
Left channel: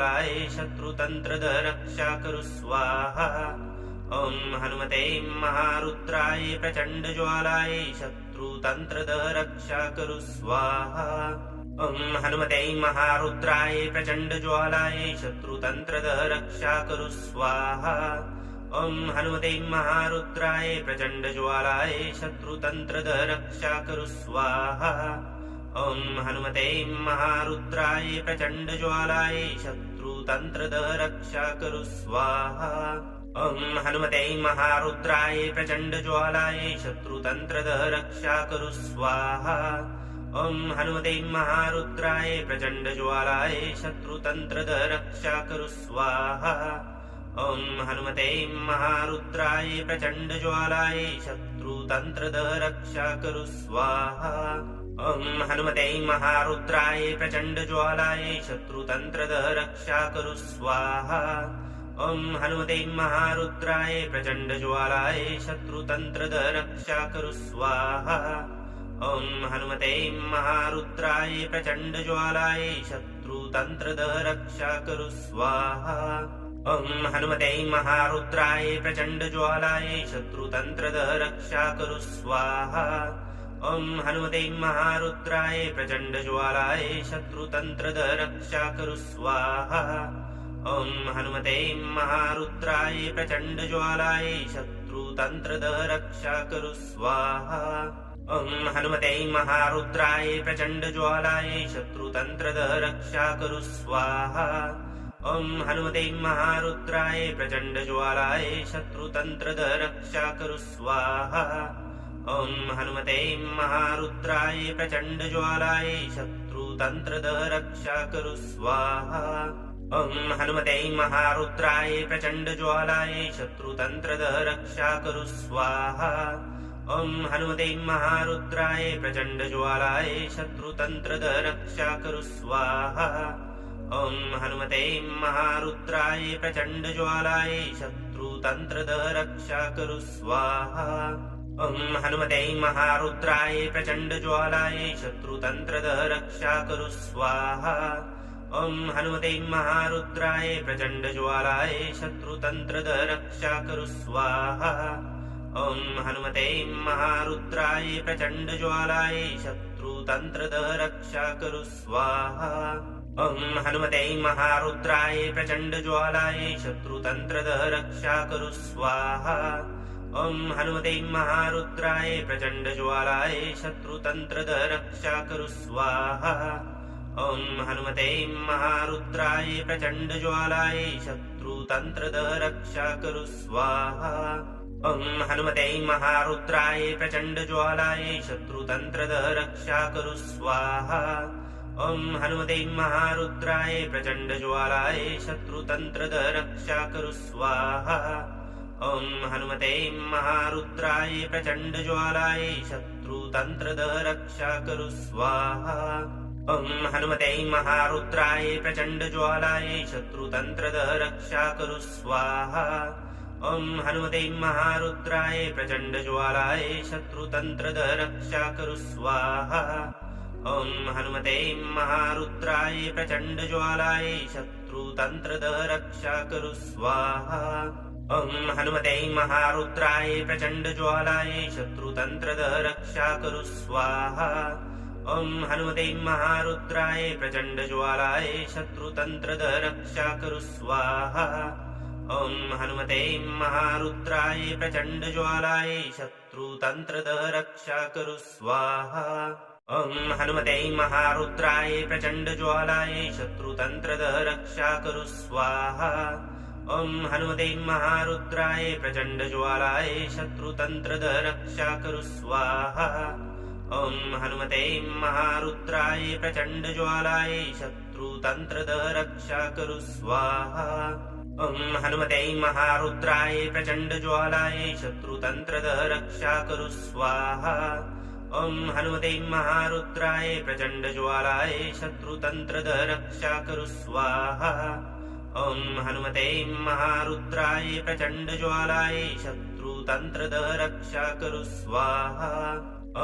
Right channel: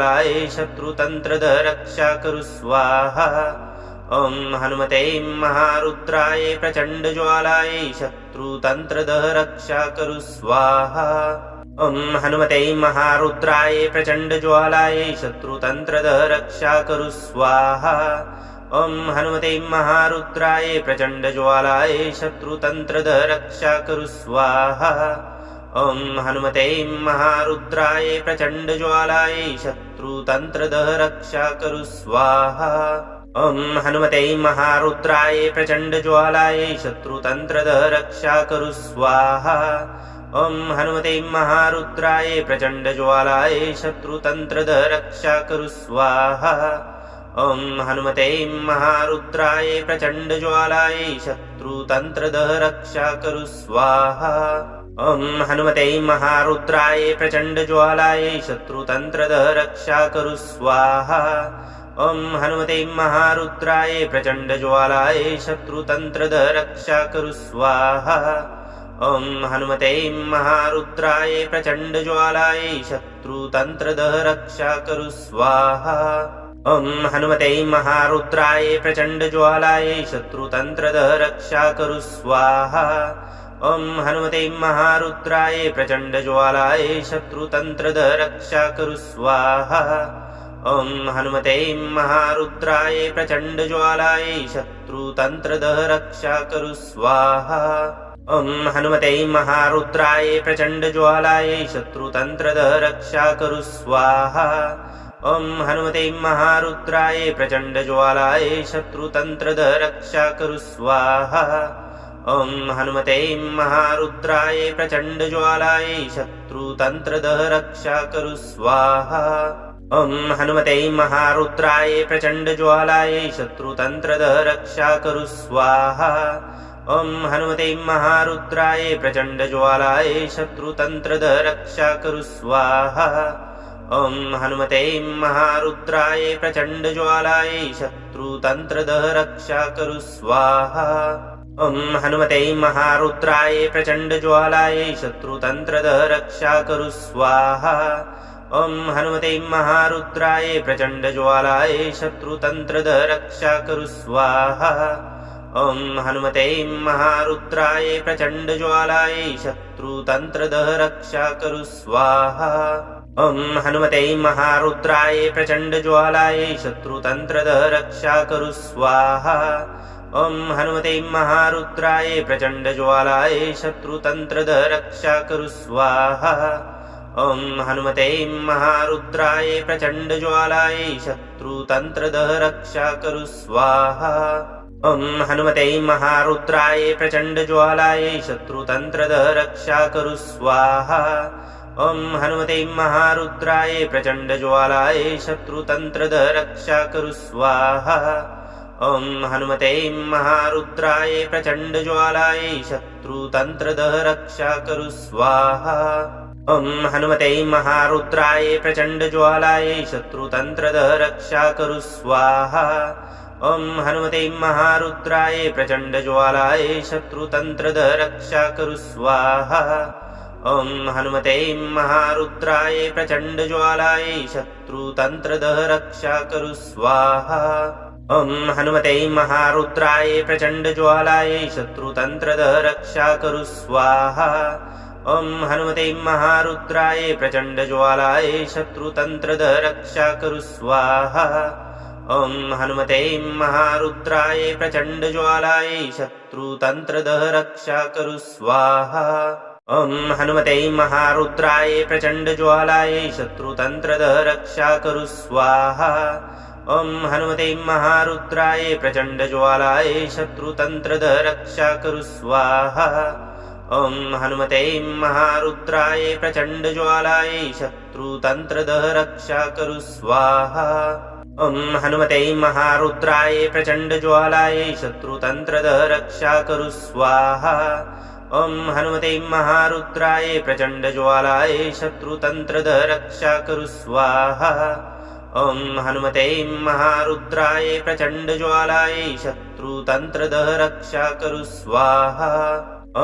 प्रचण्डज्वालाय शत्रुतन्त्रदः रक्षा कुरु स्वाहा। ॐ हनुमते महारुद्राय प्रचण्डज्वालाय शत्रुतन्त्रदः रक्षा कुरु स्वाहा। ॐ हनुमते महारुद्राय प्रचण्डज्वालाय शत्रुतन्त्रदः रक्षा कुरु स्वाहा। ॐ हनुमते महारुद्राय प्रचण्डज्वालाय शत्रुतन्त्रदः रक्षा कुरु स्वाहा। ॐ हनुमते महारुद्राय प्रचण्डज्वालाय शत्रुतन्त्रदः रक्षा कुरु स्वाहा। ॐ हनुमते महारुद्राय प्रचण्डज्वालाय शत्रुतन्त्रदः रक्षा कुरु स्वाहा। ॐ हनुमते महारुद्राय प्रचण्डज्वालाय शत्रुतन्त्रदः रक्षा कुरु स्वाहा। ॐ हनुमते महारुद्राय प्रचण्डज्वालाय शत्रुतन्त्रदः रक्षा कुरु स्वाहा। ॐ हनुमते महारुद्राय प्रचण्डज्वालाय शत्रुतन्त्रदः रक्षा कुरु स्वाहा। ॐ हनुमते महारुद्राय प्रचण्डज्वालाय शत्रुतन्त्रदः रक्षा कुरु स्वाहा। ॐ हनुमते महारुद्राय प्रचण्डज्वालाय शत्रुतन्त्रदः रक्षा कुरु स्वाहा। ॐ हनुमते महारुद्राय प्रचण्डज्वालाय शत्रुतन्त्रदः रक्षा कुरु स्वाहा। ॐ हनुमते महारुद्राय प्रचण्डज्वालाय शत्रुतन्त्रदः रक्षा कुरु स्वाहा। ॐ हनुमते महारुद्राय प्रचण्डज्वालाय शत्रुतन्त्रदः रक्षा कुरु स्वाहा। ॐ हनुमते महारुद्राय प्रचण्डज्वालाय शत्रुतन्त्रदः रक्षा कुरु स्वाहा। ॐ हनुमते महारुद्राय प्रचण्डज्वालाय शत्रुतन्त्रदः रक्षा कुरु स्वाहा। ॐ हनुमते महारुद्राय प्रचण्डज्वालाय शत्रुतन्त्रदः रक्षा कुरु स्वाहा। ॐ हनुमते महारुद्राय प्रचण्डज्वालाय शत्रुतन्त्रदः रक्षा कुरु स्वाहा। ॐ हनुमते महारुद्राय प्रचण्डज्वालाय शत्रुतन्त्रदः रक्षा कुरु स्वाहा। ॐ हनुमते महारुद्राय प्रचण्डज्वालाय शत्रुतन्त्रदः रक्षा कुरु स्वाहा। ॐ हनुमते महारुद्राय प्रचण्डज्वालाय शत्रुतन्त्रदः रक्षा कुरु स्वाहा ॐ हनुमते महारुद्राय प्रचण्डज्वालाय शत्रुतन्त्रदः रक्षा कुरु स्वाहा ॐ हनुमते महारुद्राय प्रचण्डज्वालाय शत्रुतन्त्रदः रक्षा कुरु स्वाहा ॐ हनुमते महारुद्राय प्रचण्डज्वालाय शत्रुतन्त्रदः रक्षा कुरु स्वाहा ॐ हनुमते महारुद्राय प्रचण्डज्वालाय शत्रुतन्त्रदः रक्षा कुरु स्वाहा ॐ हनुमते महारुद्राय प्रचण्डज्वालाय शत्रुतन्त्रदः रक्षा कुरु स्वाहा ॐ हनुमते महारुद्राय प्रचण्डज्वालाय शत्रुतन्त्रदः रक्षा कुरु स्वाहा ॐ हनुमते महारुद्राय प्रचण्डज्वालाय शत्रुतन्त्रदः रक्षा कुरु स्वाहा ॐ हनुमते महारुद्राय प्रचण्डज्वालाय शत्रुतन्त्रदः रक्षा कुरु स्वाहा ॐ हनुमते महारुद्राय प्रचण्डज्वालाय शत्रुतन्त्रदः रक्षा कुरु स्वाहा ॐ हनुमते महारुद्राय प्रचण्डज्वालाय शत्रुतन्त्रदः रक्षा कुरु स्वाहा ॐ हनुमते महारुद्राय प्रचण्डज्वालाय शत्रुतन्त्रदः रक्षा कुरु स्वाहा ॐ हनुमते महारुद्राय प्रचण्डज्वालाय शत्रुतन्त्रदः रक्षा कुरु स्वाहा ॐ हनुमते महारुद्राय प्रचण्डज्वालाय शत्रुतन्त्रदः रक्षा कुरु स्वाहा ॐ हनुमते महारुद्राय प्रचण्डज्वालाय शत्रुतन्त्रदः रक्षा कुरु स्वाहा ॐ हनुमते महारुद्राय प्रचण्डज्वालाय शत्रुतन्त्रदः रक्षा कुरु स्वाहा ॐ हनुमते महारुद्राय प्रचण्डज्वालाय शत्रुतन्त्रदः रक्षा कुरु स्वाहा ॐ हनुमते महारुद्राय प्रचण्डज्वालाय शत्रुतन्त्रदः रक्षा कुरु स्वाहा ॐ हनुमते महारुद्राय प्रचण्डज्वालाय शत्रुतन्त्रदः रक्षा कुरु स्वाहा ॐ हनुमते महारुद्राय प्रचण्डज्वालाय शत्रुतन्त्रदः रक्षा कुरु स्वाहा ॐ हनुमते महारुद्राय प्रचण्डज्वालाय शत्रुतन्त्रदः रक्षा कुरु स्वाहा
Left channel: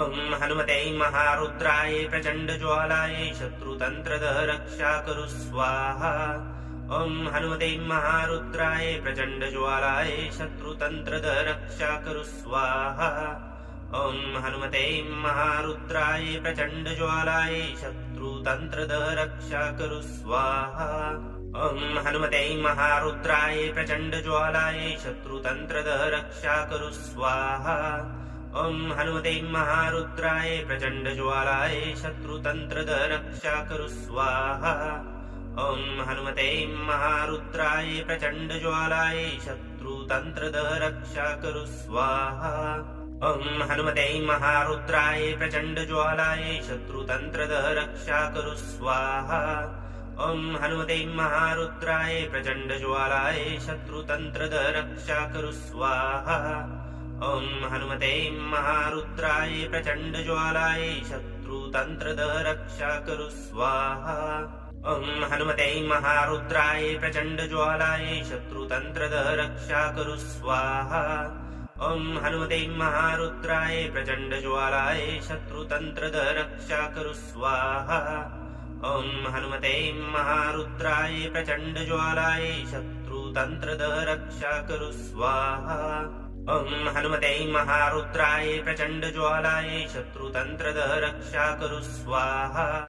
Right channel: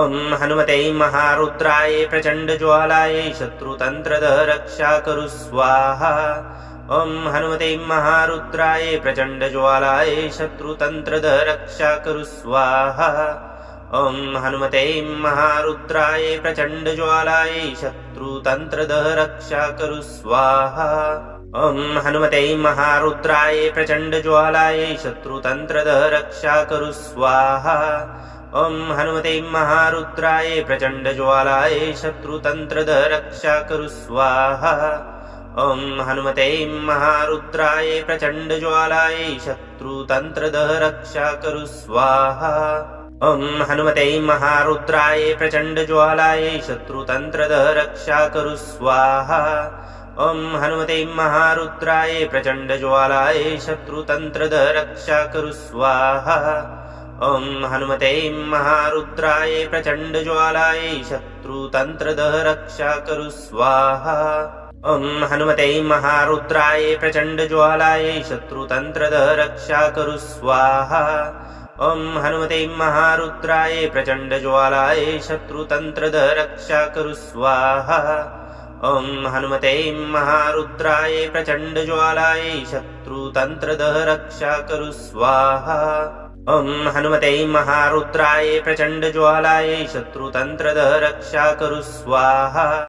ॐ हनुमते महारुद्राय प्रचण्डज्वालाय शत्रुतन्त्रदः रक्षा कुरु स्वाहा ॐ हनुमते महारुद्राय प्रचण्डज्वालाय शत्रुतन्त्रदः रक्षा कुरु स्वाहा ॐ हनुमते महारुद्राय प्रचण्डज्वालाय शत्रुतन्त्रदः रक्षा कुरु स्वाहा ॐ हनुमते महारुद्राय प्रचण्डज्वालाय शत्रुतन्त्रदः रक्षा कुरु स्वाहा ॐ हनुमते महारुद्राय प्रचण्डज्वालाय शत्रुतन्त्रदः रक्षा कुरु स्वाहा ॐ हनुमते महारुद्राय प्रचण्डज्वालाय शत्रुतन्त्रदः रक्षा कुरु स्वाहा ॐ हनुमते महारुद्राय प्रचण्डज्वालाय शत्रुतन्त्रदः रक्षा कुरु स्वाहा ॐ हनुमते महारुद्राय प्रचण्डज्वालाय शत्रुतन्त्रदः रक्षा कुरु स्वाहा ॐ हनुमते महारुद्राय प्रचण्डज्वालाय शत्रुतन्त्रदः रक्षा कुरु स्वाहा ॐ हनुमते महारुद्राय प्रचण्डज्वालाय शत्रुतन्त्रदः रक्षा कुरु स्वाहा ॐ हनुमते महारुद्राय प्रचण्डज्वालाय शत्रुतन्त्रदः रक्षा कुरु स्वाहा ॐ हनुमते महारुद्राय प्रचण्डज्वालाय शत्रुतन्त्रदः रक्षा कुरु स्वाहा ॐ हनुमते महारुद्राय प्रचण्डज्वालाय शत्रुतन्त्रदः रक्षा कुरु स्वाहा।